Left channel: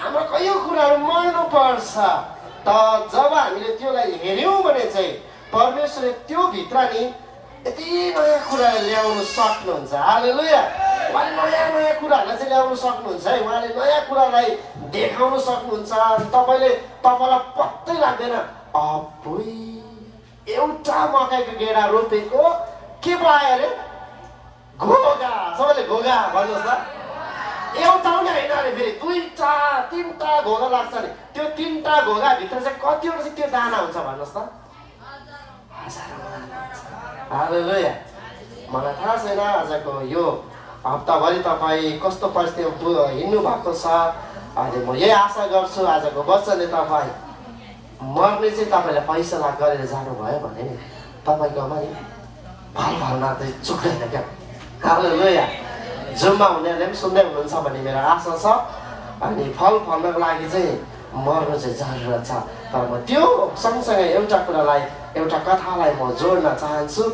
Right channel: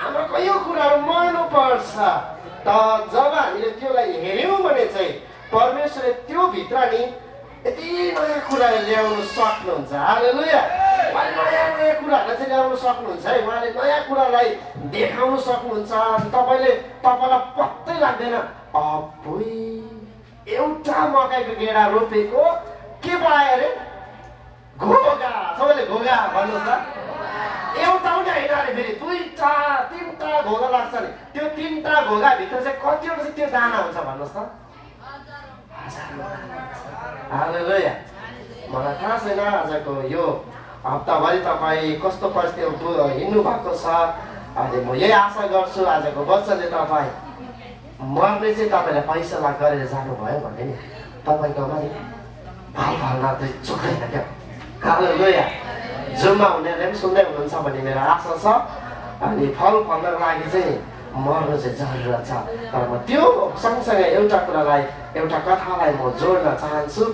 हाम्रो कयौँ कुराहरू मर्नु पर्छ। त जब हामीले त्योलाई हेऱ्यौँ भने चाहिँ परमेश्वरले त्यो भित्र नि यति नयाँ कुराहरू ल्याउनु सक्नुहुन्छ। हालेलुया। उहाँले नयाँ नयाँ कुराहरूलाई चाहिँ ल्याउनु सक्नुहुन्छ है। उहाँले नयाँ कुरालाई देखाउनु सक्नुहुन्छ। तपाईँलाई पत्तै लाग्दैन अपुई एउटा मकैको गेडा रोपेको के पायो अरे घोगा। सबैले घोगा भन्नुहोस् त। एउटा पनि होइन अरे फेरि दुईटा तिनवटा घोगा लाग्छ नि। त्यो तिनवटा घोगा भित्र चाहिँ कतिवटा चाहिँ त्यो दाना हुन्छ भन्नुहोस् त। हालेलुया। मलाई थाहा छैन आजको यो हप्ताभरि तपाईँ कस्तो परिस्थितिमा हिँड्नु भएको छ। अनि म यही आशा गर्छु आजको वचनले तपाईँ मर्ने चाहिँ तपाईँलाई फैसला गरेर जानुभयो भने नि तपाईँकोमा नि फल फल्न चाहिँ चुक्दैन क्या। हालेलुया। जुममा हुनेहरूले पनि सुन्दै हुनुहुन्छ भन्ने मेरो आशा छ। अनि फल फल्नको लागि चाहिँ मर्नु चाहिँ जरुरत छ। तर म त्यो सँगसँगै एउटा कुरालाई एउटा कथालाई म जोड्न चाहन्छु।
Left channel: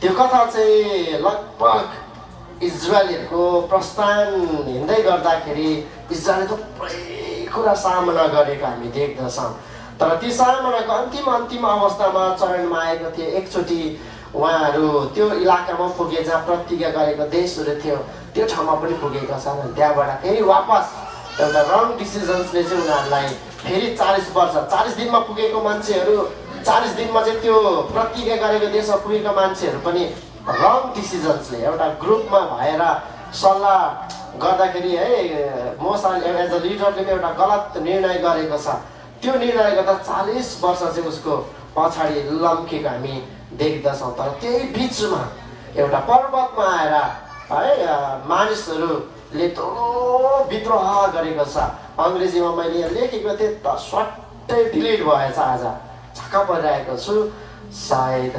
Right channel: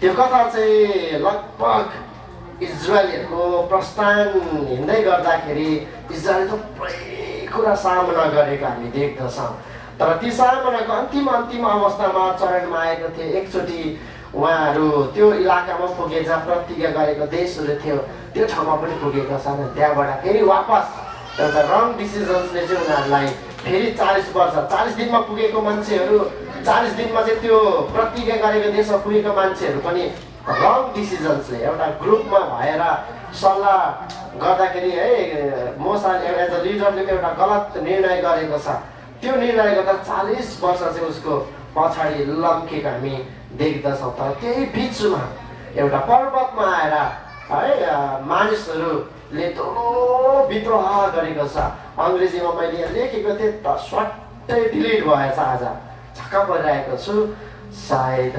त्यो कथा चाहिँ लगभग इजरायलीहरूको प्रस्थान हिँड्दै गर्दाखेरि इजरायलले थुप्रै कुरा सामना गरेको हामी देख्दछौँ। तर ती सामनाको अन्तिम अवस्थामा चरणमा आएको थिए। एकचोटि उहाँहरू त्यो इलाकामा पुगे जहाँ प्रतिज्ञा गरेको देशहरू थियो त्यो ठाउँमा पनि पुगेका छन्। त्यहाँबाट फेरि वापस एउटा रङ डिसिजन्सले चाहिँ उनीहरूलाई फेरि 40 वर्ष 40 दिनमा पुगेको मान्छेहरू 40 दिनमा चाहिँ त्यो प्रतिज्ञा गरेको देशमा पुगेको मान्छेहरू पनि रङ डिसिजन्सले एउटा ग्रुपमा भएर सल्लाह गर्दाखेरि है मोसाले एज अ लिडरले एउटा गलत निर्णय गरेको छ। त्यो निर्णय गर्दा 40 वर्ष चाहिँ उसको पछाडि लम्केको हामी देख्दछौँ। तर त्यही बिचमा एउटा पर्वतमा आएर है मानिसहरूले ठुलो विद्रोह गरेको छ। अङ्ग्रेजीमा मैले यहाँ लेखेको थिएँ त स्वाट्टै डिलिट भएछ। आज छक्क परिरहेको छु। सायद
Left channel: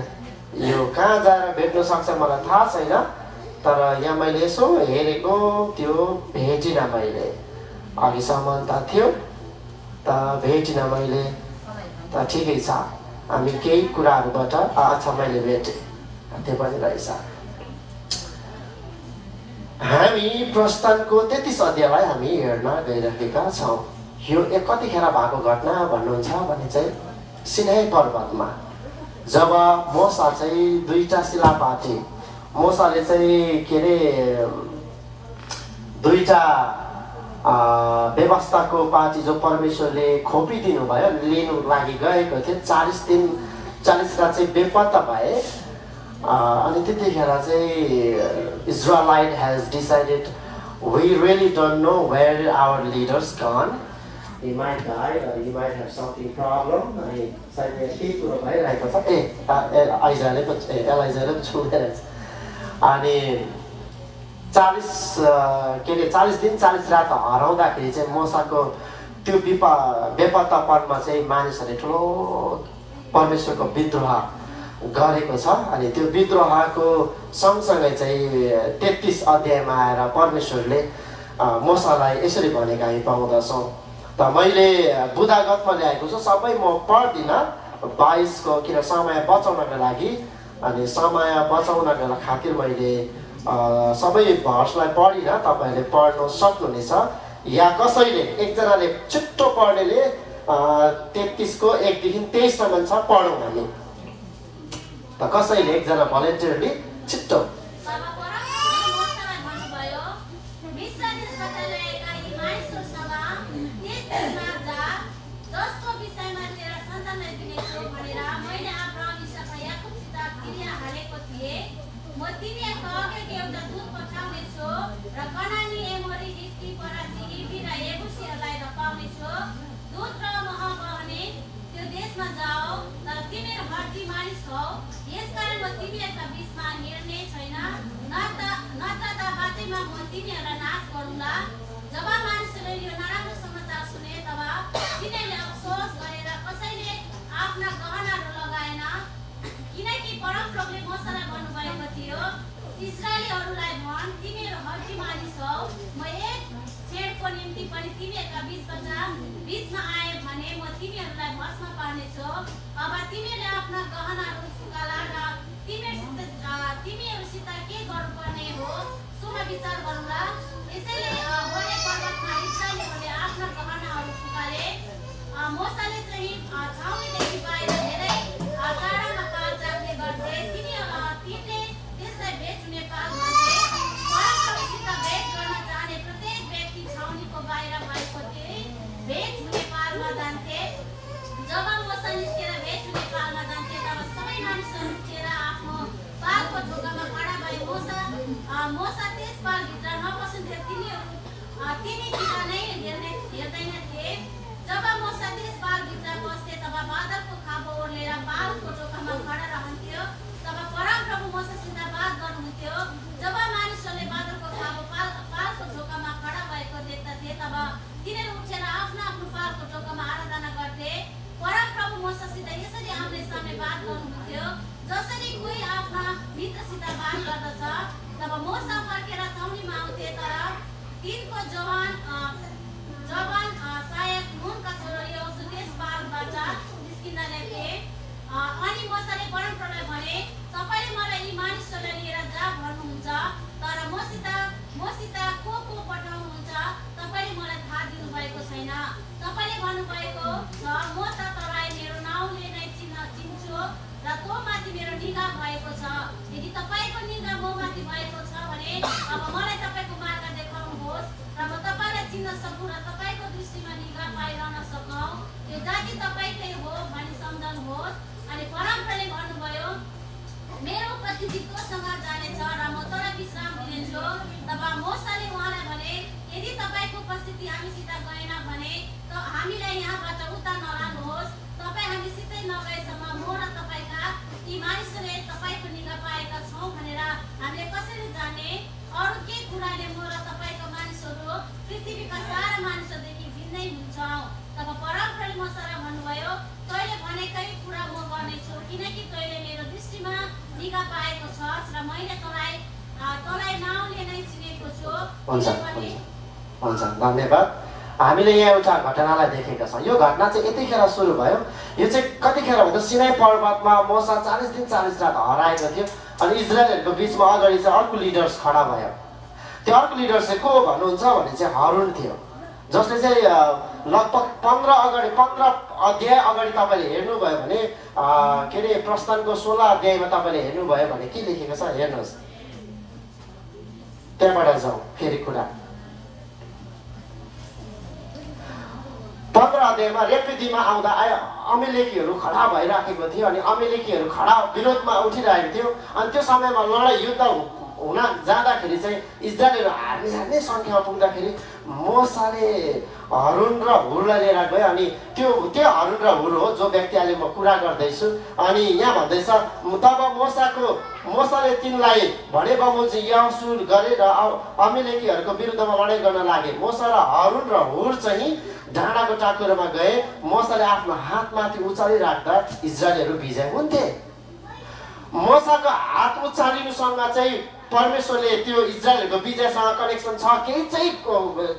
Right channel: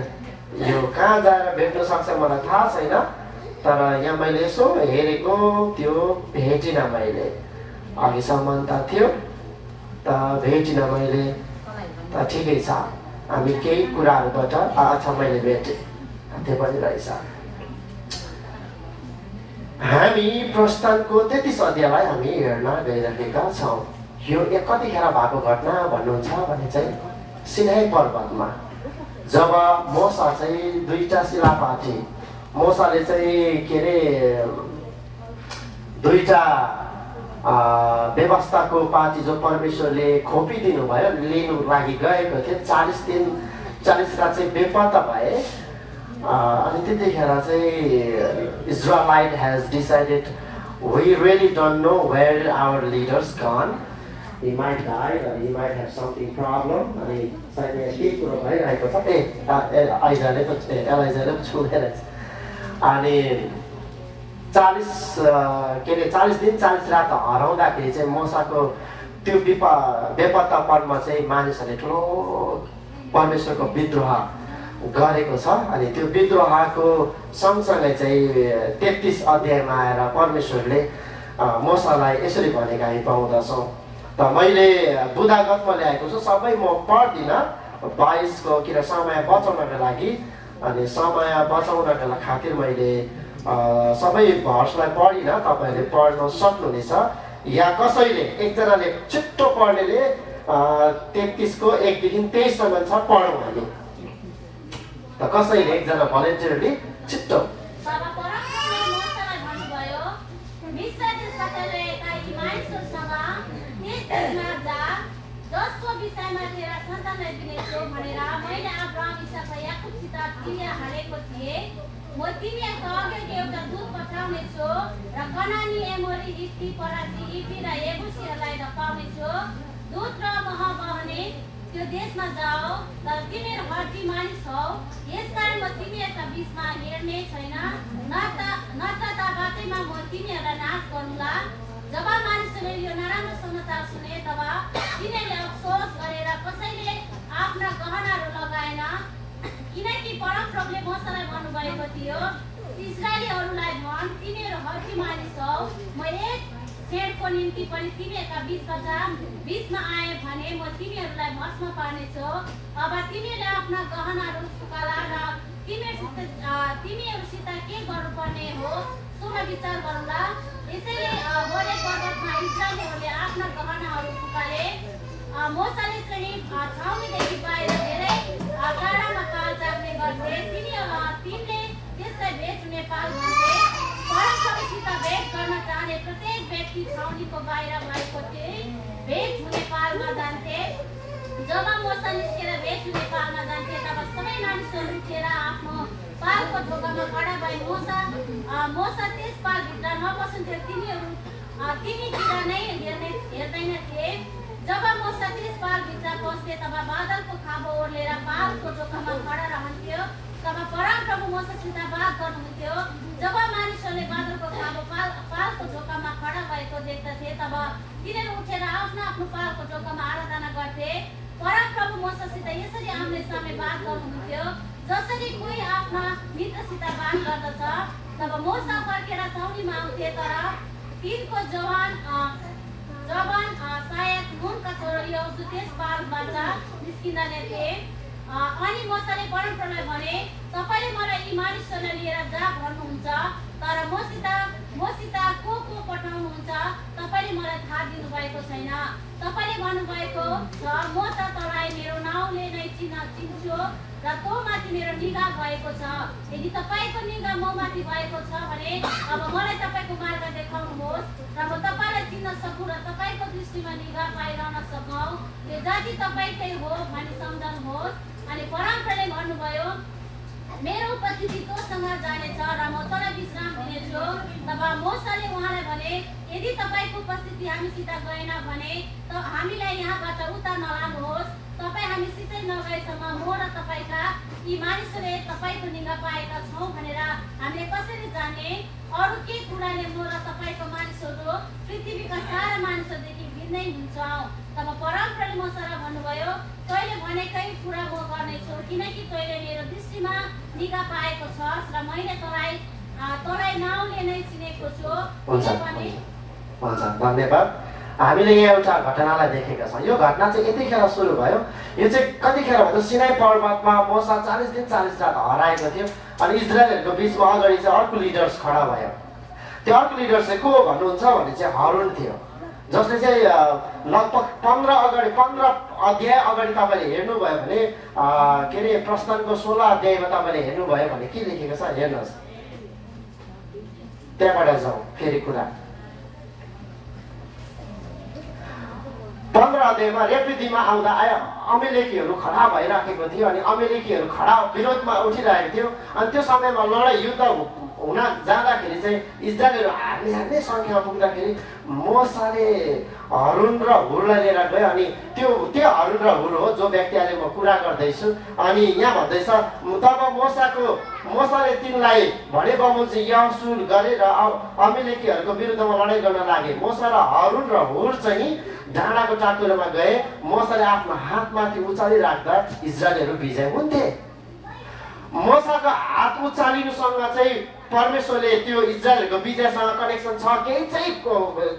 यो कहाँ जाएर भेट्न सक्छ मलाई थाहा छैन। तर यहाँ मैले यसो हेरेको त्यो भेटिनँ मैले। अघिसम्म त थियो त भेटिनँ मैले। त ठिकै छ। हामी केही कुराहरूबाट अच्छा मैले भेटेँ त्यो पनि रहेछ। हामी प्रस्थानको 33 अध्यायलाई हामी हेर्न गइरहेका छौँ। यो कतिखेर भएको घटना भन्नुहुन्छ भने चाहिँ सिनाई पर्वतमा जब मोसा चाहिँ दुईटा शिलापाती मोसाले चाहिँ के अरे दुईटा व्यवस्थाको पार्टी जो परमेश्वरले खोपिदिनु भयो लिनु लागि गएको थिए। 40 दिन 40 रात चाहिँ बेपत्ता भए। अनि त्यतिखेर चाहिँ Israelite has decided we really don't know where our leaders gone. he might die or he might have something problem। अनि सायद यहाँ के कुरो भइरहेको छ। एलाइजाले पो छुँदै रहेछ। अनि 40 दिन 40 रात हराउँदाखेरि चाहिँ मोसाको त्यो बेपत्तापनमा चाहिँ मानिसहरूले ठुलो परमेश्वरको विद्रोह गरेको छ। अनि त्यो विद्रोहको सँगसँगै चाहिँ 33 अध्यायमा आएर परमेश्वरले मोसालाई यसरी भनेको हामी पाउँदछौँ। त मैले बुदागतमा ल्याएको छु सबै म पढ्दिनँ 22 को किन समय बचाउनको लागि। अनि समय बचाउनको खातिर मैले सबै भर्सलाई पढिनँ। तपाईँहरूले पढ्न सक्नुहुनेछ या कसैले एकजनाले छिट्टो पढ्नेले 33 को 1 देखि 23 सम्म छ पढौँ हामी। त कसैले एकजना भलन्टियरले छिट्टो म तिमीहरूको अगाडि एउटा दूत पठाउनेछु र कनानी एमोरी हित्ती पराजी इफी र एबुसीहरूलाई धपाउनेछु। दूत र मह बहने त्यो देशमा जाओ तर तिमीहरू हड्डी मानिस हौ। यसकारण म तिमीहरूका बिचमा हिँड्ने छैन नत्र त बाटैमा म तिमीहरूलाई नाश गरौँला। जब मानिसहरूले यो नराम्रो समाचार सुने तब तिनीहरूले अफसोस गरेर कसैले आफ्ना गहनाहरू लगाएन। किनकि परमप्रभुले मोसालाई भन्नुभएको थियो इस्राएलीहरूलाई भन् तिमीहरू हड्डी मानिस हौ। म एक क्षणको निम्ति पनि तिमीहरूका बिचमा आए भने म तिमीहरूलाई भस्म पार्नेछु। अब तिमीहरूले आफ्ना गहनाहरू सुकाला र तिमीहरूसित के गर्नुपर्ने हो शुभ विचार गरौँला। यसैले होरे पर्वतमा छाउनीदेखि बाहिर धेरै टाढामा पाल चाख्ने गर्थे। तिनले त्यसलाई भेट हुने पाल भन्थे। परमप्रभुसित भेट गर्न चाहने प्रत्येक व्यक्ति छाउनीको बाहिर भएको भेट हुने पालमा जान्थे। जब मोसा निस्केर भेट हुने पालमा जान्थे तब सबै मानिसहरू उठेर आफ्नो पालको ढोकामा खडा भए। मोसा त्यस पालभित्र नपस्नुहुन्थ्यो, तिनीतिर नै हेर्दैनथे। जब मोसा त्यस पालभित्र पस्थे तब बादलको खाँबो ओर्लेर पालको ढोकामा खडा रहन्थ्यो। तब परमप्रभु मोसासित बात गर्नुहुन्थ्यो। जब मानिसहरूले बादलको खाँबो पालको ढोकामा खडा भएको देख्दथे तब तिनीहरू उठेर आफ्नो आफ्नो पालको ढोकामा आराधना गर्थे। परमप्रभु मोसासित यसरी आम्ने सामने बात गर्नुहुन्थ्यो जसरी कोही आफ्ना मित्रसित बात गर्दछ। तब मोसा फर्केर छाउनीमा आउँथे, तर तिनको जवान सायद नुनका छोरो यहोशू त्यस पालबाट निस्किँदैनथे। अनि मोसाले परमप्रभुलाई भने, तपाईँले मलाई यी मानिसहरूलाई लिएर जा भन्नुहुन्छ, तर मसित को पठाउनुहुन्छ तपाईँले मलाई थाहा दिनुभएको छैन। तपाईँले भन्नुभएको छ, म त तँलाई मेरो नाउँले नै चिन्छु र तँ माथि मेरो निगाह भएको छ। यदि तपाईँको निगाह म माथि भएको छ भने अब मलाई तपाईँको मार्ग देखाउनुहोस् र म तपाईँलाई चिन्न सकौँ र तपाईँको दृष्टिमा निगाह पाइरहन सकौँ। यो जाति तपाईँकै हो भनी सम्झाउनुहोस्। अनि परमप्रभुले भन्नुभयो, मेरो उपस्थिति तँसँग जानेछ र म तँलाई विश्राम दिनेछु। तब मोसाले उहाँलाई भने, यदि तपाईँको उपस्थिति हामीसित गएन भने त हामीलाई यहाँबाट उता नलानुहोस्। तपाईँ हामीसितै नगएसम्म म र तपाईँका यी मानिसहरूले तपाईँको निगाह पाएका छौँ भनेर हामीले कसरी जाने? अरू के कुराले म र तपाईँको मानिसहरू पृथ्वीका सारा मानिसहरूदेखि भिन्नै हुन्छौँ। तब परमप्रभुले मोसालाई भन्नुभयो, तैँले भनेकै कुरा म गर्नेछु, किनकि तैँले मेरो दृष्टिमा निगाह पाएको छस् र मैले तँलाई नाउँले नै चिनेको छु। हुन्छ, धन्यवाद। हामीले यहाँ एउटा घटनालाई देखेका छौँ। यो घटना चाहिँ यतिखेर सुरु भयो। यो चाहिँ कतिखेर भन्दा सिनाई पर्वतमा मोसा 40 दिन 40 रात हराएको थियो अनि इजरायलहरूको बिचमा अगाडि चाहिँ अर्को लिडर्स खडा भयो। त्यो अर्को लिडर चाहिँ को भन्नुहुन्छ भने चाहिँ हारून थियो, जसले चाहिँ लगभग 15 अध्याय अगाडि तपाईँले हेर्नुभयो भने के अरे प्रस्थानको 16 अध्यायमा तपाईँले हेर्नुभयो भने के लेखेको छ हेर्नुहोस्। त्यहाँबाट जाउँ फेरि कुरा। 15 अध्यायमा रेपिदीमा आउँदा अमेलेकीहरू खडा भइराखेको थियो अनि अमेलेकीहरू खडा विरोधमा उठिरहेको थियो। अनि त्यो समयमा लडाइँ युद्ध हुन जाँदाखेरि चाहिँ इजरायलहरू हार्ने सङ्ख्या पुग्दाखेरि मोसाले हारून र हुरलाई लिएर गयो। अनि त्यो हारून र हुर हो जो व्यक्ति अहिले म कुरा गर्दैछु। अनि यहाँ भन्दैछ, तब मोसाले तिनलाई भने बमोजिम यहोशू गरे र अमेलेकीहरूको विरुद्धमा लडाइँ गर्न लागे। मोसा र हारून र हुर चाहिँ डाँडाको टाकुरोमा गए। मोसाले आफ्नो हातमाथि उचालिराख्दा इजरायलहरू विजय हुन्थे। मोसाको हात उचालिनुसँग चाहिँ परमेश्वरले त्यो इजरायलहरूको विजयसँग कनेक्सन छ, केही चाहिँ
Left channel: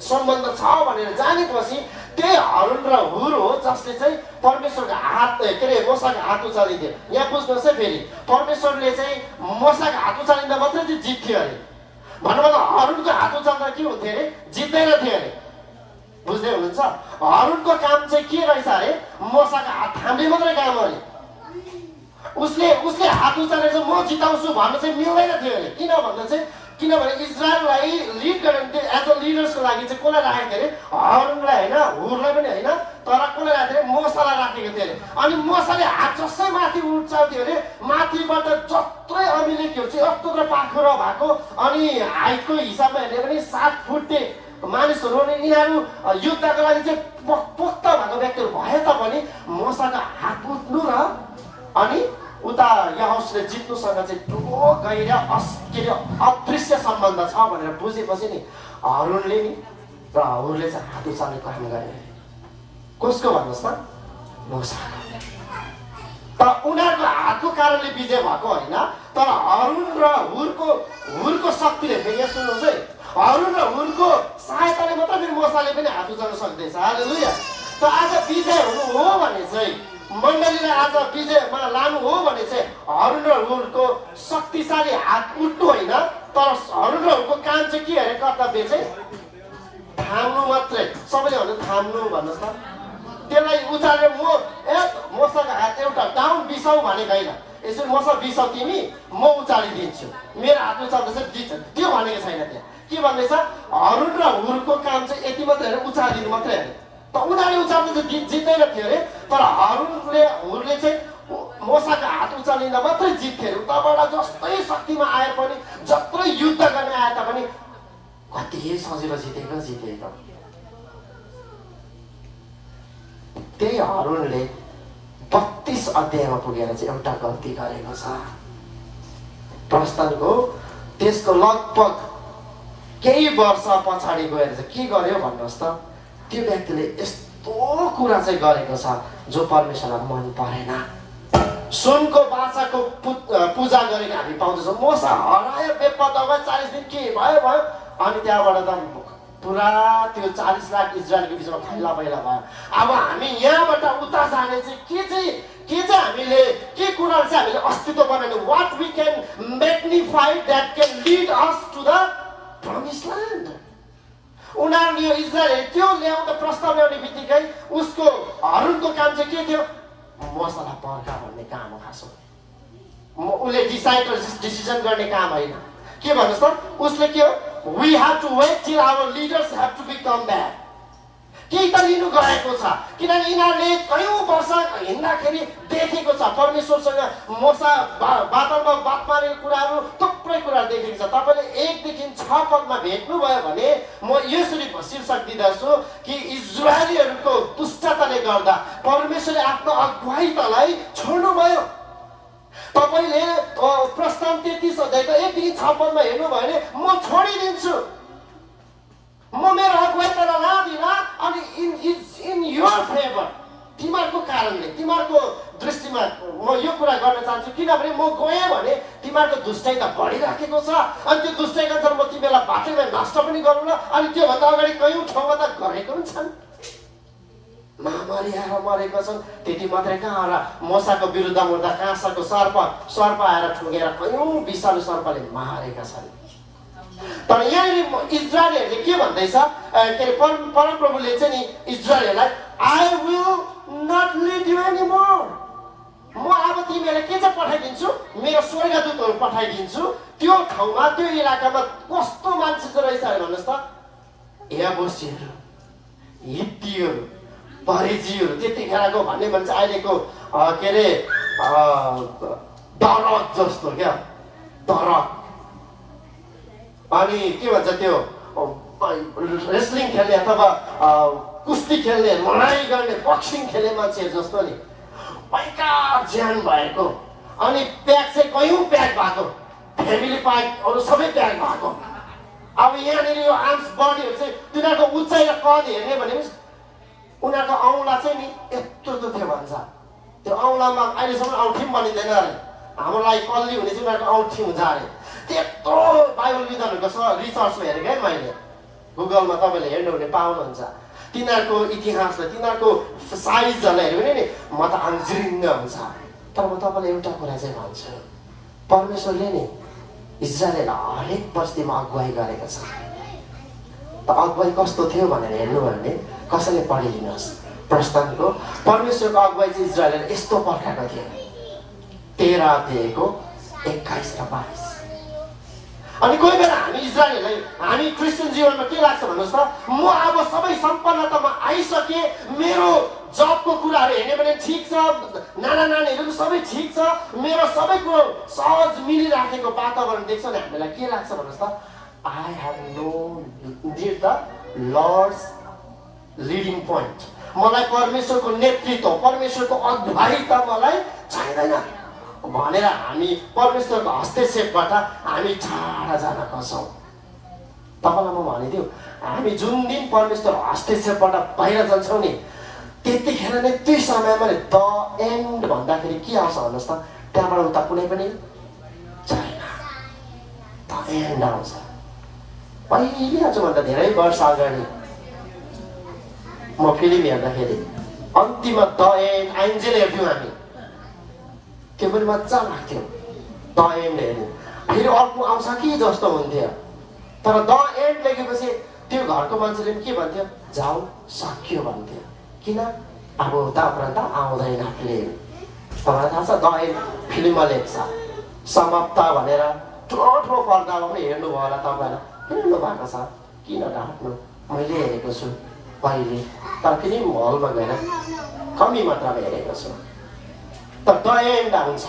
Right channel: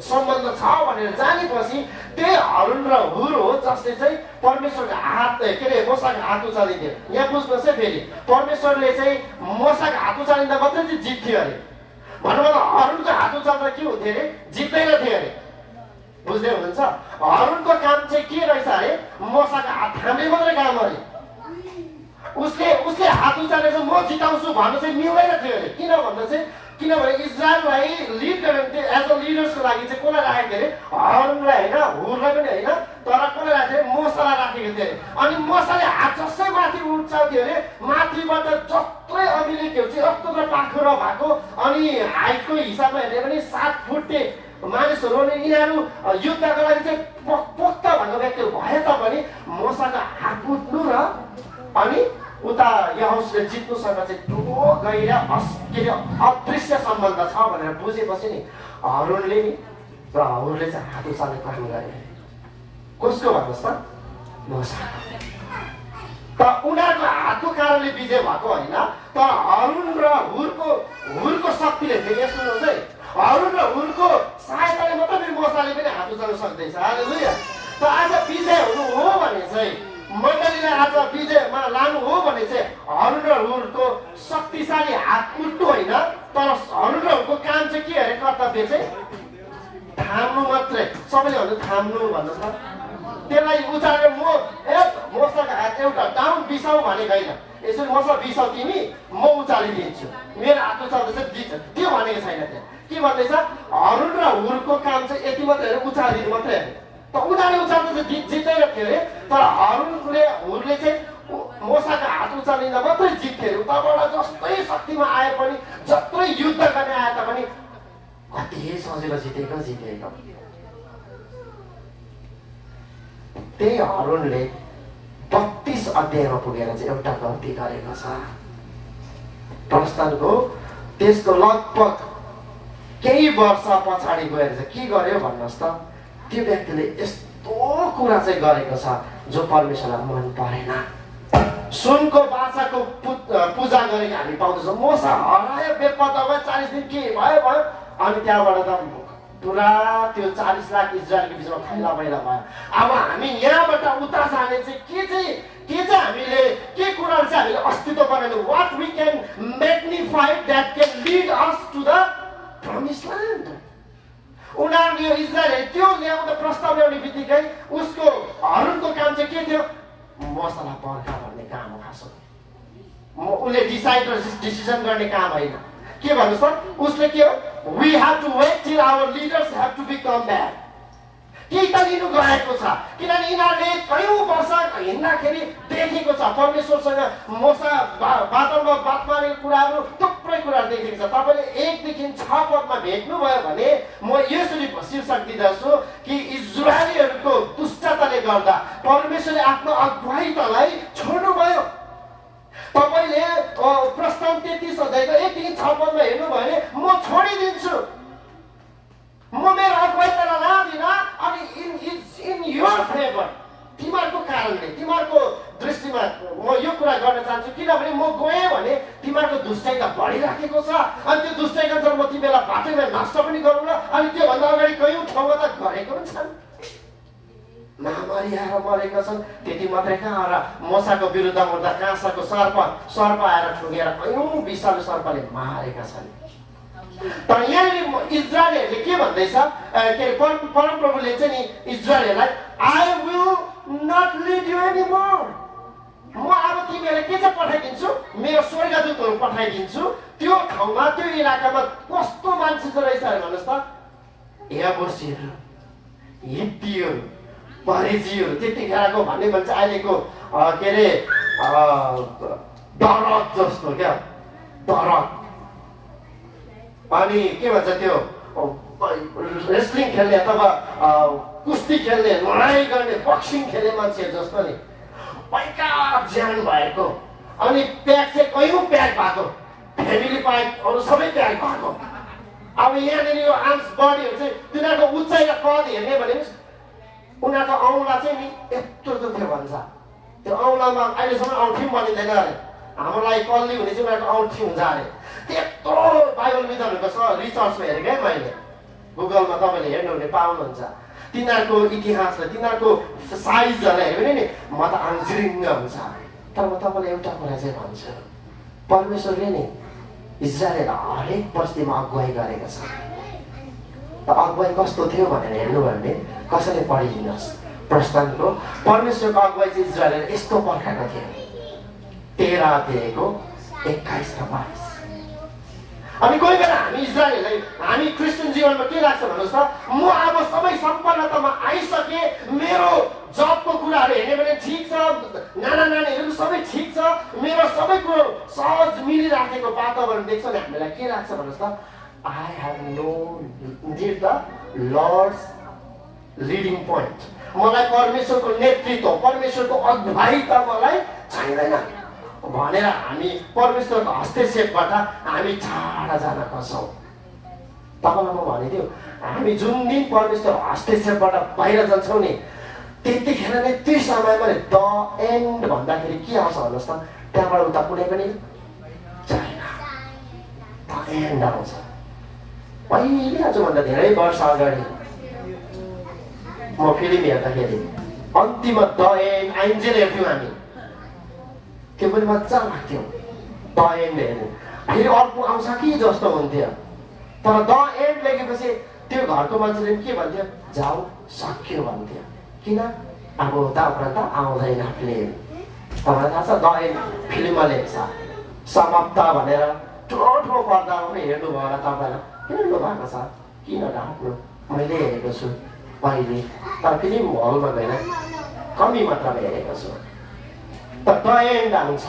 सम्बन्ध छ भनेर जानेपछि त्यही हारून र हुर हो जसले चाहिँ परमेश्वरको हात के अरे मोसाको हात उचालिदियो। यहाँ बुझ्नुहोस् है, फेरि परमेश्वरले चाहिँ मोसाको हात उचालिँदा मात्रै चाहिँ जित्थ्यो अरे। भन्नुभयो हारूनको हात उचाल्दा के हुन्थ्यो अरे? जित्दैन थियो अरे। बुझ्दै हुनुहुन्छ? हारूनको काम चाहिँ के रहेछ अरे? मोसाको हात थाम्ने मात्रै काम अरे। उसले हात उचालेर चाहिँ म जिताउँछु भन्नु चाहिँ मिल्दैन थियो अरे। किन भन्दा चाहिँ किनभने इजरायललाई लिड गर्ने एज अ लिडर्सको लागि चाहिँ कसलाई राखेको थियो अरे? हारूनलाई होइन, हुरलाई पनि होइन, तर कसलाई राखेको थियो? मोसालाई राखेको थियो अरे। अनि मोसाले हात जसै माथि उचाल्थ्यो अरे, माथिबाट जत्रै अमेलेकीहरू चाहिँ यत्रो पाखुरा भएको अनि हाइटको हिसाबमा हेर्ने पनि 7 फुटे मानिसहरू अनि यिनीहरू युद्धको लागि चाहिँ पोख्त भएको व्यक्तिहरू भए तापनि मोसाको हात उठ्नु र अनि उता यहोशूले जित्नुसँग चाहिँ ठुलो गहिर अदृश्य सम्बन्ध छ भनेर बुझेपछि नि हारूनले नि र हुरले चाहिँ हात उचाल्ने काम गरे। कसको भन्नुहोस् त? मोसाको। त उनीहरूको हातको कारणले विजय भएको होइन, तर हारून र हुरको शक्तिले फेरि सुन्नुहोस् है, हारून र हुरको सहायताले मात्रै फेरि मोसाले पनि हात उचाल्न सक्दैछ। हालेलुया। त आज विजय हुनु हो भने चाहिँ मण्डलीलाई आज विजयमा लानु हो भने चाहिँ हारून र हुरको शक्तिशाली हात उठ्नु होइन, तर हारून र हुरको काम चाहिँ के अरे? कर्तव्य चाहिँ थाम्नु मात्रै। सबैले भन्छ थाम्नु भन्नुहोस् न। त्यसलाई उचालेर मसँग हात एउटा डाउन बिसाउ भनेको होइन, यसो मसँग बिसाउ तिमी, म उचालिदिन्छु, मेरो हात उचाल्दैछ जित्छ, त्यो भनेको छैन। त्यहाँ के भन्दैछ, हरुन र हुरको काम चाहिँ यति मात्रै होइन, उचालिदिनु मात्रै होइन। त उनीहरूले उचाल्नु चाहिँ जित्दैन थियो अरे, तर हुरले चाहिँ मोसाको हात उचालिँदा मात्रै जित्थ्यो अरे। उताबाट जस्तै शक्तिमा आए पनि, जत्रै युद्ध गर्ने आए तापनि कति सजिलो जितेको। त्यही हरुनले 32 अध्यायमा पुगेर चाहिँ एउटा गल्ती गरेको छ। प्रस्थानको त्यसको लगभग केही वर्ष पछाडि गएर चाहिँ के गर्यो भन्नुहोस् त, त्यो व्यक्तिले यस्तो कुरा चाहिँ गरेको छ जो परमेश्वरलाई मन परेन। सुनको बाछाको पूजा गरेको हामी पाउँदैछौँ। मोसा हरायो, बेपत्ता भयो, 40 दिन के भयो, अनि त्यहाँबाट त पुरा त्यो 40 लाख इजरायलको बिचमा खैला मैला भयो। अब हामी यहाँबाट उता जाने चाहिँ के चाहिँ हामीले के कुराहरू चाहिँ हामीले अस्तित्व बनाउने, what we can magnify that can lead us to the promise land. उनीहरूले यो इजरायल त्यो ल्याउँदा प्रस्ताव ल्याउने बित्तिकै उसको हरुनको काम चाहिँ के थियो, मसला पर्खा भन्ने काम हो। खासो उसले डिसिजन गर्ने काम होइन। के भन्नुहोस् त, उसले के हो, we have to wait till our leaders have to become back। केही त लिनु गएको छ, किनभने यिनीहरूले कयौँ वर्ष हिँड्दाखेरि देखेको छ परमेश्वरसँग मोसा बादलमा बात मारेको कुराहरू, थुप्रै कुराहरू देखेको छ। तपाईँले 1 देखि 6 पदमा भेट्नुभयो भने म यसरी शीर्षक दिँदछु कि इजरायलीहरूको दुष्टताले गर्दा परमेश्वरले आफ्नो अगुवाईतालाई छोड्नुभयो। तपाईँले प्रस्थान 33 अध्यायको 1 देखि 6 पदमा हेर्नुभयो भने म छोडिदिन्छु, म मेरो अगुवाईता लादिन, अनि इन योर फेभर, तिमीहरूको कारणले, तिमीहरूको दृष्टिमा म यो कुरा गर्न चाहन्छु, किनभने म गएँ भने तिमीहरूको दुष्टाइ त बढिराखेको छ, अनि त्यो दुष्टाइका अनुसार म तिमीलाई बाटोमा नष्ट पनि गरौँ ल। अनि त्योभन्दा अगाडि कयौँ ठाउँमा त गरेको पनि छन्, महामारी आएर मरेको छन्। त्यति मात्रै कहाँ, र मोसाको विरुद्ध मुर्दा काँसाको सर्प आएर ठुङ्गेर कयौँ विषालु सर्पले मारेका छन्। तर यहाँनिर इजरायलीहरूले के भन्दैछ, के अरे परमप्रभुले चाहिँ नि इजरायलीलाई I will not lead you anymore, म अब तिमीहरूलाई के चाहिँ पठाइदिन्छु, मेरो स्वर्गदूतहरू पठाइदिन्छु। त्यो ठाउँमा त्यो इलाकामा कस्तो मान्छे चाहिँ रहेछ अरे भन्नुहोस् त, याबुसीहरू, हित्तीहरू, परिजीहरू, त्यतिखेरको भन्ने भन्छ अहिलेको के अरे दरद जस्तो क्या, दरद। अनि के भन्छ त्यो रेस्लिङ खेल्ने अथवा कुस्ती खेल्ने, लडाइँ गर्ने, बक्सिङ खेल्ने मान्छेहरू जस्तो नि पैका ज्यान भएको, अनि प्याक चाहिँ कयौँ प्याक भएको, फ्यामिली प्याकहरू सबै प्याक भएको। अब यहाँनिर यो आर्म्स बडीहरू चाहिँ तिनीहरूको उचाइ र कद हेर्ने भने उनीहरूको औँला चाहिँ नि यत्रो थियो भन्छ। त्यो औँलामा अहिलेसम्म औँठी पनि बनिँदैन अरे, हाम्रो लागि कल्ली हुने चाहिँ उनीहरूको औँठी हुन्छ अरे। त्यत्रो बाइबल विद्वानहरूको रिसर्च हेरेको है मैले, गुगलमा तपाईँले हेर्नुहुने पाउनुहुन्छ। तिनीहरूको इतिहासलाई, तिनीहरूको साइजहरूलाई हेऱ्यो भने नि म त आङ्जिरिङ्ग हुन्छ। तर म तपाईँलाई एउटा कुरा चाहिँ भन्छु, परमेश्वरले नि इजरायललाई हरेक परिस्थितिमा अगुवाई गरेको छ। त अगुवाई कस्तो थियो भनेर हेर्नु भने कसैले पढिदिनुहोस्, प्रस्थानको परमेश्वरको अगुवाई चाहिँ इजरायलले यस्तो पर्खाएको थियो। 13 अध्यायको 21 र 22। अनि कोही बेला हामी इजरायललाई, हामी क्रिस्चियन जीवनमा के लाग्छ भन्नुहोस् त, म अब सबै सम्पन्नतामा आइसकेँ, मेरो जबको कुराहरू हेर्ने भने ठिक छ, नानीहरू पनि सबै ठिक छ, मेरो सबै कुरो सहज मिलिराखेको वातावरण देख्छ नि हामीलाई के लाग्छ भन्नुहोस् त, I have no need the Lord's leading point. मलाई परमेश्वरको नेतृत्व, परमेश्वरको अगुवाई त मलाई चाहिँदैन भनेर हामी परमेश्वरको हस्तक्षेपबाट हामी टाढा जान खोज्छौँ। तपाईँलाई म भनिदिउँ, हामी जुन दिन परमेश्वर हस्तक्षेपबाट बाहिर जान्छौँ नि, त्यतिखेर नै त्यो समयमा द एन्ड भन्दाखेरि के आउँछ भन्नुहोस् त, त्यहाँबाट उता कुनै पनि छैन, द एन्ड आउँछ। पहिला आजभन्दा धेरै वर्ष अगाडि म फिल्म हेर्दाखेरि अन्तिममा द एन्ड एन्जेल हेर्थ्यौँ हामी, त्यो पनि मजा लाग्थ्यो द एन्ड हेर्नु। फेरि अर्को आउँछ कि जस्तो हुन्थ्यो, तर द एन्ड लेखेपछि त्यो घरको मान्छेले पनि के भन्थ्यो, जाऊ सक्यो भन्थ्यो। किन? अब उता उपरान्त आउँदैन फिल्म। तपाईँलाई थाहा छ दही फिल्ममा लेख्छ समाप्त भनेर ठुलो पर्दामा पनि हेर्नुभयो होला तपाईँलाई, हेर्नु भएको छ, किन राख्नु? मैले हेरेको छु पहिले, तर फिल्म हलमा गएर कमी मात्रामा हेरेको छु। त एन्ड आउँछ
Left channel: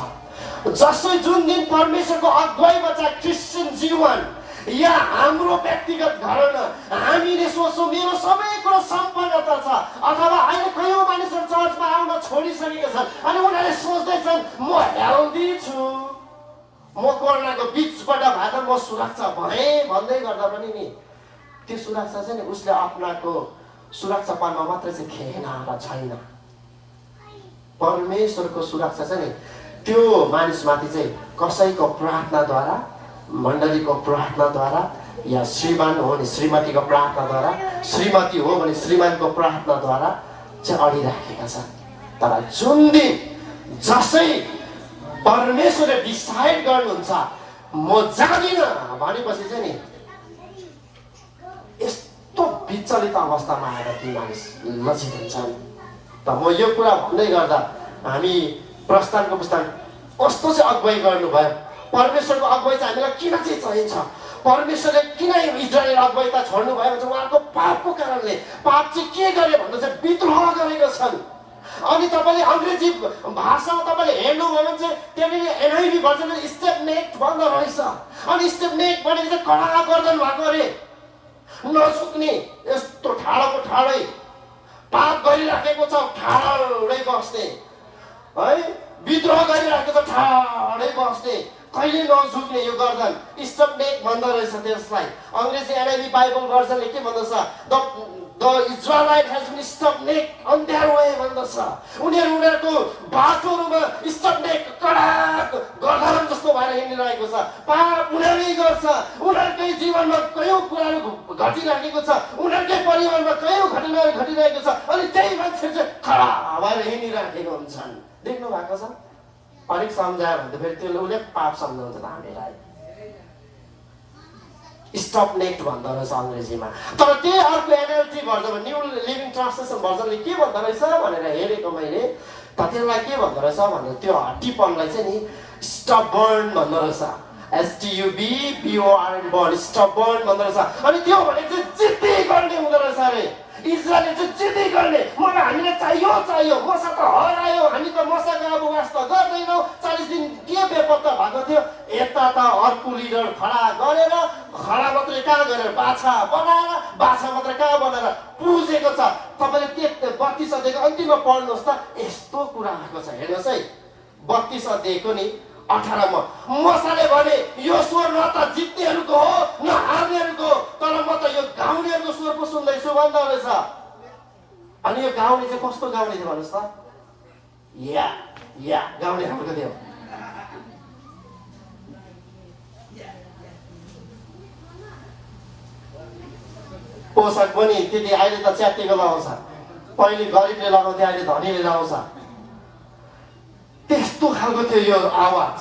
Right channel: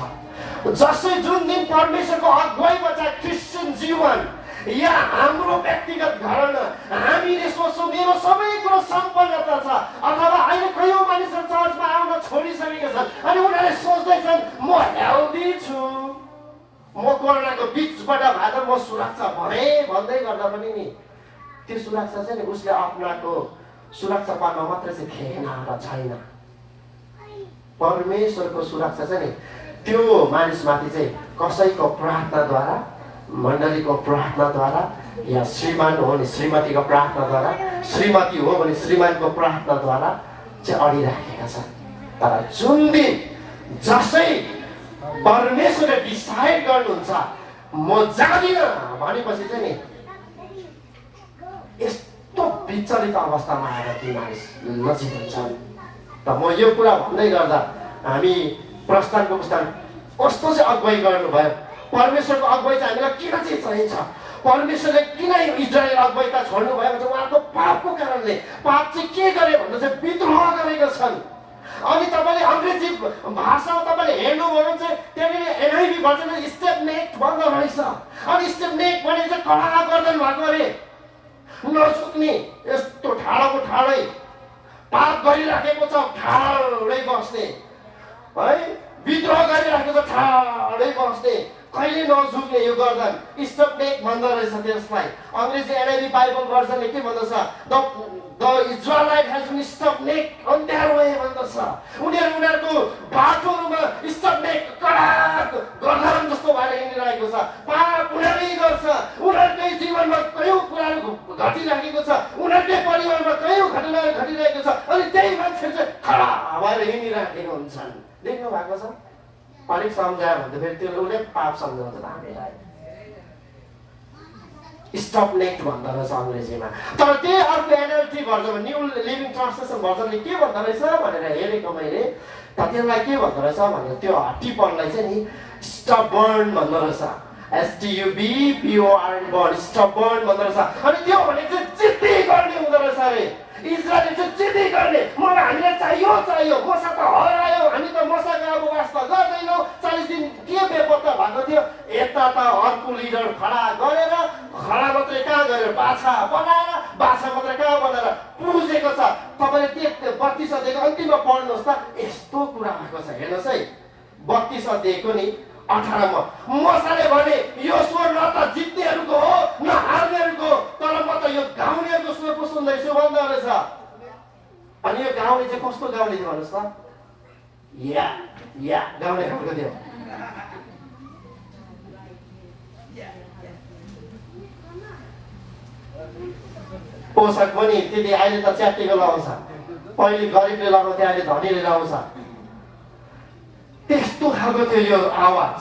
जसै जुन दिन परमेश्वरको अगुवाईमा चाहिँ क्रिस्चियन जीवन या हाम्रो व्यक्तिगत घरमा हामीले सोच्छौँ मेरो सबै कुरो सम्पन्नता छ, अथवा अहिले कयौँ मानिसहरू चर्चमा आउन छोडिसकेका छन् अनि उनीहरूले सोच्दैछन् म हेल्दी छु, म कोरोनाको बिचबाट भएर म सुरक्षा भएँ भन्दै गर्दा पनि नि त्यो सुरक्षा चाहिँ नि उसले अपनाको सुरक्षा पाउन मात्रै चाहिँ थिएन र छैन। परमेश्वरको सुरक्षा चाहिँ नि त्यो मानिसमाथि चाहिँ कसैको प्रार्थनाद्वारा, मण्डलीको प्रार्थनाद्वारा, या श्रीमान हो भने श्रीमतीको प्रार्थनाद्वारा, श्रीमती हो भने श्रीमानको प्रार्थनाद्वारा चाहिँ अडिराखेका छन्। तर जुन दिन जसै परमेश्वरले डिसाइड गर्नुहुन्छ म जाँदिनँ भनेपछि चाहिँ नि यस्तो विचलित अवस्थामा आएर ती मानिस लज्जित हुन्छन्। त म यो कुरा भन्दै गर्दा हामी प्रस्थानको पुस्तक कस्तो चाहिँ अगुवाई गर्नुभयो, परमेश्वरको अगुवाई चाहिँ हामीलाई किन चाहिँ चाहिन्छ, परमेश्वरले किन इजरायल अगुवाई त छोड्नु भयो भने उहाँको पापको कारणले। पाप चाहिँ के गरे भन्दा चाहिँ विद्रोह गरेका छन्। अनि तपाईँले अङ्ग्रेजी भाषामा तपाईँले हेर्नुभयो भने चाहिँ त्यहाँनिर एनआइभी भर्जनमा स्टेप नेक भन्दो रहेछ। अनि स्टेप नेक भनेको चाहिँ कडा गर्दन भएको अरे, नसुक्ने यस्तो ठाडोको ठाडै पाप गरिराखेको छ ठाडै बस्ने है, विद्रोह गरिराखेको छ ठाडै बस्ने, कहिले नझुक्ने यो गर्दन स्टेप नेक भन्दो रहेछ। त्यसलाई अङ्ग्रेजी एनआइभी बाइबल भर्जनले के भन्दछ, the Israelite has been step neck on their way भन्दछ। उनीहरूको बाटोहरूमा स्टेप नेक कडा गर्दन जस्तो भएर हिँडिरहेको छ, पाप उनीहरूले गर्छ, उनीहरूकै जीवनमा कयौँ कुराहरू घटिराखेको छ, उनीहरूकै परिवारमा कयौँ घटनाहरू घटिरहेको छ, अनि त्यही मान्छे चाहिँ खडा भएर हिँडिराखेको हुन्छन्। देख्नु भएको छ पारिक सम्झायो भन्दा फेरि त्यो उसले पाप सम्झाउँछ हामीलाई, स्टप नेक्ट भन्दो रहेछ अङ्ग्रेजीमा। तर त्यही अर्को NLT version new living translation भर्जनले के भन्दो रहेछ भनेर हेरेको मैले, त त्यसलाई के भन्दो रहेछ भन्दा त्यो हट्टीपनलाई चाहिँ नि स्टबर्न भन्दो रहेछ, STUBBORN बर्न, स्टबर्न भन्दो रहेछ। अनि त्यो भनेको चाहिँ जिद्दी गर्ने हुँदो रहेछ अरे, इजरायलले चाहिँ जिद्दी गर्ने, मलाई हामीलाई चाहियो, मसा त हरायो, हामी त मसाको अब वास्ता गर्दैनौँ। 40 दिन के बेपत्ता भएको थियो, यता त अर्को लिडर खडा गरेर, खडा मात्रै कहाँ गरेर बाछा बनाएर, बाछा मात्रै कहाँ बनाएर पुजेको छ। तपाईँले त्यो 32 अध्यायको अन्तिममा पढ्नुहोस् त, यस्तो कुरा आएको छ हेर्नुहोस् है। 32 अध्यायको नि 18मा मसाले भने यो स्वर न त जित्नेहरूको हो न हार्नेहरूको, तर म त यो गाउँलेहरूको स्वर पो सुन्दैछु भन्दा रहेछ। अनि यो गाउँले चाहिँ कस्तो गाउँले थियो भन्नुहोस् त, या गाउँले खालको थियो। पोसाक पनि त्यति अहिले त च्यातिको लगाउँछ, पहिले गरिबले लगाउँथ्यो, अहिले धनीले लगाउँछ। त्यस्तो खालको थियो यो आवाज।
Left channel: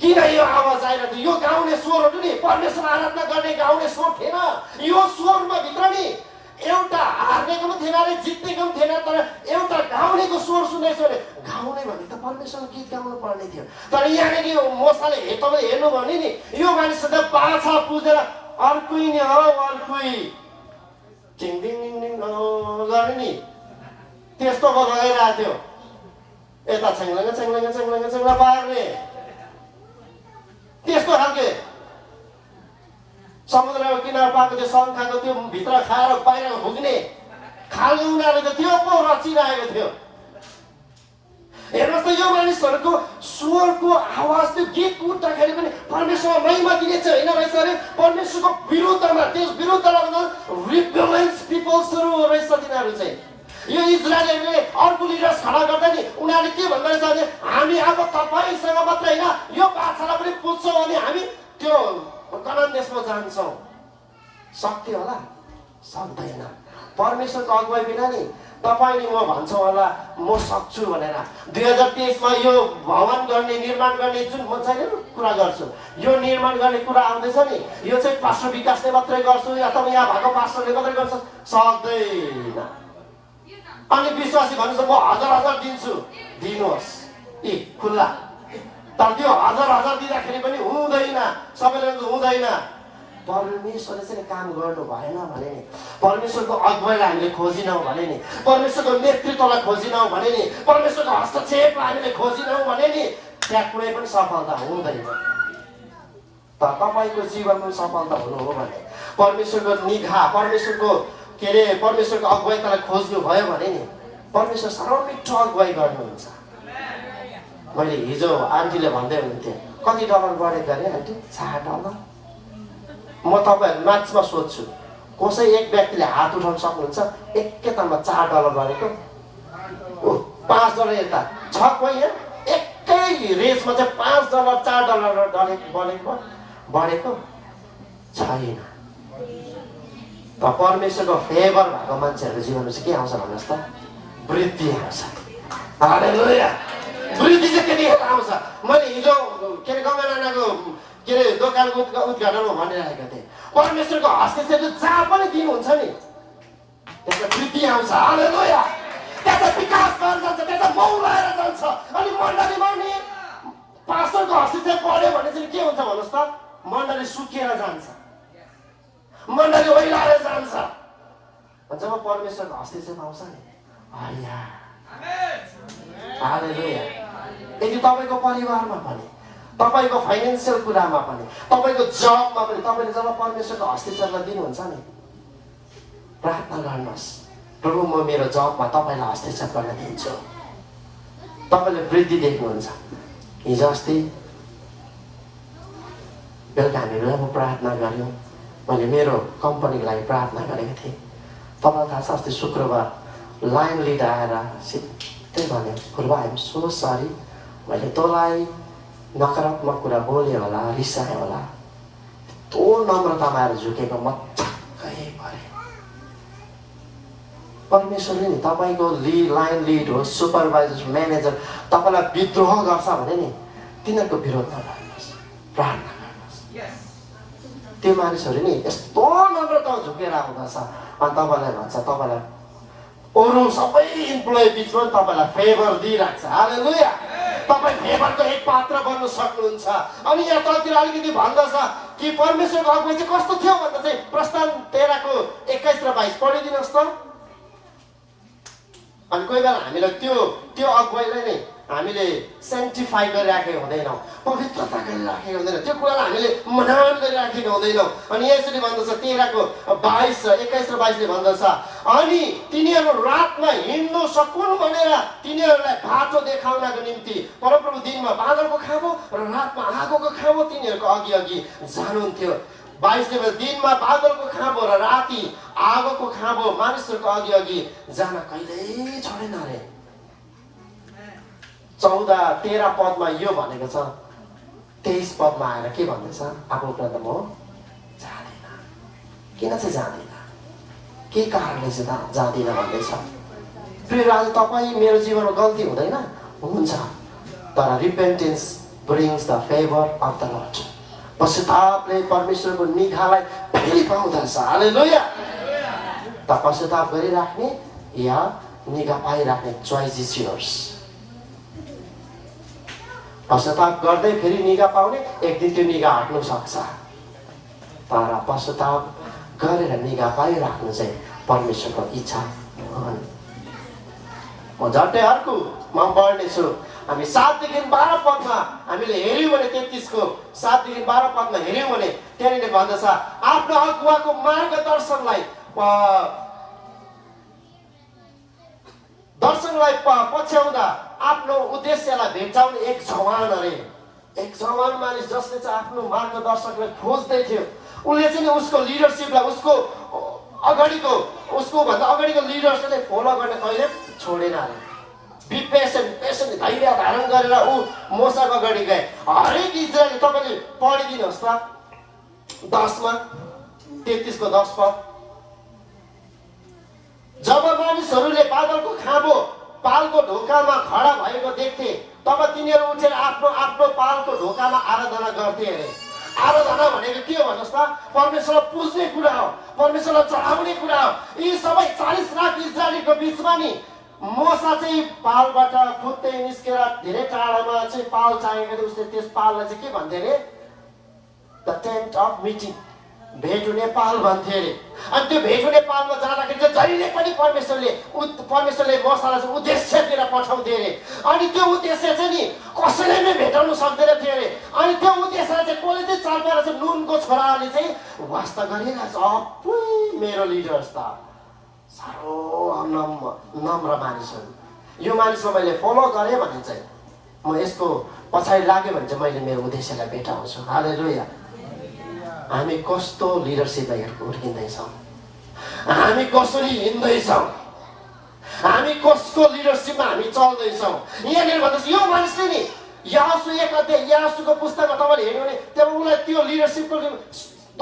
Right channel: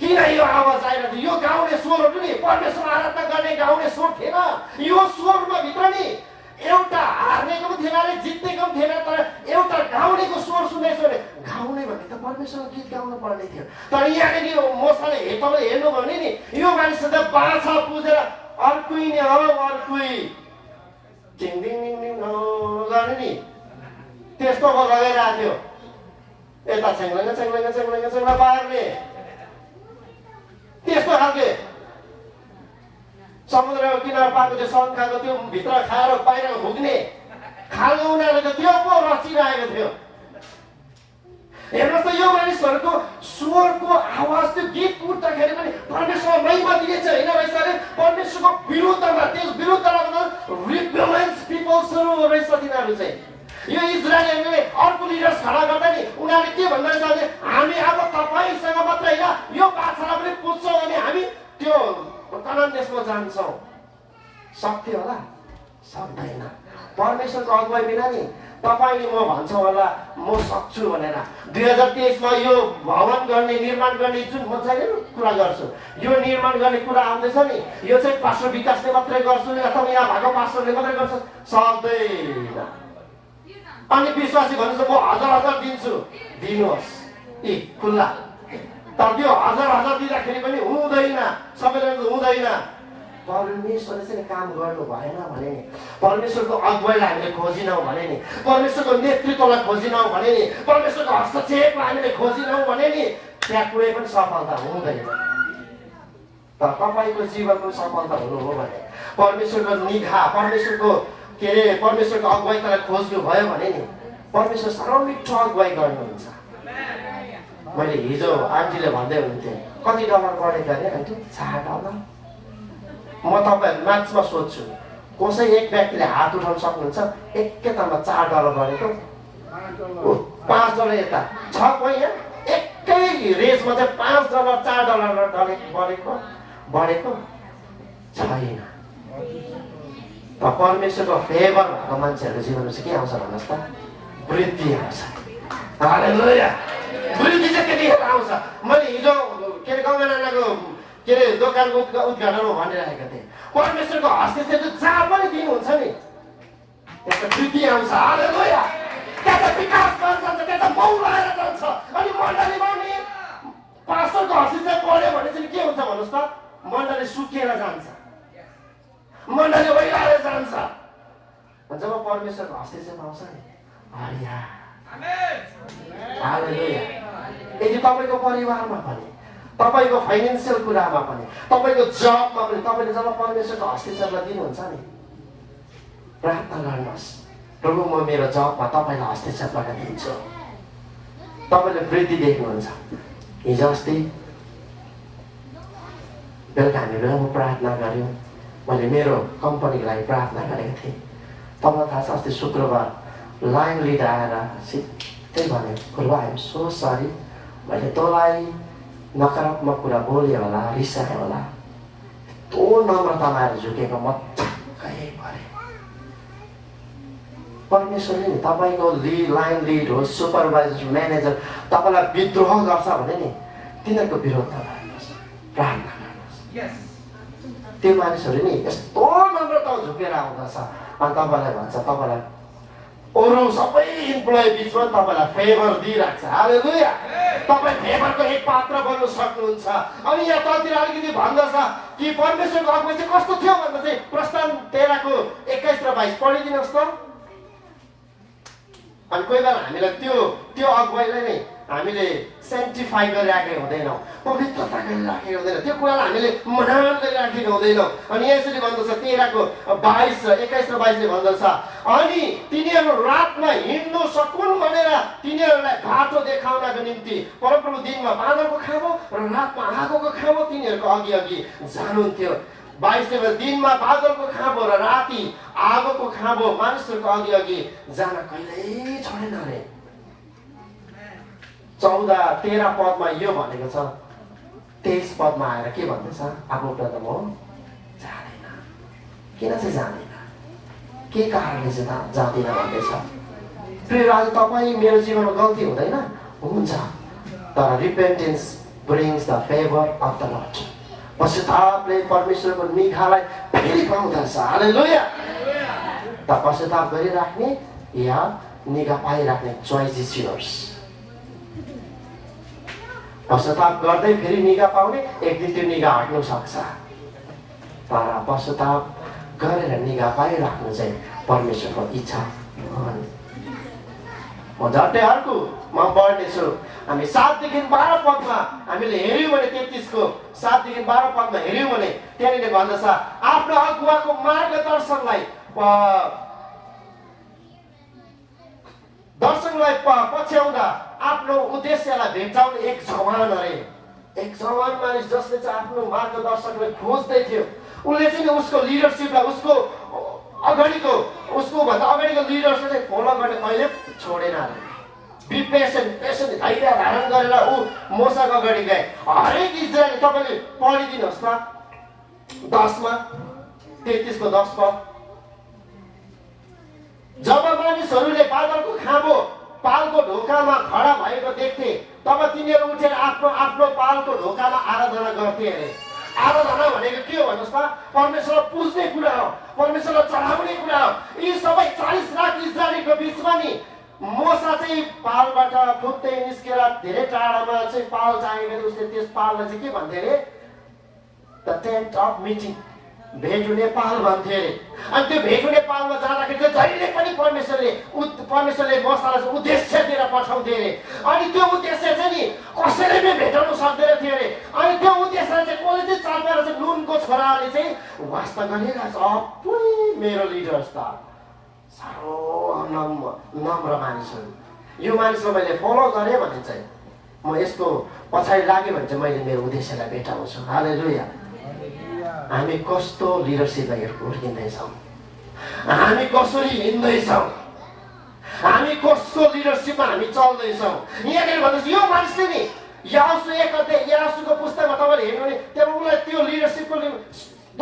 किन यो आवाज आएर यो गाउँले स्वरहरू नि परमेश्वर आराधना गर्ने गाउँले स्वर थिएन। यो स्वरमा भित्र नि एउटा हार्नेको पनि थिएन अरे, जित्नेको पनि थिएन, तर एउटा गाउँलेको स्वर सुन्दैछ भने गाउँले भने त परमेश्वर गीत गाउनु पर्ने थियो। तर यहाँनिर यो मसाले तपाईँले हेर्नु भने नि यो मानिसले बाछा पुजेर अर्कै नै हो, अर्कै टिङ टिङ टिङ टिङ गर्ने नि त्यस्तो लगाइरहेको थियो। यता छ्याङ्ला पार्ने त्यस्तो खालके समुद्रमा किनार पाएको त्यो शङ्खाको त्यो भित्र खाएर बाहिर भुग्ने खालको उनीहरूले त त्यो पो रचिरहेको थियो। हेर्नुहोस् त यो मानिसहरूको स्वरको आवाज त्यो गीत उठ्दाखेरि पनि परमेश्वर महिमा दिने चाहिँ होइन रहेछ अरे, परमेश्वरको विरुद्धमा, त्यस विरुद्धमा रिबेलियस पिपल्सहरू रहेछ तिनीहरू चाहिँ। यो इजरायलले अर्को लिडर्स खडा गर्दा नि उनीहरूले के भन्दो रहेछ भने हामी अब तपाईँसँग मात्रै होइन यो बाछालाई पनि पुज्छौँ अनि हामी त्यो कनान देशमा जान्छौँ। सक्थ्यो होला? सक्दैन। परमेश्वरको अगुवाई बिना नि तपाईँले म भन्छौँ होला म सक्छु भनेर। 2023मा यो भवन गर्ने, निर्माण गर्ने जुन म चाहिँ कुरा गर्छु, यो निर्माण गर्ने कुरा आउँदैछ नि, यो चाहिँ पास्टर विकासले मात्रै गर्छु अथवा यहाँ भएको पास्टरले मात्रै गर्छ, सक्दैन। अनि विश्वासी भन्नुहुन्छ म 1000 दिन्छु, दिनुहोस् यी खुल्ला। तर त्यो 1000 दिँदाखेरि पनि हुँदैन, सबैले हुँदैन। परमेश्वरले चाहिँ काम गर्नु भएन भने नि, परमेश्वरको अगुवाईलाई हामीले खोजिनौँ भने नि, परमेश्वरको नेतृत्वलाई खोजिनौँ भने नि, परमेश्वरको हस्तक्षेपलाई हामीले खोजिनौँ भने नि, त्यहाँ कुनै पनि सफलता हुँदैन। तर तपाईँको जीवनको सफलता हुनु हो भने परमेश्वरको निगाह, परमेश्वरको परमेश्वरको अगुवाईलाई खोज्नु भयो भने नि, परमेश्वर साह्रो मिठो अगुवाई गर्नुहुन्छ। मैले हिजो आन्टीले भन्दै हुनुहुन्थ्यो, कति डलर गरेको अरे आन्टी? $4। म तपाईँहरू नाचमा सोध्छु, कसै एक व्यक्तिले हात उठाउन सक्नुहुन्छ एकैतालमा $4 गरेको? $5 यता छ कोही यहाँ? एकै रेसमा चाहिँ $5 $4 बढेको छैन। त परमेश्वरको फेभर भएको मान्छेहरूको जीवनमा चाहिँ के आउँछ भन्नुहोस् त? वृद्धि आउँछ। हालेलुया। वृद्धि चाहिँ त्यतिखेर आउँछ। मैले हिजो गङ्गा नानाको दोकानको उद्घाटनमा भनिरहेको थिएँ, परमेश्वरको हस्तक्षेप जहाँ पनि दिनुहुन्छ नि, त्यसमा वृद्धि आउँछ। हालेलुया। त्यहाँ विकास भएर जान्छ, त्यहाँ मौ भएर जान्छ। अनि मण्डलीमा नि पास्टरको हस्तक्षेप पऱ्यो भने चाहिँ के हुन्छ भन्नुहोस् त? मण्डली सुकेर जान्छ, मण्डली ओइलाएर जान्छ। जब परमेश्वरको हस्तक्षेप आउँछ नि, हालेलुया। यदि तपाईँको परिवारमा पनि, तपाईँको फाइनेन्सियल कुरामा पनि, तपाईँको जबमा पनि तपाईँले जब परमेश्वरको हस्तक्षेपलाई दिनुहुन्छ नि, प्रार्थना गर्नुहोस्, प्रभु म मेरो जबमा तपाईँलाई हस्तक्षेप गर्न दिन्छु। तपाईँले वृद्धि देख्नुहुन्छ। हिजो अस्ति बेलुका हामी बेलामा प्रार्थना गऱ्यौँ। मैले मेरो कम्पनीको लागि प्रार्थना गरेको थिएँ। तपाईँलाई थाहा छ, अस्ति शुक्रबार लाइन लिड आएर सिधै भन्यो, पूर्व आइएम सो सरी, मैले तँलाई नकारात्मक कुरा बोलेँ होला, रिसाएँ होला। तो नम्रतामा आएर झुकेको म छक्कै परेँ। परमेश्वरले नि तपाईँको लाइन लिड होस्, सुपरभाइजर, म्यानेजर तपाईँलाई विद्रोह गर्छ भने नि, तिनीहरूको विरोध नगर्नुहोस्, प्रार्थना गर्नुहोस्। त्यो मानिसहरू नि यस्तो नम्रता झुकेर आउँदछ अनि तपाईँलाई भन्छ, तपाईँलाई अरू सबै इम्प्लोइ बिचमा तपाईँलाई फेभर दिइरहेको छ। हालेलुया। तपाईँ फेभरको एक पात्र बन्नु सक्नुहुन्छ। अनि यहाँ तलतिर अलिकति भन्दछ कि परमेश्वरको अगुवाई चाहिँ कस्तो थियो भन्दा चाहिँ प्रस्थान 13 को 21 र 22 पढिदिनुहोस् त। अनि कोही बेला हामीलाई त्यो अगुवाईलाई नै हामीले सेन्टिफाई गरिराखेको हुँदैनौँ, पवित्रता गरिराखेको हुँदैन, त्यो कुरालाई हामीले महान गरिराखेको हुँदैनौँ। अनि यसरी भन्दछ 13 को 22 र 21 र 22ले भन्दछ, अनि तिनीहरू रातमा हिँड्नु सकुन् भनेर तिनीहरूलाई बाटो देखाउनको निम्ति परमप्रभु दिनमा बादलको खाँबो र रातमा आगोको खाँबो तिनीहरूको अघि अघि जानुहुन्थ्यो। 22 दिनमा बादलको खाँबो र राति आगोको खाँबो मानिसहरूको अघि अघि जान कहिल्यै छोडेन अरे। 14-13 पदमा यो भनेको छ। 23 पदमा आएर के भन्दैछ? आफ्नो कुरा त म जाँदैन। किन चाहिँ जाँदैन? के कारणले चाहिँ जाँदैन भन्दैछ? प्रिय राजा, तपाईँ मेरो जीवनमा गल्ती हुँदैन? हुन्छ, तर repentance brings the favour of the Lord. पश्चातापले परमेश्वरको निगाहलाई फेरि पाउँदछ। हालेलुया। त पश्चाताप गरिराख्ने या निगाह पाइराख्ने, चोइस इज योर्स। पश्चाताप गर्दै फेरि निगाह पाउने, एक दिन त्यो निगाह हट्नु सक्छ। तर पश्चाताप गरेर निगाह पाइराख्नु चाहिँ परमेश्वरको इच्छा हो। म झट्टै अर्को म पढ्नेछु। हामी 7 देखि 12 पदमा हामीले हेऱ्यौँ भने 33 को 7 देखि 12 पदमा हेऱ्यौँ भने त्यहाँनिर भन्दछ, आफ्नो अगुवाको मार्गदर्शनलाई पछ्याउँदा आफ्नो उद्देश्यलाई भेट्टाउने एक जवान अरे। एक जवान मानिस जसले चाहिँ आफ्नो मार्गदर्शकलाई खोज्दै थियो। उसले चाहिँ उसको लिडरसिपलाई, उसको भन्दा अगाडिको लिडरसिपलाई फलो गर्न कहिले छोडेन अरे। बी पेसेन्ट धैर्य धारण गरेर ऊ मोसाको अगाडि गए। हरेक इजरायली, तपाईँले पढिदिनुहोस् त 10मा 33 को 10 पद। जब मानिसहरूले बादलको खाँबो पालको ढोकामा खडा भएको देख्थे, तब तिनीहरू उठेर आफ्नो आफ्नो पालको ढोकामा आराधना गर्थे अरे। आराधना भनेको के हो भन्नुहोस् त? परमेश्वरलाई पुज्ने कुरा हो, परमेश्वरलाई चढाउने कुरा हो। यी सबै 40 लाख इजरायलीको बिचमा नि मोसा चाहिँ पालबाट फुत्दै निस्केर धेरै टाढामा चाहिँ पाल चाहेको थियो। उसले त्यस पाललाई चाहिँ के भन्थे अरे? द टेन्ट अफ मिटिङ, भेट हुने पाल भन्थे अरे। अनि त्यो भेट हुने पालमा जाँदाखेरि चाहिँ जहिले पनि परमेश्वरले मोसालाई चाहिँ उद्देश्य दिएर पठाउँथे अरे। अनि त्यो उद्देश्य चाहिँ नि कसैले पनि भेटाउनु सक्दैन थियो अरे। अनि त्यो उद्देश्यलाई चाहिँ कसले चाहिँ चाल पारेर चाहिँ नुनको छोराले चाहिँ वास्ता गरिरहेछ। अपुई मेरो लिडर्स त साह्रो नम्र मानिस हुन्, यो मानिसलाई मैले फलो गरेँ भने चाहिँ म यसको पछाडि लाग्यो भने चाहिँ मैले मेरो उद्देश्यलाई भेटाउँछु। हालेलुया। हामी कस्तो लिडरसिपमा हुर्किँदैछौँ, हामी कसरी हिँड्दैछौँ, हामी कसको लिडरसिपमा हामी चल्दैछौँ। यहाँनिर भन्नुहोस् यो मानिसले नि यासु 1 अध्याय यासुको पुस्तकमा तपाईँले हेर्नु भने त्यसलाई त्यो लिडरसिपको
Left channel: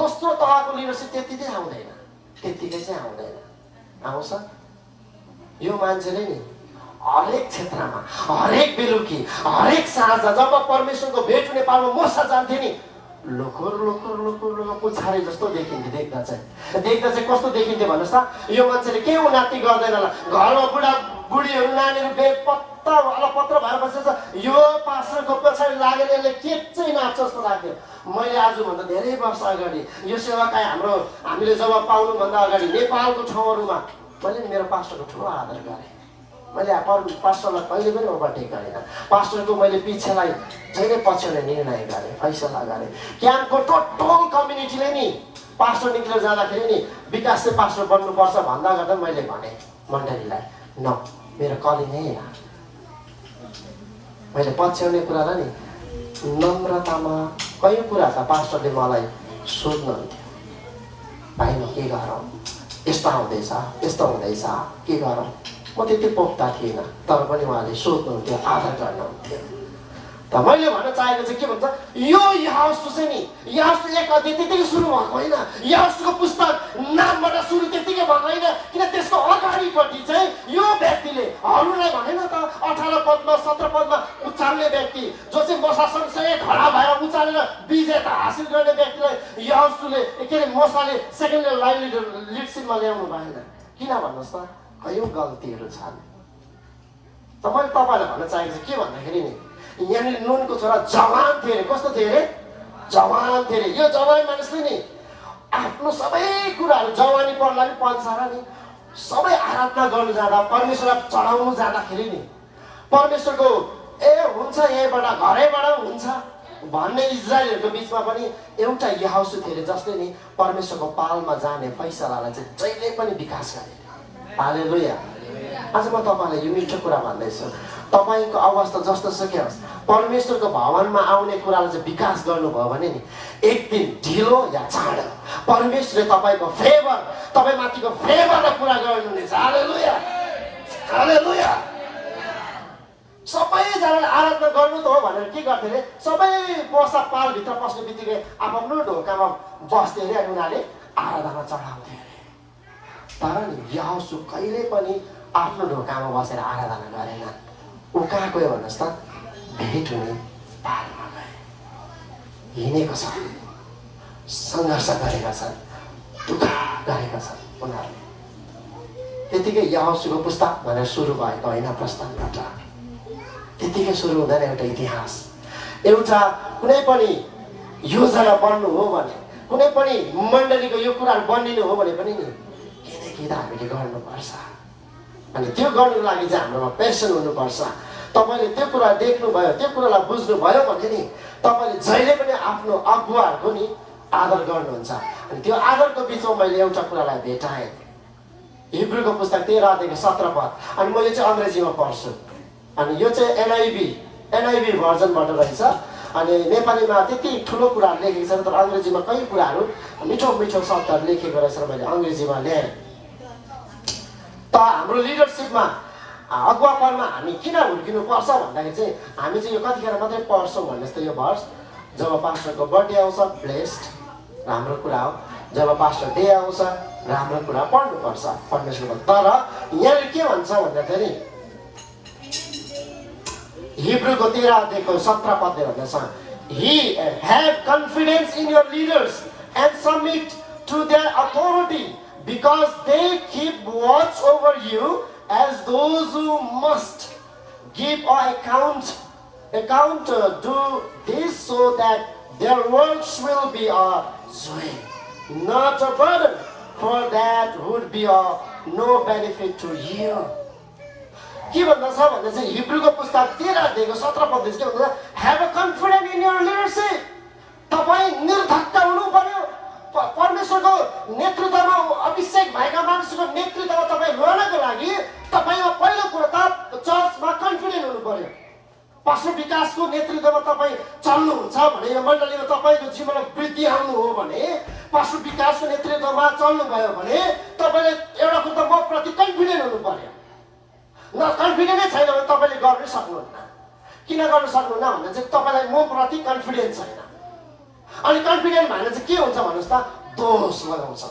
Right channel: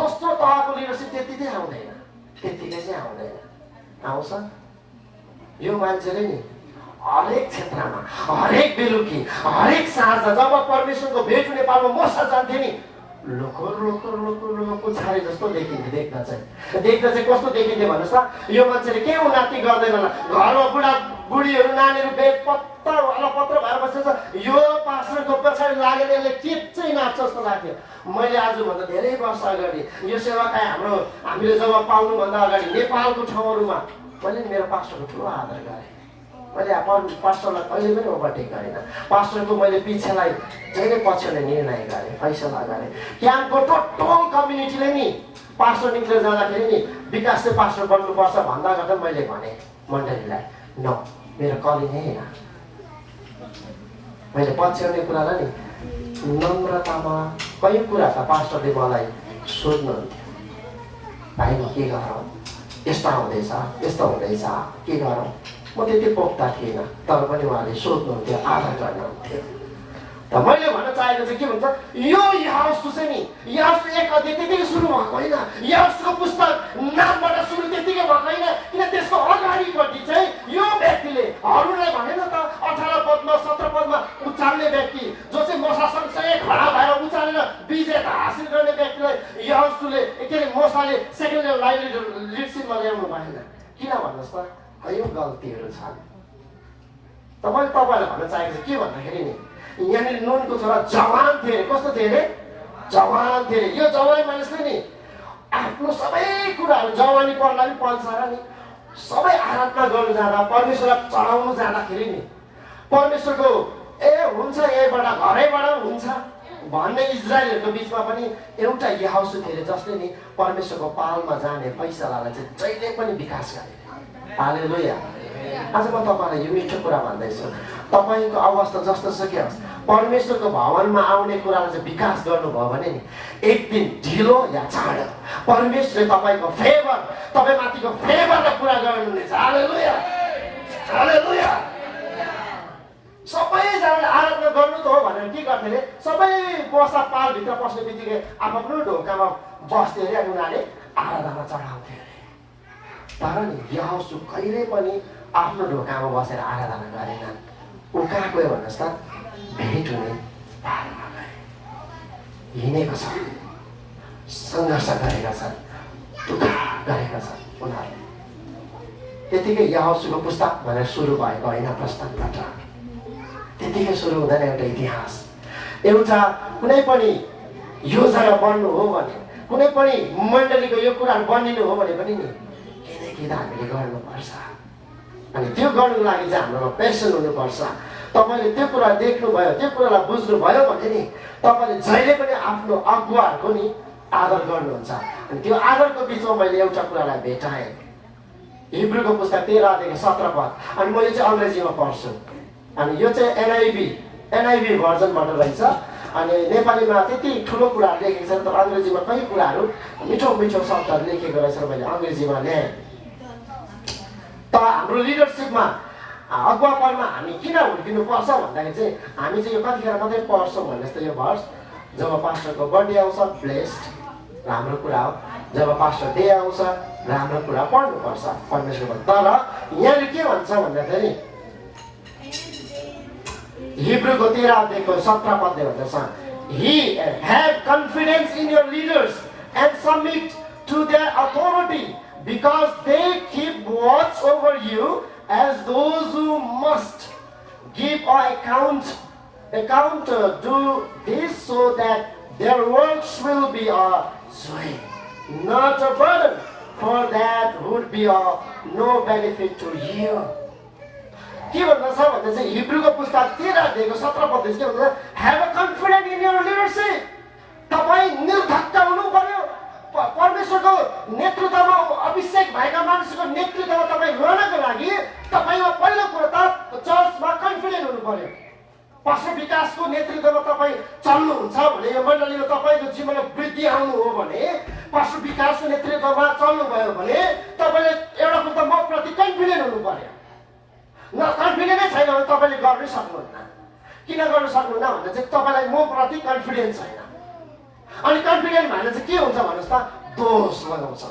दोस्रो तहको लिडरसिप त्यति चाहिँ आउँदैन, त्यतिकै चाहिँ आउँदैन। आउँछ यो मान्छेले नि हरेक क्षेत्रमा, हरेक बेलुकी, हरेक साँझ जब परमेश्वरको भेट हुने पालमा मोसा जान्थे नि लोकोर पुछारे जस्तो देखिन्थ्यो। देख्दा चाहिँ कस्तो देखिन्थ्यो भन्नुहोस् त? यो मान्छेले के उन्नति गर्दैन होला, घरमा बुढा बुढीहरू नानीहरू बेपत्ता अलपत्र भएर बसेछ, यो पास्टरको पछाडि लागेर यसले के चाहिँ नाच्छ जस्तो लाग्थ्यो। मैले आजभन्दा धेरै वर्ष अगाडि यो सेवाकाई हामीले जब पाउनुभन्दा अगाडि नेपालको ठाउँहरूमा मैले मेरो पास्टरको ठुलो आदर गरेँ। मैले पास्टरलाई कहिले पनि ओभरटेक गरेन। पास्टरको मैले पिछेलाई जहिले पछ्याउने निर्णय गरेँ, फैसला गरेँ। क्याम्पको टोटल कम्युनिटीले नि पास्टर निक्लेर जाँदाखेरि नि विकास चाहिँ पास्टर बन्नुपर्छ भन्दा गर्दा मैले भने मण्डलीलाई न, मेरो कली नै होइन। मैले पछ्याउने कुरालाई नि नम्रतामा कहीँ कुरा त पास्टरले मलाई सोध्नुहुन्थ्यो, भाइ म के गरौँ, यस्तो आउँदैछ यस्तो हुँदैछ के गरौँ। म त्यति पोख्ता थिइनँ, तर पनि उहाँले सोध्नुहुन्थ्यो, आदर गर्नुहुन्थ्यो। त मैले भन्न चाहेको चाहिँ के भन्छ, यो यासु चाहिँ नि यासु 1 अध्याय त्यतिकै सुरु भएको होइन, यासुको पुस्तक नामबाट सुरु त्यतिकै भएको होइन। किन त्यसको अगाडिपट्टि चाहिँ यो व्यक्तिले हरूलाई भनेन त 18 पदमा 17 पदमा उचाल्ने व्यक्ति जो चाहिँ मोसा सँगसँगै खडा भएर उचालेर विजेता हासिल गर्ने व्यक्तिलाई यासुले के अरे मोसाले सेकेन्ड लिडरसिपमा ल्याउनु भएन। किन भन्नुहोस् त? यो गल्तीहरू छन्। तपाईँले भन्न चाहेको चाहिँ के भन्दाखेरि नि यहाँनिर नुनको छोरा जवान थिए अरे। कस्तो थिए अरे? जवान थिए अरे। यो जवान मानिसले नि आफ्नो सबै कुराहरू जवानी पर्ला नि पल्सारा नि सबै आराधना गर्नु जाँदा, परमेश्वरलाई चढाउनु जाँदाखेरि नि परमेश्वरको हुन्छ यहीँबाट घरैबाट हुन्छ भन्ने इजरायलहरूको बिचमा पनि एउटा याहोसु थिए जसले नि परमेश्वरको पालमा जाने फैसलालाई चाहिँ जहिले पनि विकास गरे। हालेलुया। आज म तपाईँलाई यो मिठो कुरा भन्दैछु, तपाईँको अवस्था जस्तो सुकै होस्, परमेश्वरको भवनमा आउने कुरालाई चाहिँ विकास गर्नुभयो भने नि एक दिन ढिलो या चाँडो परमेश्वरले तपाईँको फेभर, तपाईँमाथिको फेभरलाई पुरा गर्नुहुनेछ। हालेलुया, हालेलुया। सबैजनाले आराधना गर्नु त हो भनेर के गर्थे अरे? सबै मोसा पालभित्र पस्ने बित्तिकै आफ्नो ढोकामा बस्थे अरे, उनीहरूले आराधना चढाउँथे अरे। तर नि याहोसु कहिले पनि आफ्नो ढोकामा बसेर आराधना गरेनन्। ऊ कहाँ गयो भन्नुहोस् त? भेट हुने पालमा गए, हिँडेको छ, सङ्घर्ष गरेका छन्, दुःख गरेका छन् उनीहरूले। त्यतिकै याहोसुको पुस्तक भनेर सुरु भएको होइन, प्रस्थानबाट त्यतिकै सुरु हुँदैन। एउटा इतिहास, एउटा कुनै पनि योजना बन्नु हो भने, कुनै पनि मण्डलीको यो कुराहरू बनिनु हो भने पनि नि के त हामीले गर्नुपर्छ। अनि त्यो गर्नुको लागि चाहिँ हाम्रोमा पेसन हुनुपर्छ। तपाईँले त्यो कुरा देख्नुभयो, त्यो कुरालाई बुझ्नुभयो भने नि तपाईँले जहिले पनि आफ्नो अगुवाहरूको नि आदर गर्नुहुन्छ। अनि त्यो आदरको बिचमा मैले एउटा कुरालाई भेटाएँ, हिब्रूको पुस्तक 13 अध्यायको 17 पद। अनि म यो चाहिँ अङ्ग्रेजीमा पढ्छु। अनि यो चाहिँ एनआइभी भर्जनबाट रहेछ। अनि नेपालीमा त्यति ठुलो कुराहरू लेखेको छ, तर अङ्ग्रेजीमा कई कुराहरू मिठो मिठो शब्दहरू लेखेको रहेछ र मैले अङ्ग्रेजीमा ल्याएँ। त हाम्रो लिडरसिपमा अगुवापनमा हामी किन हुर्किनुपर्छ भन्दाखेरि चाहिँ हामी चाहिँ यो कतिखेर मात्रै पढ्छौँ भन्नुहोस् त? यो भर्स जब पास्टरको बर्थडे आउँछ ब्लेस्ड, राम्रो कुरा हो। जब पास्टर डे आउँछ राम्रो कुरा पढ्नुपर्छ परमेश्वरको। तर यहाँले के भन्छ भन्दाखेरि हिब्रूको 13 अध्यायको 17 पदले भन्दछ, He have confidence in your leaders and submit to their authority, because they keep watch over you as those who must give an account. Do this so that their works will be a joy, not a burden, for that would be of no benefit to you. के भन्दा छ भन्दा चाहिँ हिब्रूको पुस्तक 13 अध्यायको 17 पद के भन्दा have a confidence in your leadership. तपाईं निर्धक्क हुनु पर्यो। परमेश्वरको नेतृत्वमा अभिषेक भएका मानिसको नेतृत्वमा तपाईं रहनको लागि तपाईको पहिलो कुरा त चर्चमा कन्फिडेन्ट हुनु पर्यो। पास्टर विकासको नेतृत्वमा तपाईं चल्नुहुन्छ भने यो मण्डलीमा तपाईको जीवनमा वृद्धि आउनु हो भने पास्टर विकासको नेतृत्वमा चल्नु भयो भने तपाईले एउटा कुरा म प्रति कन्फिडेन्ट हुनु पर्यो। न कन्फिडेन्टै छैन भने तपाईले गर्नै सक्नुहुन्न। किन गर्न सक्नुहुन्न भन्दा चाहिँ तपाईलाई म प्रति कन्फिडेन्स छैन। अनि कन्फिडेन्ट भएन चाहिँ के हुन्छ भन्नुस् त दोष लगाउँछ,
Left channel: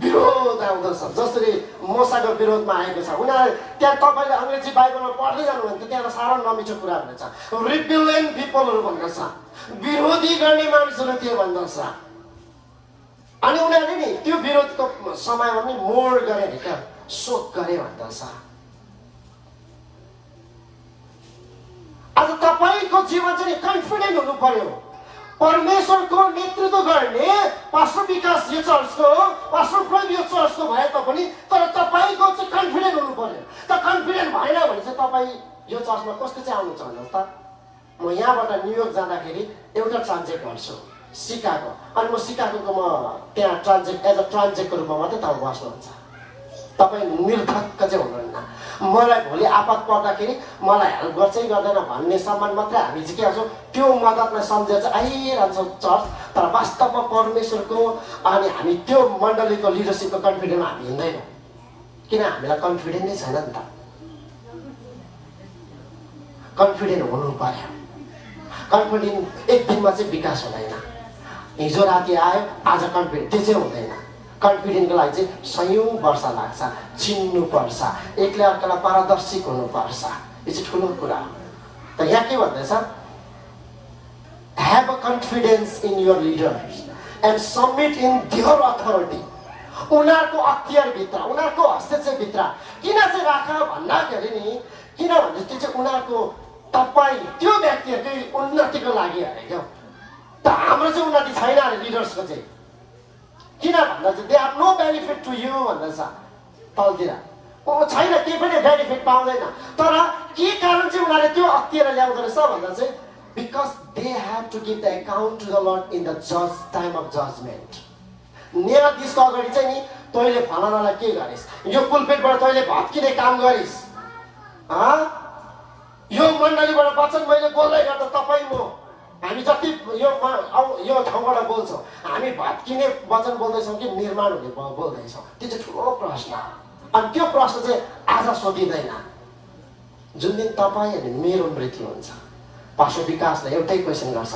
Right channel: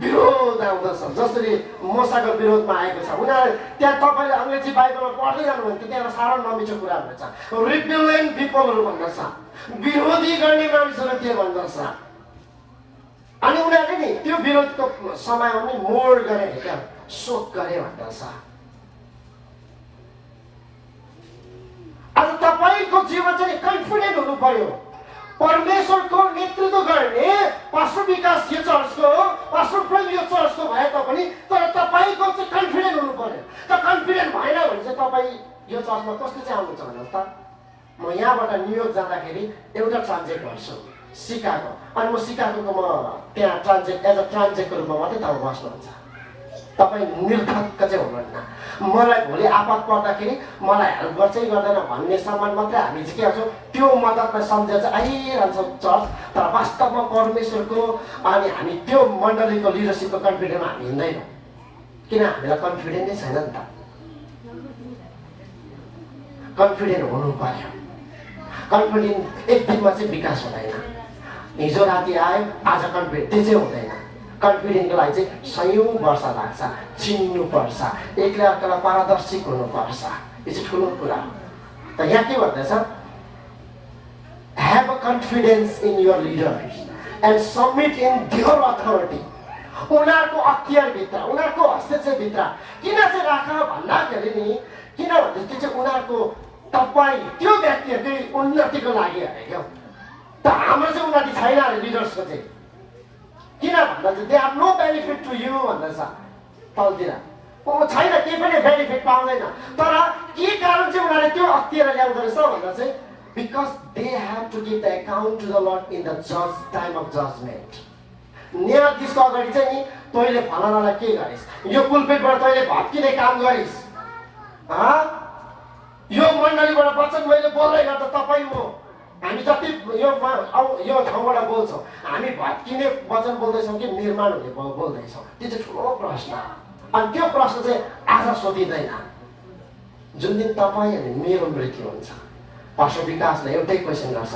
विरोध आउँदछ। जसरी मोसाको विरोधमा आएको छ उनीहरू त्यहाँ तपाईले अंग्रेजी बाइबलमा पढ्दै जानुभयो त्यहाँ साह्रो नमिठो कुराहरू छ। रिबेलियन पिपलहरू भन्दछ, विरोधी गर्ने मानिसहरू के भन्दछ। अनि उनीहरूले नि त्यो विरोधको समयमा पनि मोड गरे क्या, शोक गरे भन्दछ। आज तपाईको जीवन चाहिँ कन्फिडेन्ट हुनु पर्यो। परमेश्वरको नेतृत्व गर्ने पास्टर विकास यो चर्चको, पास्टर प्रेम यो चर्चको भए तापनि तर तपाईको चाहिँ कन्फिडेन्ट हुनु पर्यो। त कन्फिडेन्ट भएन भने चाहिँ तपाई यो चर्चमा कस्तो चाहिँ आउनुहुन्छ भन्नुहोस् त। म यहाँबाट न्युयोर्क जाँदाखेरि एउटा ट्रान्जेक्ट गर्छु सिकागो, अनि म सिकागोको म त्यहाँ ट्रान्जेक्ट एज अ ट्रान्जेक्टको रूपमा मात्रै तपाईँ बस्नुहुन्छ। तपाईँ निर्धक्क चाहिँ हुनुहुन्न। मलाई भोलि आपत पर्दाखेरि मलाई हेल्प गर्छ कि गर्दैन भन्ने सम्मान मात्रै हामी चाहिँ के गर्छौँ त्यो मद्दतलाई सम्झेर चाहिँ आइरहन्छौँ चर्च। तर वास्तवमा परमेश्वरको अनि हामी त्यो मण्डलीको लिडरसिपको कन्फिडेन्टमा हामी हिँड्दैनौँ। किन हामीलाई कन्फिडेन्ट नै छैन नि त। कन्फिडेन्ट हुनु पर्यो। कन्फिडेन्ट एक दिनमा चाहिँ विकास हुँदैन। हिजो राति आयो आज कन्फिडेन्ट त्यो चाहिँ हुँदैन। कन्फिडेन्टको लागि चाहिँ सयौं वर्ष लाग्छ, चिन्नुपर्छ, एकले अर्कालाई पारदर्शिक हुनुपर्छ। यो चाहिँ ठुलो कुरा हो। त यहाँ के भन्दैछ, have a confidence in your leaders and submit in their authority. उनीहरूको अख्तियारभित्र, उनीहरूको हस्तक्षेपभित्र किन चाहिँ राख भन्दाखेरि नि किन भन्दा त्यो चाहिँ उनीहरूको तपाईँ त्यो व्यक्तिहरूकै उन्नतिको लागि अरे क्या। त हाम्रो चाहिँ उन्नति छैन अरे लिडर्सको चाहिँ। किन भन्दा चाहिँ they are no benefit to you भन्दैछ तलतिर। छैन केही पनि बेनिफिट पाउँदैन। तर के कारण चाहिँ उनीहरूले त्यो अख्तियार ल्याउँदो रहेछ भन्दा चाहिँ because they have to give the account to the lord in the जज टाइम अफ जजमेन्ट। न्यायाधीशको अगाडि चाहिँ नि तैँले फलानालाई के गरिस्, यो पुलपिटबाट तैँले भत्किने काम गरिस्, यो मण्डलीबाट वचन मैले बोल्दै गर्दा तपाईँ हो हामी जति यो ठाउँबाट बोल्छौँ हामी भत्किने वचन बोल्दैछौँ कि निर्माण हुने बोल्दैछौँ, त्यो चाहिँ ठुलो प्रश्न हो। अनि त्यो प्रश्न चाहिँ आज सोधिँदैन। जुन दिन तपाईँ अनि मेरो मृत्यु हुन्छ पास्टर विकासले एउटै क्वेसन गर्छ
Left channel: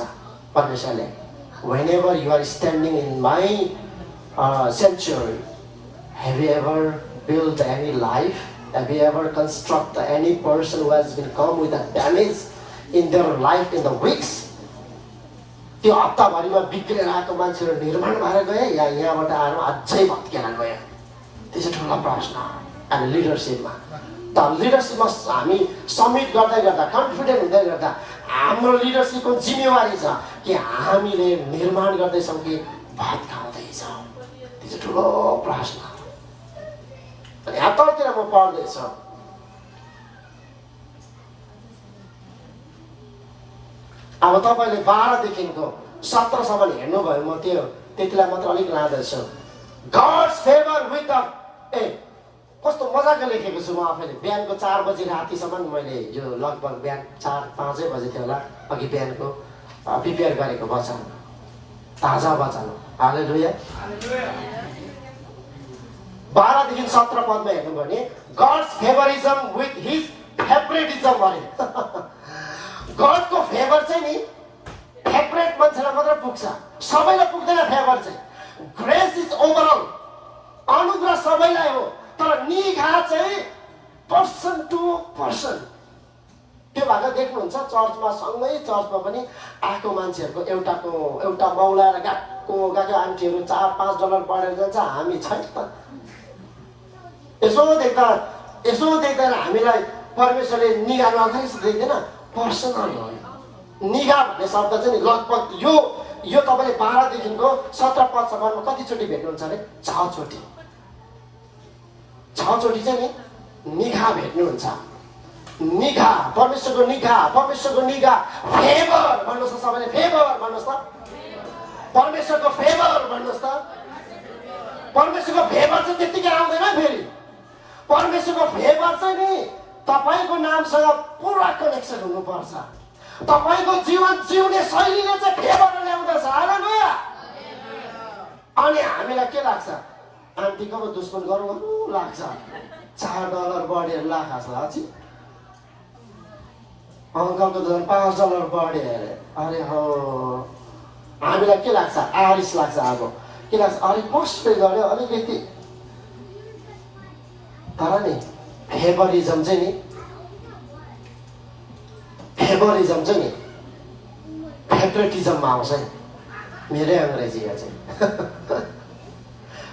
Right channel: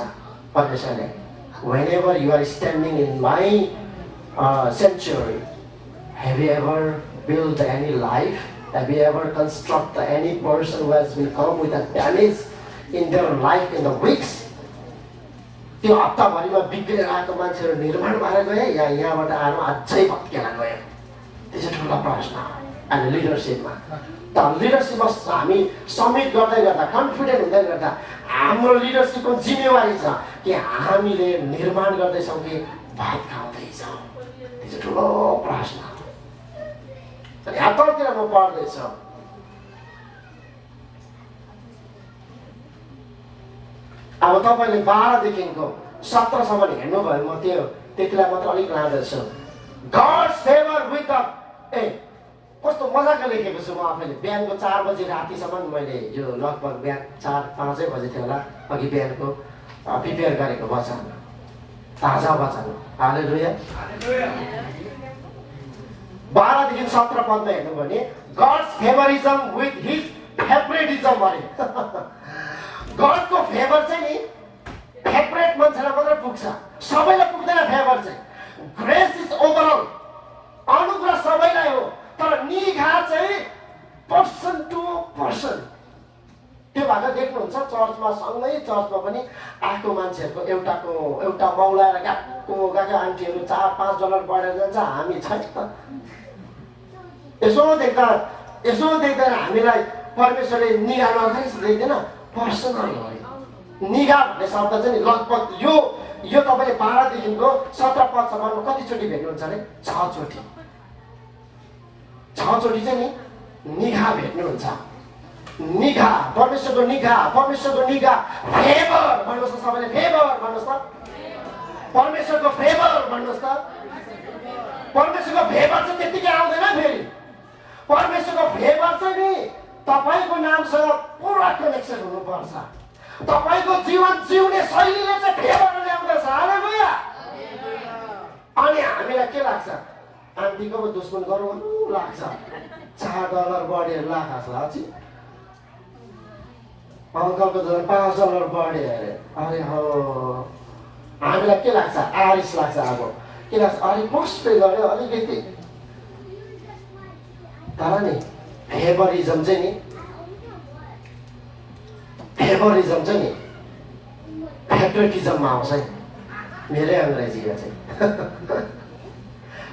परमेश्वरले, whenever you are standing in my sanctuary, have you ever built any life? Have you ever constructed any person who has been come with a damage in their life in the weeks? त्यो हप्ताभरिमा बिग्रेर आएको मान्छेहरू निर्माण भएर गए या यहाँबाट आएर अझै भत्केर गए? त्यो चाहिँ ठुलो प्रश्न हो। अनि लिडरसिपमा त लिडरसिपमा हामी सब्मिट गर्दै गर्दा कन्फिडेन्ट हुँदै गर्दा हाम्रो लिडरसिपको जिम्मेवारी छ कि हामीले निर्माण गर्दैछौँ कि भात खाउँदैछौँ। त्यो चाहिँ ठुलो प्रश्न। अनि यहाँ तलतिर म पढ्दैछु, अब तपाईँले 12 देखिको 17 सम्म हेर्नुभयो। म त्यो त्यतिलाई मात्र अलिक लाँदैछु। गॉड्स फेभर विथ द कस्तो मजाको लेखेको छु म आफैले। बिहानको 4 बजी रातिसम्म मैले यो लगभग बिहान 4-5 बजे थियो होला अघि बिहानको प्रिपेयर गरेको वचन, ताजा वचन। हालेलुया। 12 देखि 17 पदमा हेर्नु भने गॉड्स फेभरिजम विथ हिज फेभरेटिजम अरे। गडको फेभर चाहिँ नि फेभरेट मान्छेलाई मात्र पुग्छ, सबैलाई पुग्दैन फेभर चाहिँ। ग्रेस इज ओभरअल, अनुग्रह सबैलाई हो, तर निघा चाहिँ पर्सन टु पर्सन। त्यो भाग देख्नुहुन्छ चर्चमा, सँगै चर्चमा पनि आएको मान्छेहरूको एउटा मौलाएर गएको गएको आन्टीहरू $4-5 बढेर जान्छ, हामी छैन त। यसो देख्दा हामीलाई परमेश्वरले निगाह नगरे जस्तो देख्दैन। पर्सनल हो निगाह भन्ने शब्द चाहिँ नि लगभग यो तपाईँले 12 देखिको 17 पदसम्ममा कतिचोटि भेट्नुहुन्छ अरे? 6 चोटि। 6 चोटि चाहिँ नि निगाह भेट्नुहुन्छ। निगाह, परमेश्वरको निगाह, परमेश्वरको निगाह, फेभर भन्नुहोस् त सबैले, फेभर भन्नुहोस् त, परमेश्वरको फेभर भन्नुहोस् त। परमेश्वरको फेभर चाहिँ त्यतिकै आउँदैन फेरि। परमेश्वरको फेभर चाहिँ नि तपाईँको नामसँग पुरा कनेक्सन हुनुपर्छ। तपाईँको जीवन जिउने शैलीले चाहिँ फेभर ल्याउँदछ। हालेलुया। अनि हामीलाई के लाग्छ? आन्टीको पो दुश्मन गरौँ लाग्छ। $4 बढेर लाग्छ अझै। अङ्कलको त $5 बढे अरे। अरे हो, हामीलाई के लाग्छ? आरिस लाग्छ। अब के लाग्छ? अरे पोस्ट पे गर्यो अलिकति। तर नि फेभरिजम चाहिँ नि फेभरेटिजममा आउँछ नि। मेरै अङ्ग्रेजीमा चाहिँ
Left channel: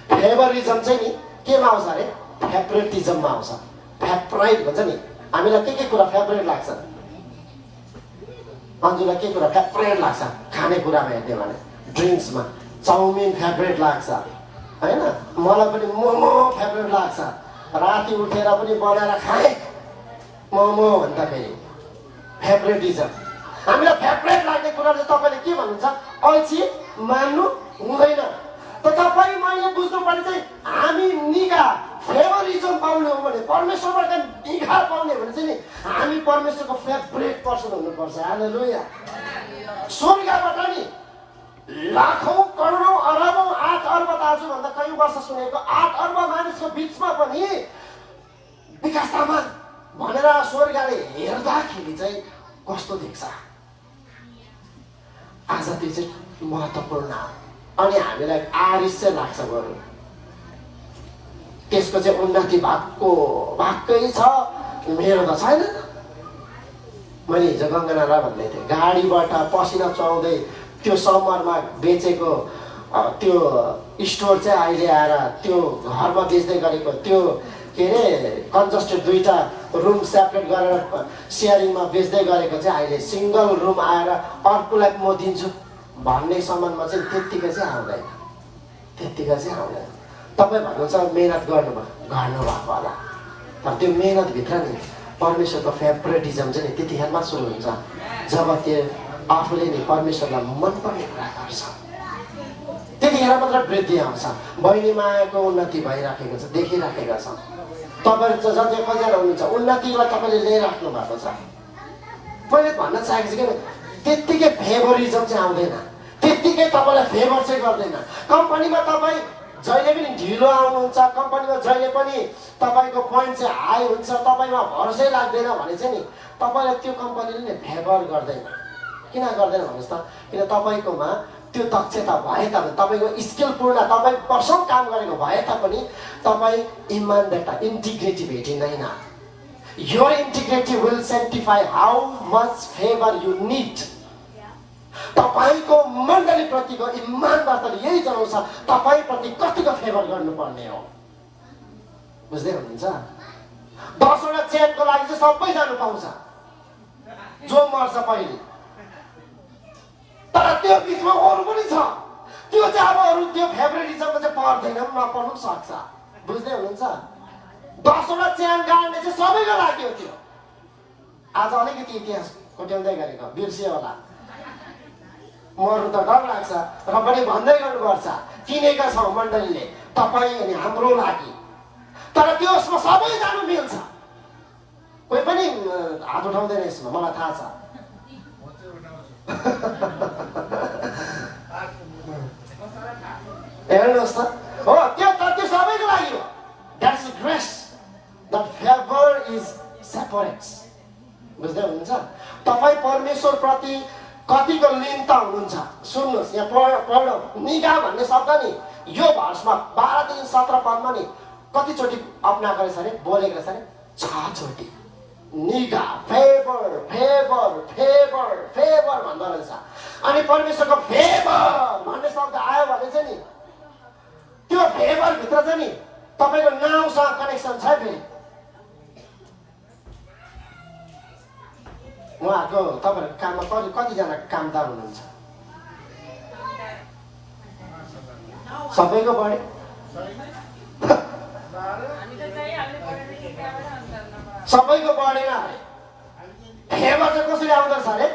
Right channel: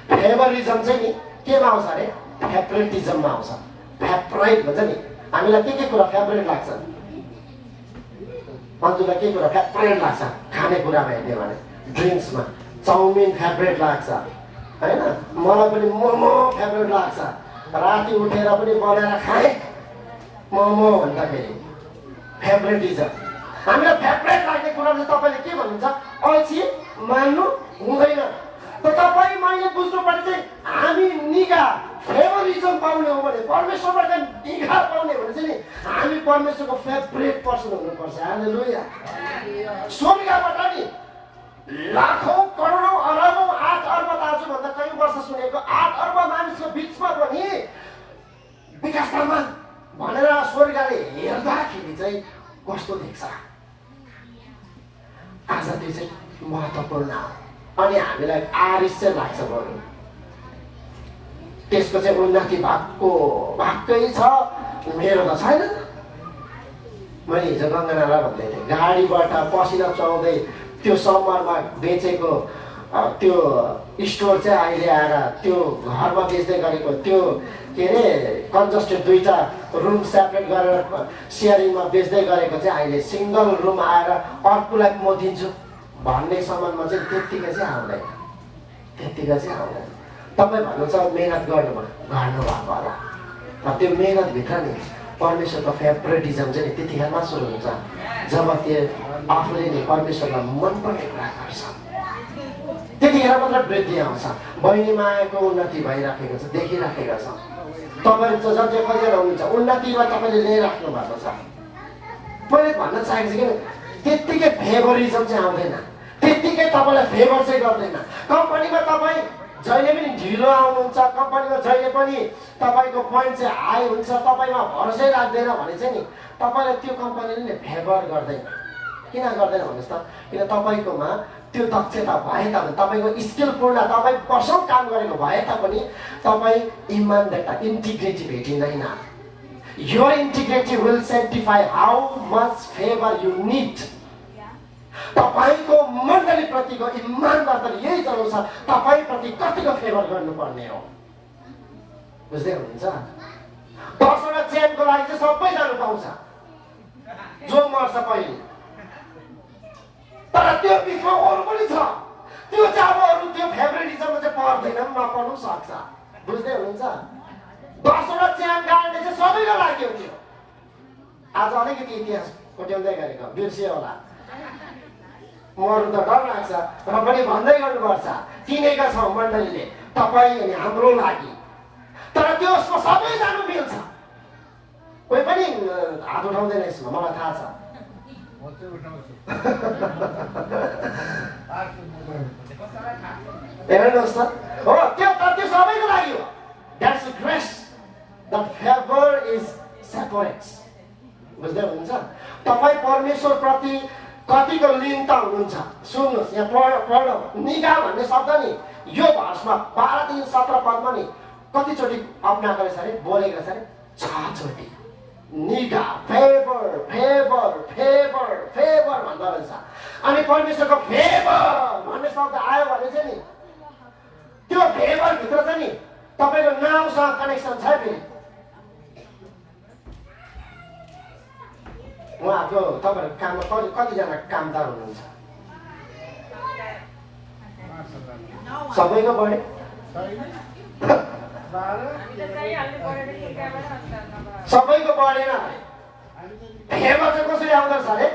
फेभरिजम चाहिँ नि केमा आउँछ अरे? फेभरेटिजममा आउँछ। फेभराइट भन्छ नि। हामीलाई के कुरा फेभरेट लाग्छ? अन्जुलाई के कुरा फेभरेट लाग्छ? खानेकुरामा हेर्ने भने ड्रिङ्क्समा चाउमिन फेभरेट लाग्छ होइन? मलाई पनि मोमो फेभरेट लाग्छ। राति उठेर पनि बनाएर खाएँ मोमो भन्दाखेरि फेभरेटिजम। हामीलाई फेभरेट लाग्ने कुराले तपाईँले के भन्नुहुन्छ? अल्छी मान्नु हुँदैन। त तपाईँ मैले बुझ्नु पर्ने चाहिँ हामी निगाह फेभरिजम पाउने हो भने, परमेश्वरबाट निगाह पाउने भने चाहिँ नि हामी परमेश्वरको फेभरेट पर्सन हुनुपर्छ। हालेलुया। स्वर्गबाट नि लाखौँ करोडौँ अरबौँ 8 अर्ब आजभन्दा कयौँ वर्ष सुनेको 8 अर्ब मानिसको बिचमा पनि विकास तामाङ भनेर स्वर्गले हेर्दाखेरि चाहिँ कस्तो देख्छ? आज त्यो चाहिँ महत्त्वपूर्ण हो। अनि हामीलाई आरिस चाहिँ लाग्छ बरु। त्यसको चाहिँ उन्नति भएकै छ, मेरो त छैन। मैले हिजो गगनालाई भन्दै थिएँ, गाडीबाट पसिना चुहाउँदै त्यो समरमा बेचेको त्यो स्टोर चाहिँ अहिले आएर त्यो घरमा बेच्दै गरेको त्यो के अरे कन्जस्टेड 2टा रुम सेपरेट गरेर सेयरिङमा बेच्दै गरेको चाहिँ अहिले सिङ्गल रुम आएर अर्कोलाई म दिन्छु भन्ने सामानमा चाहिँ त्यत्तिकै चाहिँ आउँदैन। तपाईँ भन्नुहुन्छ मेहनत गर्नुभएको होला। अब त्यो मेहनतभित्र नि परमेश्वरको फेभरेटिजम चाहिँ त्यतिखेरमा सुरु हुन्छ जब त्यो आफूले नै परमेश्वरलाई मनपर्ने कुरा गर्छ। त्यतिखेर मात्र वृद्धि आउँछ। बहिनी मायाको उन्नति भइराखेको छ, देखिराखेका छ। तपाईँहरू जति कतिजना हुनुहुन्छ उन्नतिलाई तपाईँले लिइराख्नु भएको छ। मैले भन्न चाहेको छु कि त्यत्तिकै फेभरिजम चाहिँ आउँदैन, त्यत्तिकै तपाईँलाई फेभर चाहिँ गर्दैन। कम्पनीमा तपाईँ जहिले पनि ढिलो आउनुहुन्छ, कम्पनीमा जहिले पनि तपाईँको पोइन्ट चाहिँ हाई हुन्छ, तपाईँमा भरोसै लाग्दैन भने चाहिँ नि तपाईँलाई त्यो कम्पनीले नि फेभर गर्दैन। किन गर्दैन भन्नुहोस् त? किन तपाईँकोमा त्यो दक्षता भए तापनि, तपाईँको स्किलपूर्ण, तपाईँ वर्षौँ काम गरेको भए तापनि तपाईँ इमानदारता, इन्टिग्रिटी भेटिँदैन। Your integrity will sanctify how much favor you need. तपाईको मण्डली प्रतिको इमानदारताले यही जनाउँछ तपाईप्रति कतिको फेभर गर्नुपर्ने हो। बुझ्दै हुनुहुन्छ? 10वटा चेनको लागि चाहिँ सबै जानु पाउँछ जो मर्छ पहिले, तर त्यो बिचमा अरू पनि छ। त्यो चाहिँ अब अरू त्यो फेभरेटिजममा चाहिँ पर्दैन, नपर्नु सक्छ। बुझ्दै हुनुहुन्छ? 10वटा च्यान गाड्ने चाहिँ सबैको लाग्यो थियो। आज अलिकति इतिहास कोट्याउँदै गरेको बिर्सियो होला। मर्नु त डर लाग्छ र पनि भन्दै गर्नुपर्छ, किनेका छौँ मण्डलीले तपाईँ अनि हाम्रो लागि। तर त्यो उसमा सबै जानु मिल्छ। कोही पनि हात उठाउँदैन यसमा, मलाई थाहा छ। हेर्नुहोस् त, हो त्यो सबैको लागि हो। That's the grace. The favor is separates. बुझ्दै हुनुहुन्छ? तपाईँ परमेश्वर प्रति कतिको लिनता हुनुहुन्छ? सुन्नुहोस्, यहाँ पढौँ। निगाह भन्ने शब्द नि यो भर्समा 12-17 पदमा नि कतिचोटि अपनाएको रहेछ अरे, बोलेको छ अरे? 6 चोटि। निगाह, फेभर फेभर फेभर फेभर भन्दो रहेछ। अनि परमेश्वरको फेभर भन्ने शब्द आयो भने चाहिँ नि त्यो फेभर भित्र चाहिँ नि तपाईँको नामसँग कनेक्सन छ। फेरि उहाँको तपाईँहरूको काममा कतिजना कामदार हुनुहुन्छ? सबैको बढी सबैको बढेन अरे। फेभर चाहिँ कसरी आउँदो रहेछ अरे?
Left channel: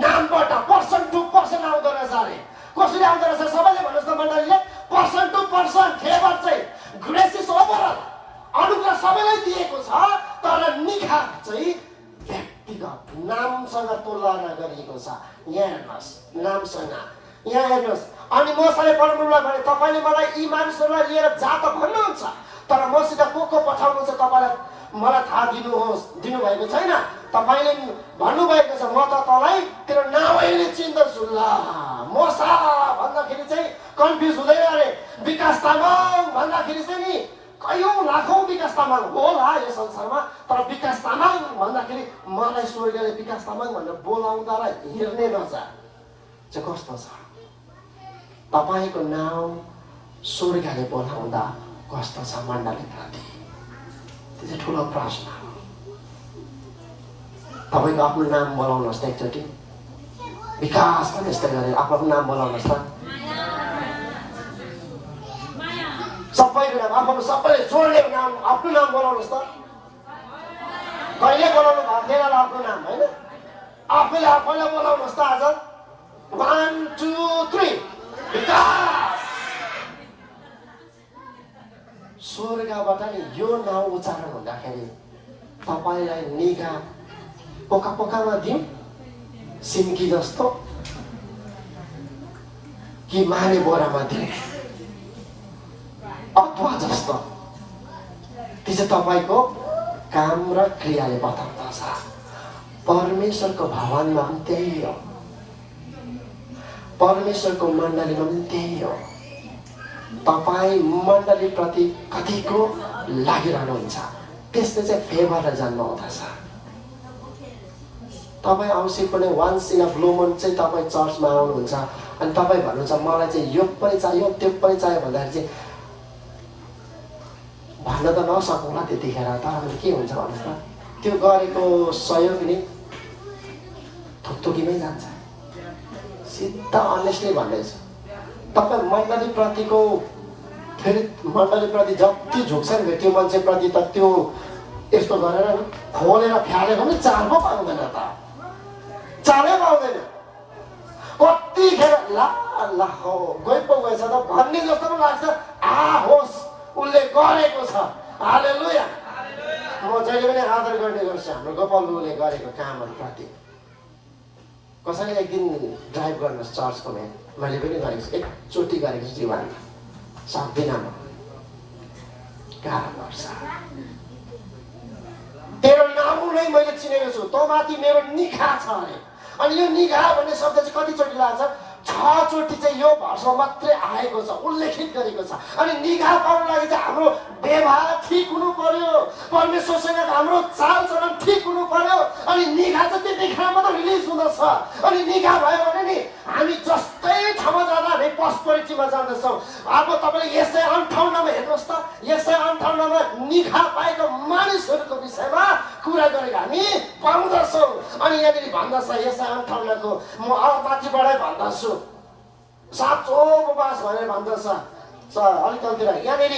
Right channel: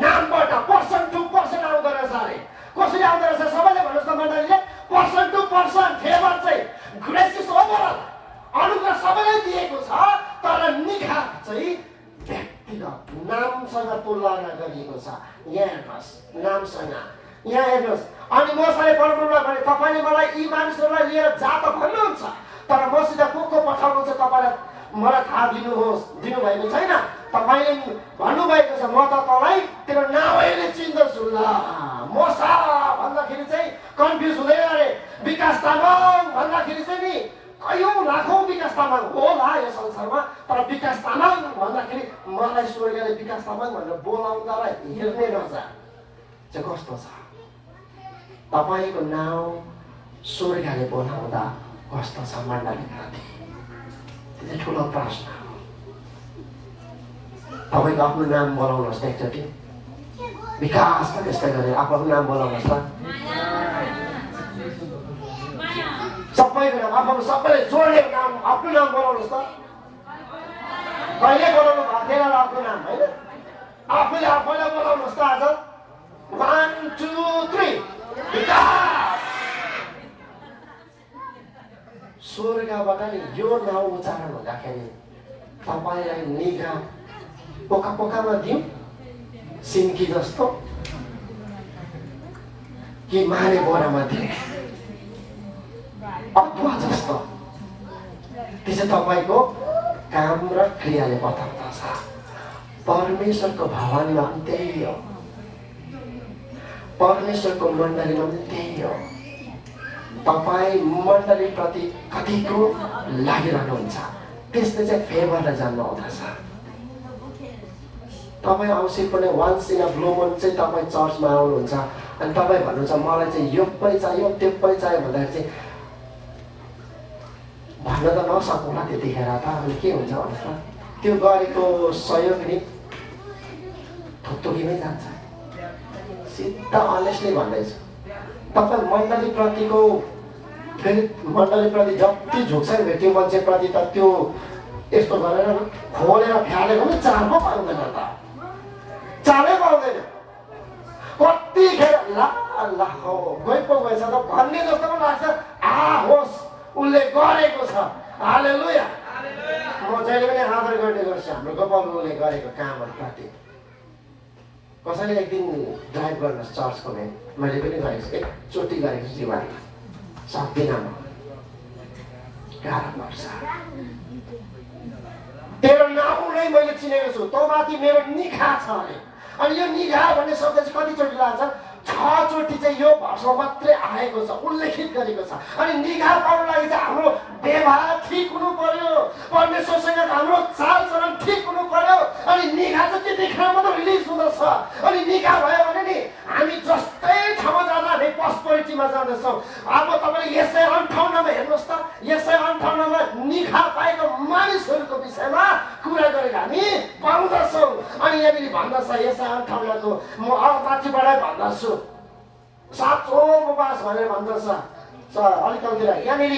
नामबाट पर्सन टु पर्सन आउँदो रहेछ अरे। कसरी आउँदो रहेछ सबैले भन्नुहोस् न मण्डलीले? पर्सन टु पर्सन फेभर चाहिँ ग्रेस इज ओभरअल, अनुग्रह सबैलाई दिएको छ, तर निगाह चाहिँ व्यक्तिगत नामसँग तुलना गरिएको छ। यहाँ हेर्नुहोस्, नामसँग यहाँ हेर्नुहोस्। अनि मसँग परमप्रभुलाई भने तपाईँले मलाई यी मानिसहरूलाई लिएर जा त भन्नुहुन्छ, तर मसित को पठाउनुहुन्छ तपाईँलाई मलाई थाहा दिनुभएको छैन। तपाईँले भन्नुभएको छ म त तँलाई तेरो नामैले चिन्दछु। ल मसा भन्दाखेरि चाहिँ कन्फ्युज हुँदैन अरे। विकास तामाङ भन्दाखेरि चाहिँ नि कयौँ लाखौँ विकास तामाङ होला यो संसारमा, तर विकास तामाङ भन्दाखेरि मलाई स्वर्गले विकास तामाङ भनेर बोलाउँदा र हेर्ने नजा चाहिँ कस्तो छ? तपाईँको नाम स्वर्गले बोलाउँदा कस्तो छ मण्डलीप्रति? त्यो चाहिँ ठुलो प्रश्न हो। तपाईँको आफ्नो नाम बोलाउनुहोस् त एकचोटि, विकास पनि यस्तै गरेर आफ्नो नाम बोलाउनुहोस् त। सबैको नाम आफ्नो सबैले जोडेको नाम आफ्नो नाम बोलाउनुहोस् त। कहिले बोलाउनु भएको थिएन आफ्नो नाम होइन? आफूले आफूलाई बोलाउनुहोस् त आज। 1 2 3 विकास। स्वर्गबाट नि यो नाउँ उच्चारण हुँदाखेरि तपाईँलाई निगाह पोका पोकामा दिउँ सिन्की जस्तो कि माने बोरामा दिउँ अदुवा जस्तो? त्यो चाहिँ तपाईँको काम र क्रियाले बताउँदछ। परमेश्वरको भवनमा पनि त्यही हो, परमेश्वरको मण्डलीमा पनि त्यही हो। तपाईँ मण्डलीप्रति कतिको लागिरहनुहुन्छ त्यसले चाहिँ फेभरलाई जन्माउँदछ। तपाईँ औँसी पनि वान्स इन अ ब्लू मुन चाहिँ तपाईँ चर्चमा आउनुहुन्छ अनि तपाईँ भन्नुहुन्छ मलाई चाहिँ यो पनि चाहियो त्यो पनि चाहियो भन्दाखेरि चाहिँ भन्न त नसकौँला त्यतिखेर त। अनि के हुन्छ भन्नुहोस् त, त्यो गरेको सहयोग नि थुक्थुकीमै जान्छ। सिधा अनेस्टली भन्दैछु, तपाईँ मण्डलीप्रतिको फेरि मण्डलीप्रति जति झुक्छ नि त्यो मान्छेप्रति त त्यो यस्तो गरेर खोलेर फ्यालेको पनि चाल पो पाउँदैन त, चालै पाउँदैन। कतिखेर ला ला हो गइ पो गएछ त भन्ने जस्तो पो लाग्छ। होस् उसले गरेको छ, हालेलुया। म जहिले पनि आदर गर्ने गर्छु हाम्रो गोपालले गरेको कामहरूप्रति। कसैले एक दिन ड्राइभ गर्नुहोस् चर्चको मैले पनि गरेको छु, एकचोटि गरेको छु जीवनमा, सक्दिनँ म, गाह्रो पर्छ। तेरो नाम नै मैले चिनेको छु, तँ माथि मेरो निगाह छ अरे। अनि यो निगाह भन्ने शब्द चाहिँ कतिचोटि लाग्छ? 6 चोटि चाहिँ यो भर्समा मात्रै आएको छ, उल्लेखित गरेको छ। अनि निगाह पाउन लागि चाहिँ हाम्रो व्यवहार ठिक हुनु पर्यो, परमेश्वरसँग हाम्रो चालचलन ठिक हुनु पर्यो। अनि निगाह चाहिँ त्यतिखेर मात्र रिलिज हुँदछ। अनि निगाह भयो भने नि हामी जस्तै ठाउँमा जाँदा हामी पस्परिटीमा जाँदैछौँ। अब तपाईँले यसै 58मा हेर्नुहोस् त, यसै 58मा निगाह पाएको मानिसहरूको विषयमा कुरा गरेर हामी पाउँदछौँ। अनि यहाँनिर भन्दछ यसै 58को म माथिबाटै भन्दछु साँचो उपवास भनेर भन्दछ। अलिकति यहाँनिर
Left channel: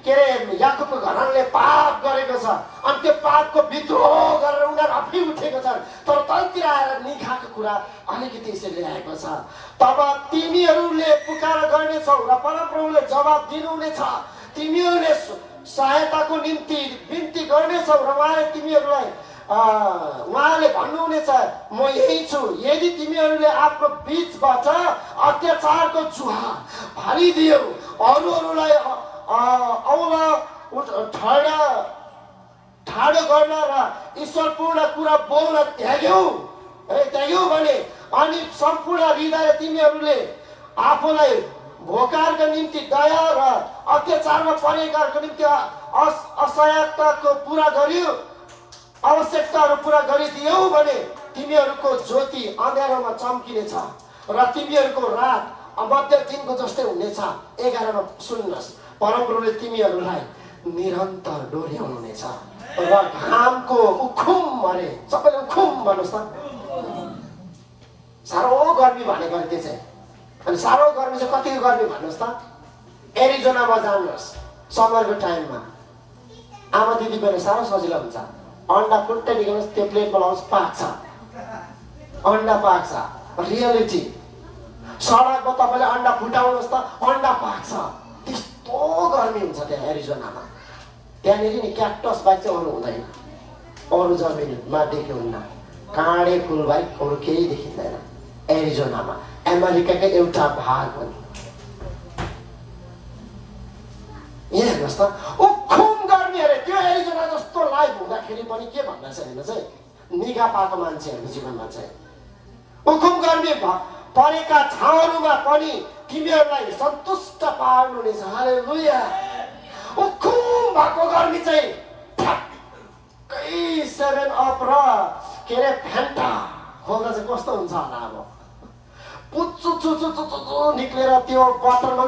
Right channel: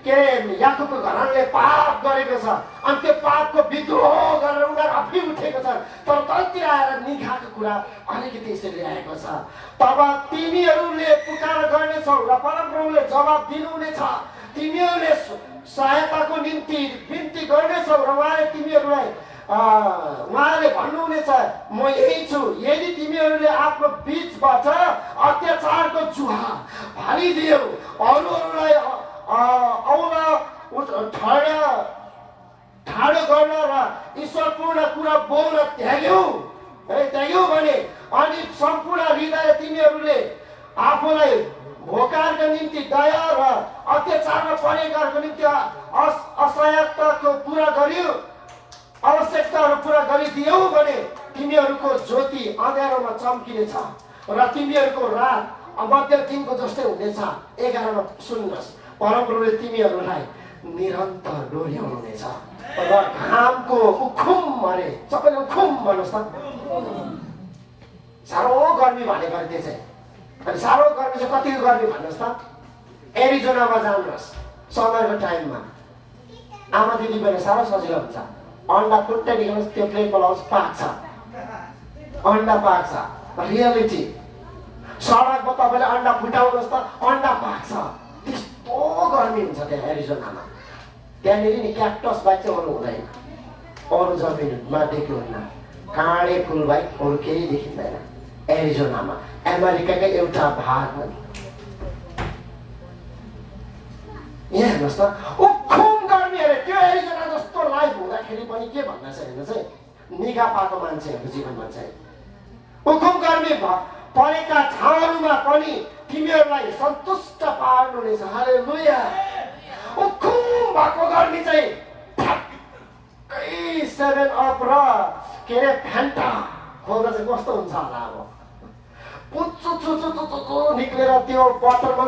के अरे याकुबको घरले पाप गरेको छ अनि त्यो पापको विद्रोह गरेर उनीहरू अफि उठेको छ। तर तलतिर आएर निगाहको कुरा अलिकति यसरी ल्याएको छ। तब तिमीहरूले पुकार गर्नेछौ र परमप्रभुले जवाब दिनुहुनेछ। तिमीहरूले सहायताको निम्ति बिन्ती गर्नेछौ र उहाँले भन्नुहुनेछ म यही छु। यदि तिमीहरूले आफ्नो बीचबाट अत्याचारको जुहा फालिदियौ, अरूहरूलाई औला ठाडो गर्न र ईश्वरपूर्ण कुरा बोल्न त्याग्यौ भने अनि सम्पूर्ण हृदय तिमीहरूले आफूलाई भोकारको निम्ति दया र अत्याचारमा परेकाहरूको निम्ति असहायताको पुरा गर्यो आवश्यकताहरू पुरा गरिदियौ भने तिमीहरूको ज्योति अँध्यारोमा चम्किनेछ र तिमीहरूको रात मध्य दिनको जस्तै हुनेछ। 11 मा सुन्नुहोस्, परमप्रभुले तिमीहरूलाई निरन्तर डोर्याउनुहुनेछ र घामको उखुम अरे सबैले उखुम भन्नुहोस् त। साह्रो गर्मी भनेको त्यो चाहिँ, अनि साह्रो गर्मी चाहिँ कतिको गर्मी भन्नुहोस् त। एरिजोनामा जानुहोस् समरको टाइममा, आमा दिदी बहिनी साह्रो सजिलो हुन्छ। अन्डा फुट्टै दिनुहोस्, त्यो प्लेटमा लगाउँछ, पाक्छ, अन्डा पाक्छ। रियालिटी सडकमा तपाईँले अन्डा फुटाउनुहोस् त, अन्डा पाक्छ। त्यस्तो गर्मी हुन्छ त्यहाँ एरिजोनामा। त्यहाँनिर नि क्याक्टस बाहेक चाहिँ अरू हुँदैन, अरू जमिनमा देख्नुहुन्न। काँडे फुल बाहेक अरू केही देखिँदैन एरिजोनामा। अमेरिकाकै एउटा भाग हो। यहाँ हेर्नुहोस् त, उखुम गर्मी अरे। त्यो एरिजोना जस्तो लाइफ हुँदाखेरि पनि के भन्दा चाहिँ हेर्नु चाहिँ निगा पाएको मान्छेहरूको जीवनमा चाहिँ उखुम गर्मी परेका ठाउँहरूमा पनि तिमीहरूलाई सन्तुष्ट पार्नुहुनेछ। हालेलुया। उखुम भएको गर्मी चाहिँ ठ्याक्कै 7 अप र के अरे फ्यान्टा खोल्दा चाहिँ कस्तो हुन्छ होला। अब पुच्चु चुचु चुचु निक्लेर त्यो बोतलमा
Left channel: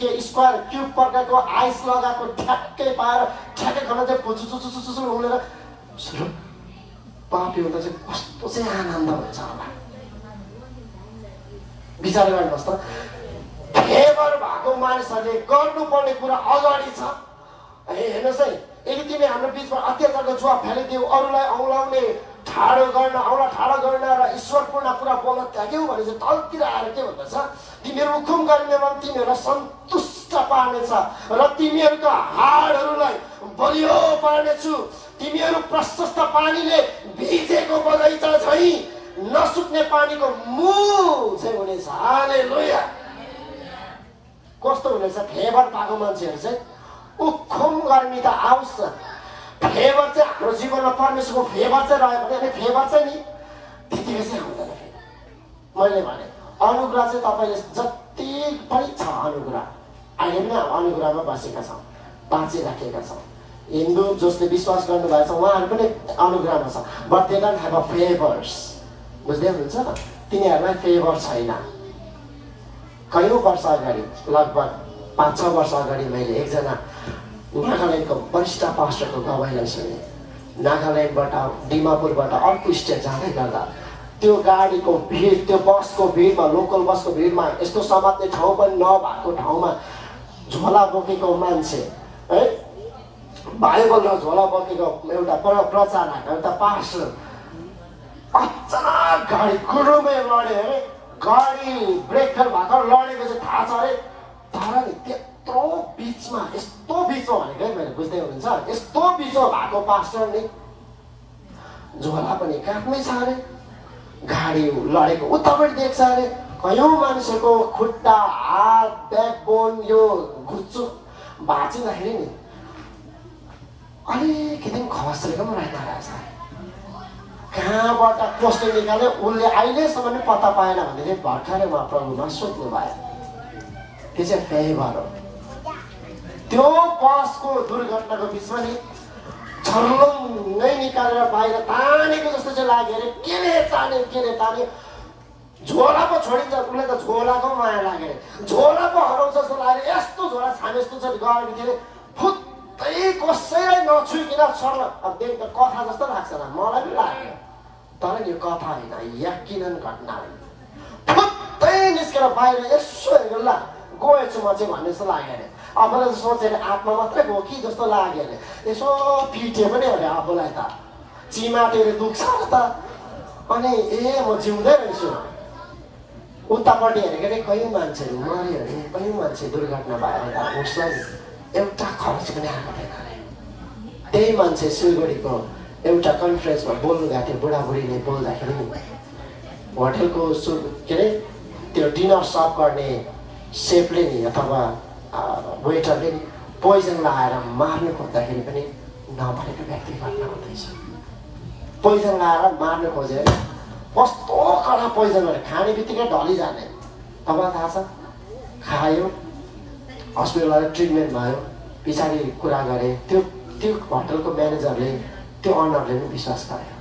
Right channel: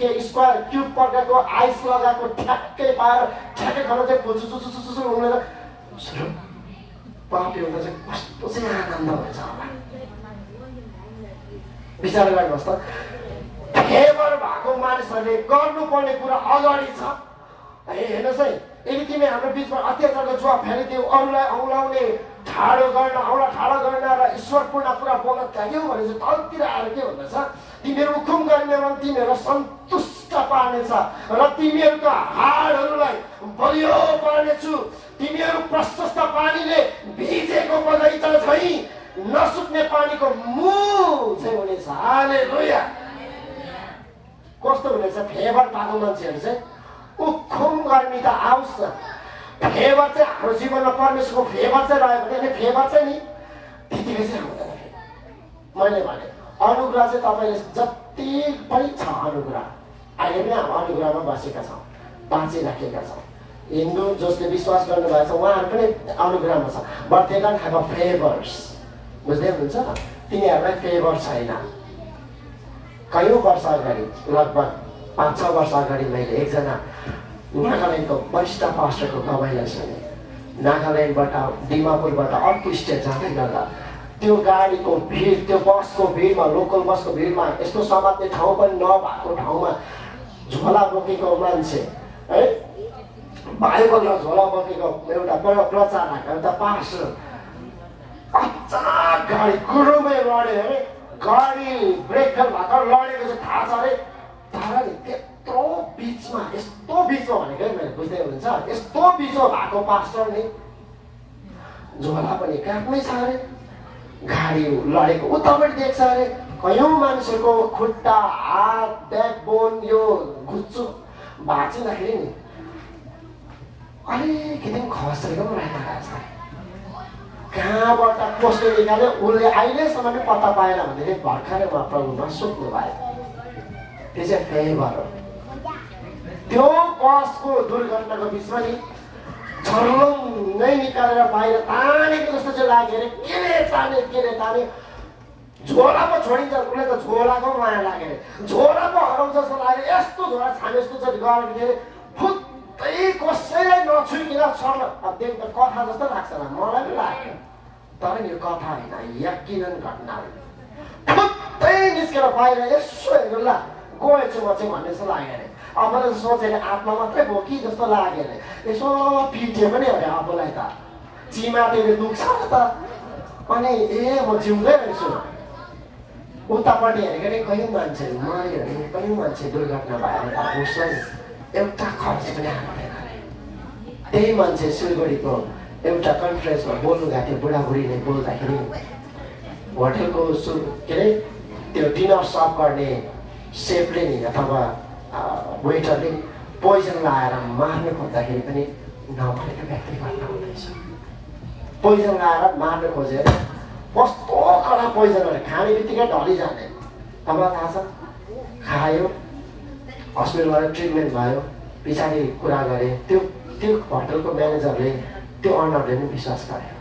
के स्क्वायर क्युब प्रकारको आइस लगाएको ठ्याक्कै पाएर ठ्याक्कै खान चाहिँ पुच्चु चुचु चुचु उनेर पापी हुँदा चाहिँ कस्तो चाहिँ आनन्द हुन्छ होला। विचार गर्नुहोस् त, फेभर भएको मानिसहरूले गर्नुपर्ने कुरा अगाडि छ। हेर्नुहोस् है, यदि तिमी हाम्रो बिचमा अत्याचारको जुवा फ्यालिदियो, अरूलाई औँलाउने ठाडो गर्न र ईश्वरपूर्ण कुरा बोल्न त्याग्यौ भने चाहिँ तलतिर आएर के भन्दछ, तिमीहरू हुकुम गर्नेमा तिमीहरूलाई सन्तुष्ट पार्नेछ र तिमीहरूका हाडहरूलाई बलियो पार्नेछु। तिमीहरू प्रशस्त पानीले भिजेको बगैँचा झैँ नसुक्ने पानीको मुह चाहिँ हुनेछ। हालेलुया। कस्तो हुनेछ फेभर पाएको मान्छेहरू चाहिँ। उखुम गर्मी त आओस्, फेभर चाहिँ हाम्रो जीवनमा परमेश्वरको फेभर चाहिँ रह्यो भने, अनि फेभर चाहिँ नि त्यतिकै चाहिँ हुँदैन। मैले भने अनुग्रह चाहिँ तपाईँले जति पनि छ अनुग्रह, अहिले पनि अनुग्रहमा बसेका छौँ, बाँचिराखेका छौँ। हिन्दू जसले विश्वास गर्नुभएको छ उहाँहरू पनि अनुग्रहमा छ, but they don't have a favours. बुझ्दै हुनुहुन्छ, तिनीहरूलाई फेभर छैन। कयौँ वर्ष अगाडि, लगभग 5-6 वर्ष अगाडि मैले एकजना नागाल्यान्डको वरिष्ठ पास्टरको गवाईलाई सुने। नागाल्यान्डबाट डिमापुरबाट अर्को स्टेट जाँदै गर्दा त्यो गाडीको भिड, त्यो बसको भिडमा, लोकल बसको भिडमा, यस्तो समात्ने ठाउँ पनि नभएको ठाउँमा झोला बोकेको मान्छे है, बाइबलमा झोला बोकेको एउटा प्रचारक, एउटा पास्टर अचानक गाडी गुरुमै लड्यो अरे। गाडी ब्रेक फेल भएको लडेको चाहिँ थाहा छ अरे, तर नि त्यत्रो बिचमा, यस्तो बिचमा भनेको मैले बुझ्दै हुनुहुन्छ, यस्तो बिचमा भएको पास्टरले झोला पनि काखमै छ अरे, गाडी लडेको उतापट्टि देख्छ अरे। कयौँ मान्छेको खुट्टा, हात, ब्याकबोन यो घुच्चो भाँचिँदाखेरि नि अलिकति खसेको पनि रहेछ। कहाँबाट कसले निकाल्यो उसले अहिलेसम्म पनि पत्ता पाएन भने चाहिँ भर्खरै उहाँ प्रभुमा सुत्नु भयो। त्यो चाहिँ फेभर हो। त्यो बसको दुर्घटनाको बिचमा नि छर्लङ्गै निकालेर बाहिर तानेको जस्तो चाहिँ लाग्यो अरे। केले ताने झोला पो छोडिन्छ, उसले त झोलाको माया लाग्यो अरे, झोला पो हराउँछ जस्तो लाग्यो। यस्तो झोला छाने जस्तो चाहिँ गरेको थियो अरे, फुत्तै कसैलाई नछुइकन सर्ल। अब त्यो त कथा जस्तो लाग्छ होला, मलाई पनि लाग्यो, तर नि यो कथा होइन, यकिनन घटना होइन। फुत्तै निस्केर बाहिर यसो हेरेर ला गएछु म चाहिँ भन्ने जस्तो लाग्यो अरे। आफूलाई सोचेर आत्मा मात्रै गयो कि जस्तो लाग्यो अरे। यसो फिट्यो पनि अरे आफूलाई त, चिमाटेले दुख्छ त, अनि म जिउँदै रहेछु। उतापट्टि हेरेको नि कयौँ मान्छेहरू मऱ्यो अरे, कयौँ मान्छे दुर्घटना भएर त उसलाई एउटा खर्च पनि आएको थिएन अरे। त्यही मान्छे सिलगढीको एउटा कन्फरेन्समा बोल्नु गएको थियो, बुढाबुढीले बोल्दाखेरि होटलको के अरे त्यो डिनर सर्भ गर्ने सेफले नि अथवा वेटरले नि पोइजन लगाएर मार्नु खोज्दाखेरि पनि नमरेको व्यक्ति घटना हुँदैछ। पोइजन लगाएर मार्नु खोजेर कस्तो कडा पोइजन अरे, खाने बित्तिकै ढलिजाने। तपाईँलाई थाहा छ, खायो, हस्पिटल लगेर ट्रिटमेन्ट भयो, पछाडि कुरा गरे। त्यो होटलको म्यानेजरले त्यो अनरले नै विश्वास गरेन।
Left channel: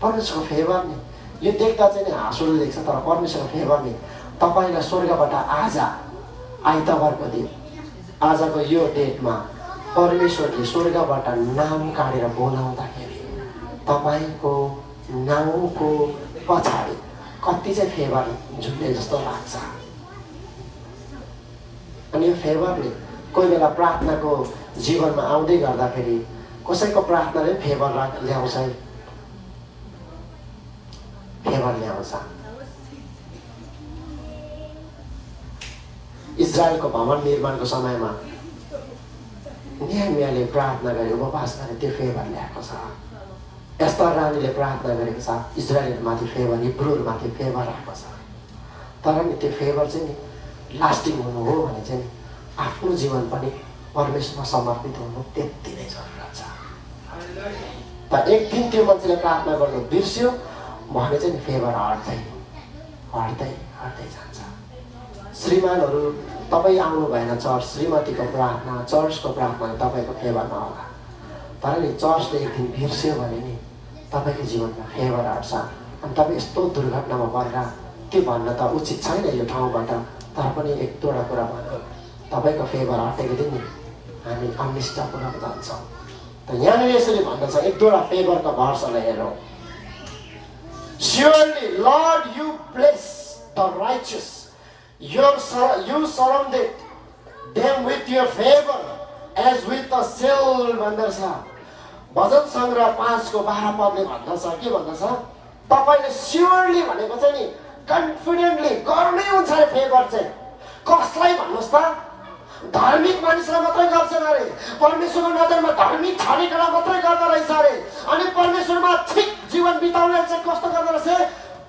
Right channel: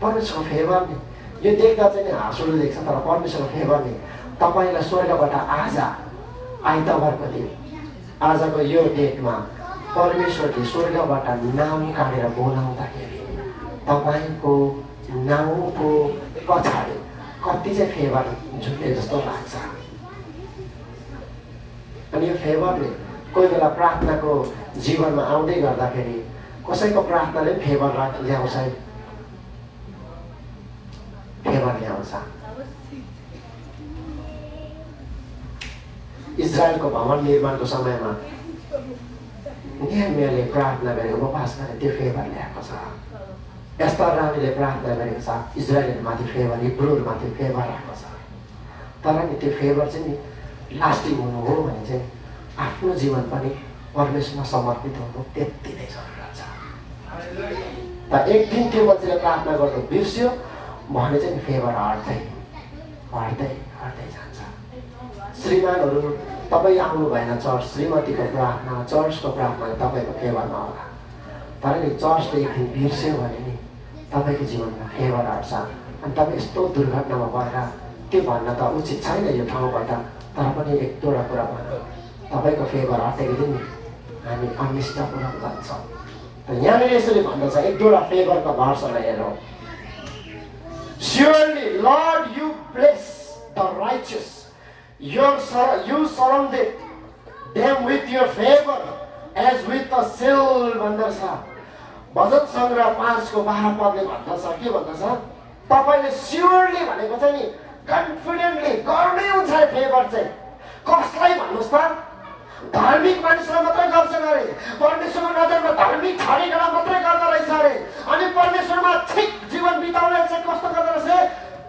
परमेश्वरको फेभर नि यो देख्दा चाहिँ नि हाँसोले देख्छ, तर परमेश्वरको फेभर नि तपाईँलाई स्वर्गबाट आज आइतबारको दिन आजको यो डेटमा परमेश्वरले स्वर्गबाट नाम काटेर बोलाउँदाखेरि तपाईँको नामको पछाडि कति चाहिँ फेभर झुन्डे जस्तो लाग्छ। अनि यो फेभरले कोही बेला प्रार्थनाको जीवनमा आउँदै गर्दाखेरि कसैको प्रार्थनाले फेभर ल्याउँछ, फेभर ल्याउँछ। इजरायलको भवन निर्माणको समयमा नेहमियाले प्रार्थना गरे, उपवास गरे, त्यो फेभर ल्याएको छ। एस्तर रानीले प्रार्थना गरेको छ, इजरायलमाथि फेभर, हिब्रूमाथि फेभर आएको छ। तर नि त्यो फेभर चाहिँ नि लास्टिङ हुनु हो भने चाहिँ आफ्नो जीवन पनि परमेश्वरमा समर्पित हुनु त्यति नै जरुरत छ। तर एक दिन त्यो मान्छेले प्रार्थना गर्दै बिर्स्यो भने चाहिँ फेभर हट्दै हट्दै हट्दै जान्छ। श्रीमानहरू तपाईँ आउनु भएन चर्च, श्रीमतीको प्रार्थना, चर्चको प्रार्थना तपाईँको फेभरमा होला। तर नि चर्चले एक दिन बिर्स्यो भने नि तपाईँको जीवनमा फेभर हट्छ। अनि तपाईँ यस्तो दुर्घटनामा परेर त्यो भन्न त उचित छैन यो ठाउँबाट, तर पनि एक दुईवटा कुरा भन्नु, तपाईँको फेभर हटेको दिन नि हामी अनिष्टपूर्ण जान्छौँ। त यहाँनिर यसरी भन्दछ, एक दुईवटा फेभरको भर्सलाई हेरौँ। Surely, Lord, you bless the righteous. You surrounded them with your favor as with a shield भन्दछ। भजन सङ्ग्रह 5:12 पदले भन्दछ, के भन्दछ? तपाईँले स्योरली भनेको चाहिँ नि कन्फिडेन्टली गर्नै हुन्छ अरे फेभर चाहिँ। कसलाई भन्नुहोस् त? धार्मिक मानिसलाई मात्रै गर्छन् अरे। परमेश्वरको नजरमा धार्मिक छाडेकोलाई मात्रै गर्दो रहेछ अरे। अनि परमेश्वरमा ठिक जीवन बिताउने चाहिँ कस्तो गर्दो रहेछ?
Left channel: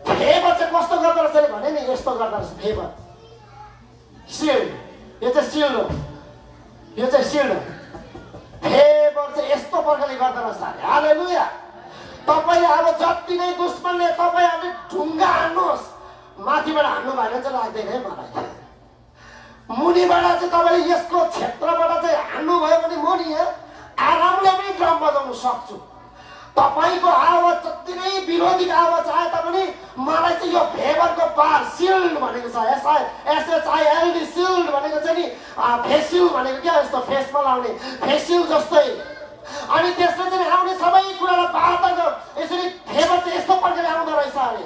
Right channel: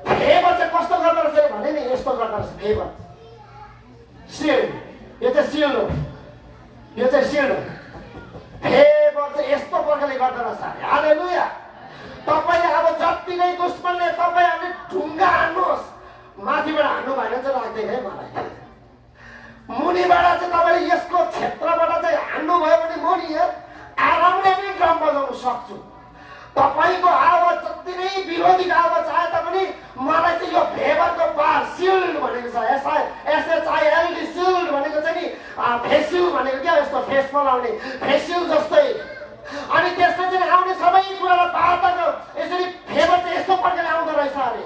फेभर चाहिँ कस्तो गर्दो रहेछ भने नि यस्तो गर्दो रहेछ फेभर। सिल्ड, यो चाहिँ सिल्ड हो, यो चाहिँ सिल्ड हो। फेभर चाहिँ यस्तो प्रकारले गर्दो रहेछ। हालेलुया। तपाईँले अब जति नै दुश्मनले तपाईँहरूले ढुङ्गा हान्नुहोस्, माथिबाट हान्नु भएन चाहिँ लाग्दैन है मलाई। मुनिबाट चाहिँ तपाईँले यसको क्षेत्रबाट चाहिँ हान्नुभयो भने म नि यहाँ आरामले पनि ड्रम बजाउन सक्छु। तपाईँको आवाज जति नै विरोधीको आवाज आए तापनि मलाई चाहिँ यो फेभरको पार सिल्ड भनेको छ। SHILD सिल्ड भनेको चाहिँ नि फेसिल भनेको क्या, यस्तो फेसमा लाउने फेसिल जस्तै। अनि त्यसले चाहिँ आउने सबै कुरालाई बाटोको यसरी फेभर चाहिँ यस्तो प्रकारले आउँदो रहेछ अरे।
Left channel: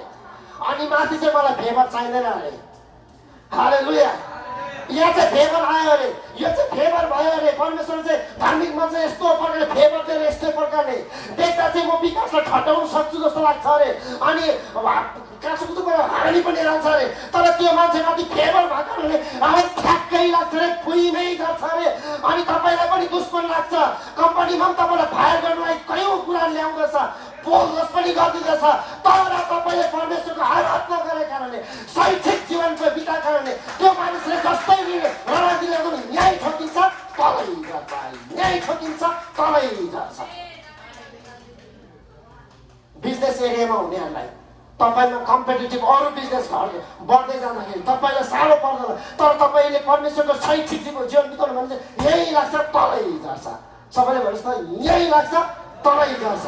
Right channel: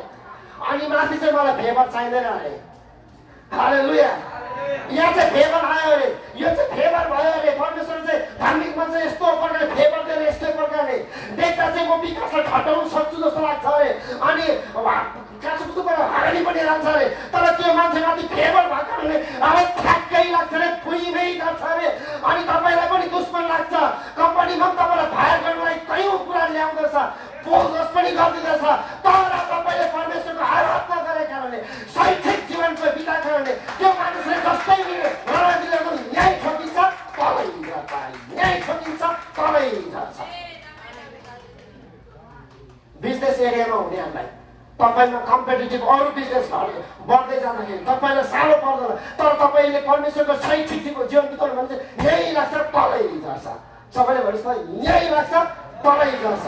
अनि माथि चाहिँ मलाई फेभर चाहिँदैन अरे। हालेलुया। यहाँ चाहिँ फेभर आयो अरे, यो चाहिँ फेभर भयो अरे। परमेश्वर चाहिँ धार्मिक मान्छे यस्तो प्रकारले फेभर दिएर यस्तै प्रकारले देख्दा चाहिँ म विकासलाई ठटाउन सक्छु जस्तो लाग्छ अरे। अनि काँचोकुचोबाट हाँडी पनि हाल्छ अरे। तर त्यो मान्छेमाथि फेभर भएको कारणले अब ठ्याक्कै लाग्छ अरे, भुइँमै गर्छ अरे। अनि तपाईँलाई पनि दुश्मन लाग्छ, कम्पनीमा पनि तपाईँलाई फायर गर्नलाई कयौँ कुरा ल्याउँदछ, बोनस पनि गरिदिँदछ। तर तपाईँले परमेश्वरको आराधना गरेको कारणले, शैक्षिक जीवनको बिताएको कारणले त्यो मानिसले जस्तै नरागिले पनि न्याय ठोकिन्छ, तलै जान्छ, न्याय ठोकिन्छ, तलै जान्छ। बिजनेस एरियामा हुनेहरूलाई तपाईँमा कम्पिटेटिभ अरू बिजनेस बढ्दै जाँदाखेरि तपाईँलाई साह्रो पर्दैन। तर तपाईँले परमेश्वरको शैक्षिक जीवन बिताउनु भने चाहिँ यही लाग्छ, तलै जान्छ। सबैले भन्नुहोस् त यही लाग्छ, तलै जान्छ।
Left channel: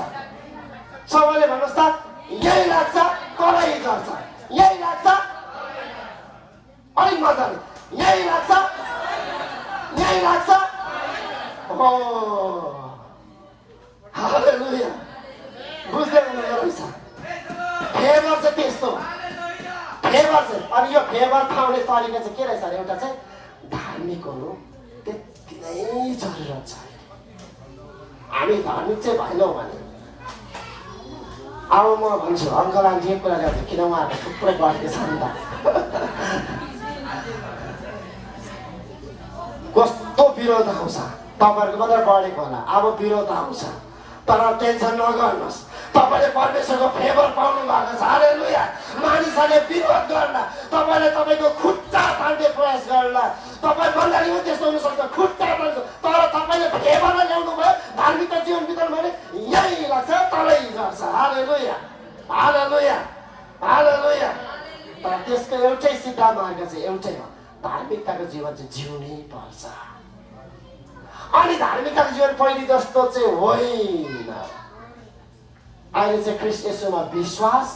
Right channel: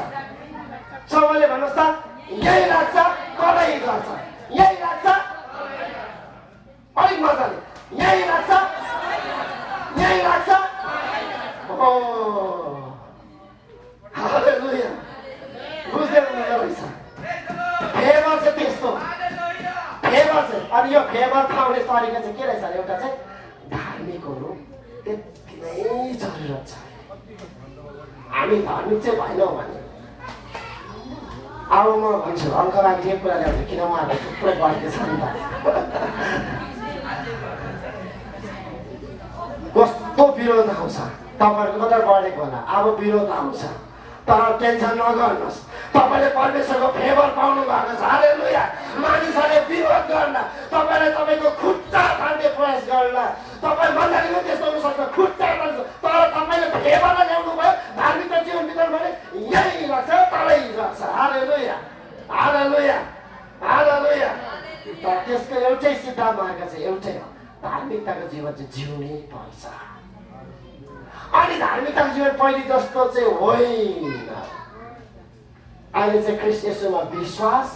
सबैले भन्नुहोस् त यही लाग्छ, तलै जान्छ। यही लाग्छ, अलिक मजाले यही लाग्छ, यही लाग्छ। हालेलुया। बुझ्दै हुनुहुँदो रहेछ। फेभर चाहिँ त्यस्तो, फेभर चाहिँ। अनि यो फेभर पाउने तरिका चाहिँ के रहेछ? एउटा चाहिँ धार्मिक हुनु त्यति नै जरुरत छ। हामी धार्मिक चाहिँ भएनौँ भने अब म भन्छु अङ्कल आन्टी एक कुरा ल्याउँछु, किन उहाँहरूले थुप्रै गर्थ्यो छ नि त। कस्तो विरोध आउँछ, तपाईँहरूको मात्रै बढेको होला, अब विरोध आउँछ। तर टेन्सन नगर्नुहोस्, तपाईँले परमेश्वरको फेभर पाउनु भएको छ। हालेलुया। मानिसहरूले विरोध गर्न, तपाईँले तपाईँको खुट्टा तान्ने प्रयास गर्न, तपाईँ मण्डलीमा त्यस्तो हुन सक्छ, खुट्टा तान्छ। तर तपाईँले फेभरलाई ल्याउनु भयो, धार्मिक जीवन बिताउनु भने यही लाग्छ, तलै गर्छ। हालेलुया, हालेलुया, हालेलुया। तर त्यसको एउटै सिद्धान्त मार्ग चाहिँ एउटै हो, धार्मिकताको जीवन चाहिँ जिउनै पर्छ। अनि धार्मिकताको जीवन पहिले जस्तो चाहिँ होइन। अहिले चाहिँ ख्रीष्ट येशूमा विश्वास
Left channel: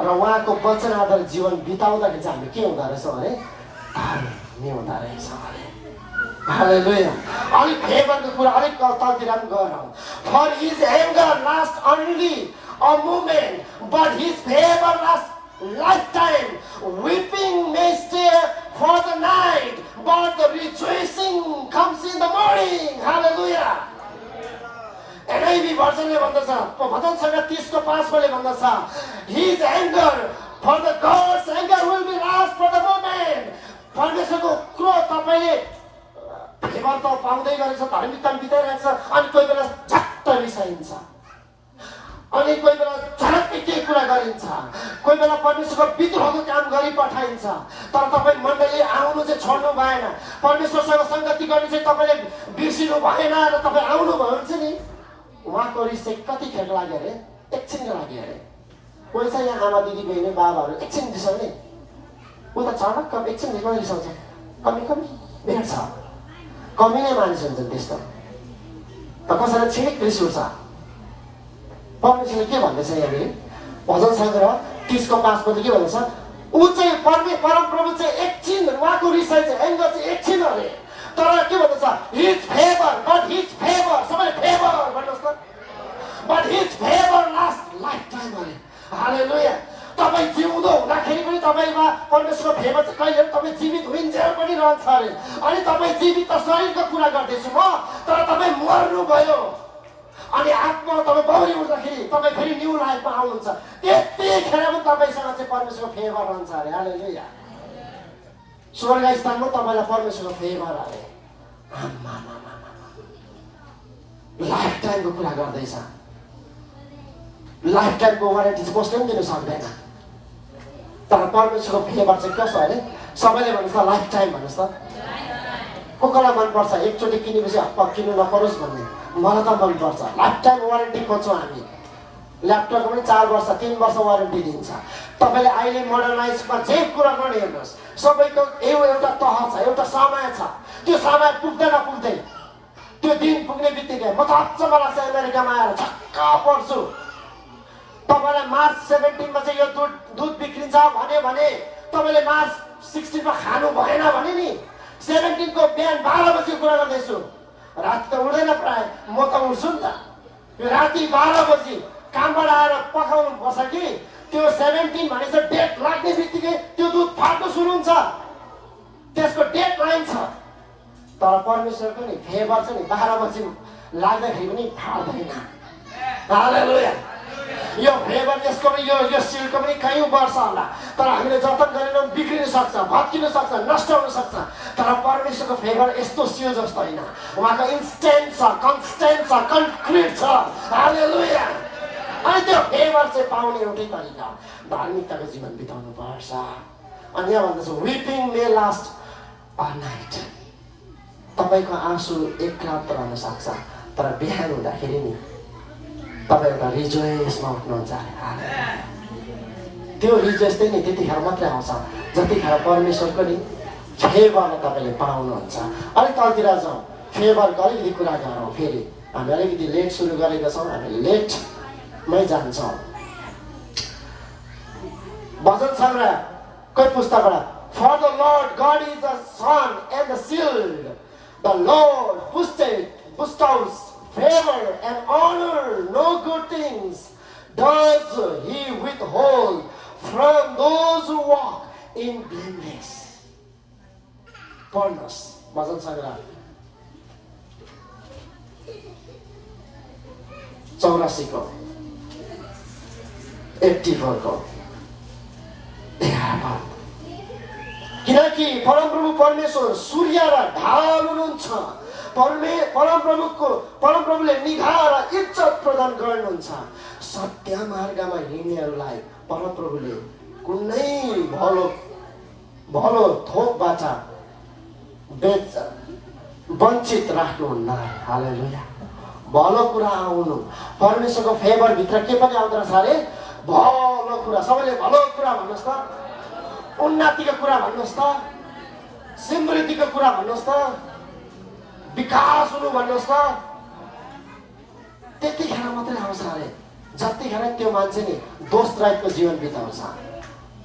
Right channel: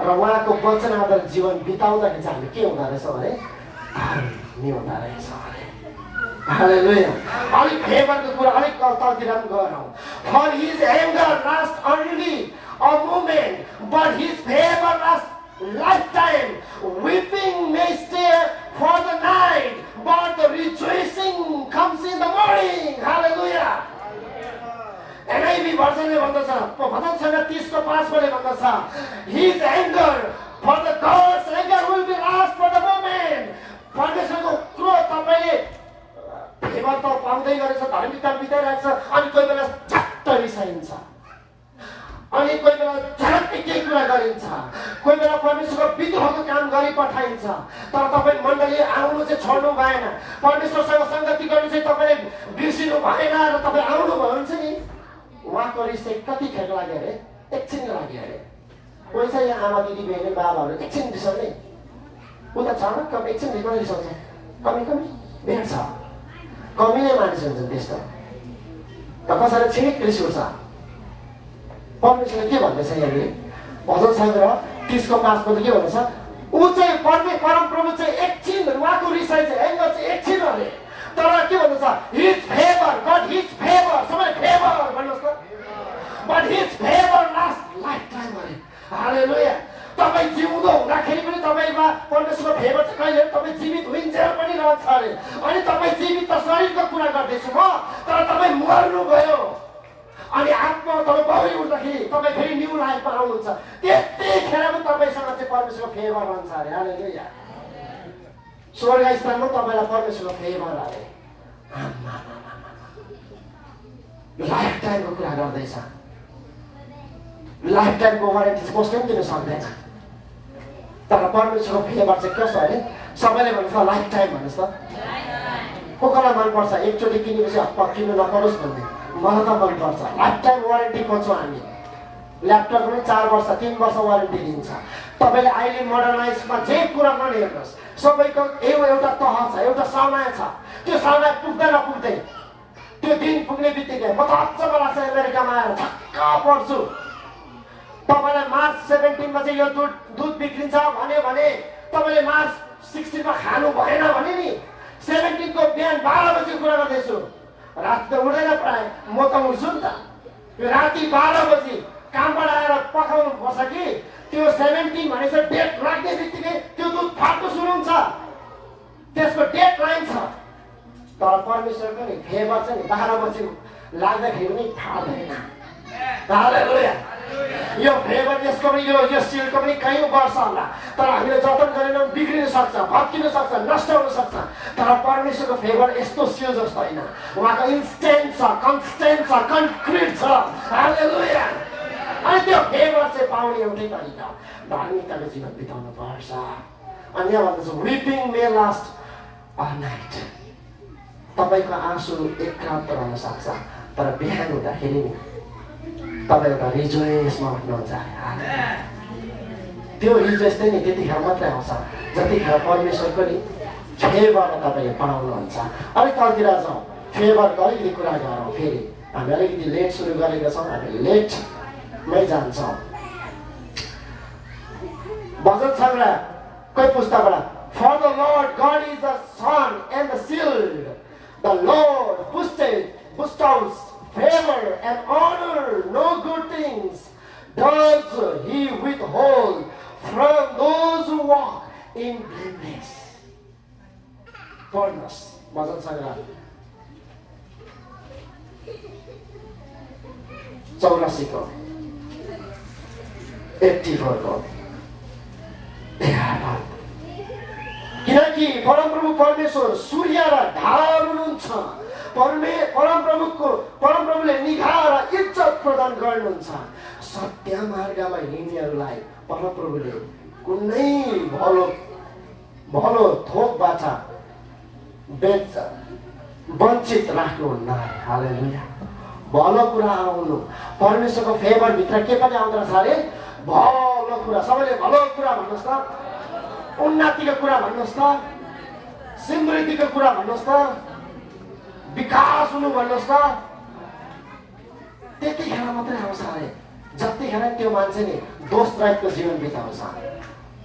र उहाँको वचन आधारित जीवन बिताउँदाखेरि चाहिँ हामी के हुँदो रहेछौँ भने धर्मी हुँदो रहेछौँ अरे। हालेलुया। अलिक फेभरको कुरा अलिक तलतिर पनि गरौँ। For his anger lasts only a moment, but his favor lasts lifetime. Weeping may stay for the night, but the rejoicing comes in the morning. Hallelujah. NIV भर्जनले भन्दछ, भजन सङ्ग्रह 30:5 भन्दछ, his anger, for the God's anger will be last for the moment. परमेश्वरको क्रोध तपाईले favour त पाउँदै गरेछ, धार्मिकता बिताइरहेको छ, अनि कोही बेला झट्ट रिसाइन्छ, अनि कोही बेला झट्टै केही कुरा गरिन्छ, कोही बेला परमेश्वरको विद्रोहको काम गरी पठाइन्छ। तर तपाईँ मण्डली आउनु चाहिँ छोड्नु भएन, परमेश्वरसँग सङ्गति गर्नु चाहिँ तपाईँले बिर्सिनु भएन र तपाईँ आउनु भयो भने चाहिँ नि उहाँको रिस चाहिँ कतिखेर लाग्यो अरे? एकछिनको लागि अरे। कोही चाहिँ यहाँ आमा दिदी बहिनी बाबाहरू एकछिन रिसाउने, ऊ त चाडक कम एकछिन रिसाउँछ, कमी भेट छ, कमी नै मानिस हुन्छन् त्यस्तो। त कसैलाई छिमेक रिस उठ्छ। परमेश्वरले के भन्दैछ यहाँनिर भजन सङ्ग्रह 30:5 के भन्छ? ऊ चाहिँ परमप्रभु चाहिँ एकछिन, उहाँको रिसाइ चाहिँ एङ्गर चाहिँ एकछिन अरे। तर के भन्दैछ? हिज फेभर, बट हिज फेभर, सबैले फेभर भन्नुहोस् त, but his favour last life time अरे। हालेलुया। तपाईँ जिउँदो हुँदाखेरि पनि तपाईँमा परमेश्वरको फेभर चाहिँ कहिले तपाईँ जीवित हुइन्जेल पनि रहन्छ अरे। अनि तपाईँ जीवित त शरीरको कुरा गर्दैछु म, तर तपाईँ मर्नुभयो अनि आत्मा तपाईँ बौरी उठ्दाखेरि तपाईँ फेरि न्यू लाइफमा आउनुहुन्छ, त्यतिखेर पनि तपाईँसँग चाहिँ परमेश्वरको फेभर रहन्छ अरे। हालेलुया। स्वर्ग स्थानमा तपाईँलाई परमेश्वरको फेभर अरे। लाइफ टाइमको कुरा गर्दैछ। लाइफ टाइमको वारेन्टी चाहिँ कसले पनि दिनु सक्दैन, तर परमेश्वरको फेभर चाहिँ कसो अरे? सबैले भन्नुहोस् त लाइफ टाइम भन्नुहोस् त। को कसलाई मनपर्छ एकचोटि किनेपछि किन्नु नपरोस् भन्ने? मलाई त मनपर्छ। लाइफ टाइम वारेन्टी खोज्छौँ हामी। ल्यापटपको पनि 4 वर्ष 3 वर्ष वारेन्टी दिन्छ। तपाईँले अहिले मोडर्नाइजमा जे कुरा गर्ने हेर्नुहोस्, सबैको एउटा तह छ, एउटा समय छ। त्यो समय पुग्दै नपुग्दै त्यो दिन पुग्ने बित्तिकै म त अचम्म लाग्छ अमेरिकामा आएर छक्क पर्छु। तपाईँलाई मार्च 17मा चाहिँ यो दुध बिग्रिन्छ भने तपाईँले मार्च 16मा खानु भएन भने नि 17 को बिहान 12 बजी कुरा गर्दैछु। राति त उड्दैन प्रायः, म त उठ्छु नि त। यो राति 12 बजी कामबाट आएर पकाउनु पर्छ कि त्यो 17 भनेपछि डेट लाग्ने बित्तिकै त्यो दुध फाट्नु सुरु हुन्छ, त्यसको डेट लाइन छ। तर परमेश्वरको नि फेभर चाहिँ नि 12 बजी लाग्दाखेरि पनि फाट्दैन। हालेलुया। यो फेभर यसको पनि यो सिलको पनि कयौँ वर्ष होला, तर हामीले जतन गरेनौँ बिग्रिन सक्छ, भत्किन सक्छ, नष्ट हुन सक्छ। तर परमेश्वरको फेभर यस्तो सिल जस्तो होइन, उहाँको इन्स्टेन्ट छ, कन्स्टेन्ट छ, कन्क्रिट छ। हालेलुया। अनि त्यो फेभर चाहिँ पाउने एउटै तरिका धार्मिकताको जीवन बिताउनु पर्छ। अनि यहाँ भन्दछ विपिङ मे लास्ट अ नाइट। तपाईँको आँसु एक रात रहन सक्छ, तर बिहान हुँदाखेरि नि तपाईँ एउटा रिजोइसमा उठ्नुहुन्छ। त्यो रिजोइस चाहिँ नि त्यतिखेर मात्रै आउँछ जतिखेर परमेश्वरको नि फेभरलाई तपाईँले पाउनुहुन्छ। अलिक तलतिर जाउँ, फेभरको अलिकति कुरा गरौँ। फेरि हामी अलिकति लेट सुरु गरेका छौँ, हामी लेटमै जान्छौँ। भजन सङ्ग्रह कोही पुस्तकबाट, For the Lord God is the sun and the shield. The Lord bestows favor and honor. No good things does he withhold from those who walk in blameless. Purnos, भजन सङ्ग्रह 84 को 84 को किनकि परमप्रभु परमेश्वर सूर्य र ढाल हुनुहुन्छ। परमप्रभुले निगाह र इज्जत प्रदान गर्नुहुन्छ। सत्य मार्गमा हिँड्नेहरूलाई परमप्रभुले कुनै भलो थोकबाट वञ्चित राख्नुहुन्न। हालेलुया। भलो कुरा आउनु, परमेश्वरको फेभर भित्र के पनि आउँदो रहेछ अरे? भलो कुरा। सबैले भलो कुरा भन्नुहोस् त, उन्नतिको कुरा भन्नुहोस् त, समृद्धिको कुरा भन्नुहोस् त, विकास हुनु भन्नुहोस् त, त्यतिखेर मात्रै आउँछ अरे। जतिखेर त्यो मान्छे नि दोष रहितको जीवन बिताउँछ,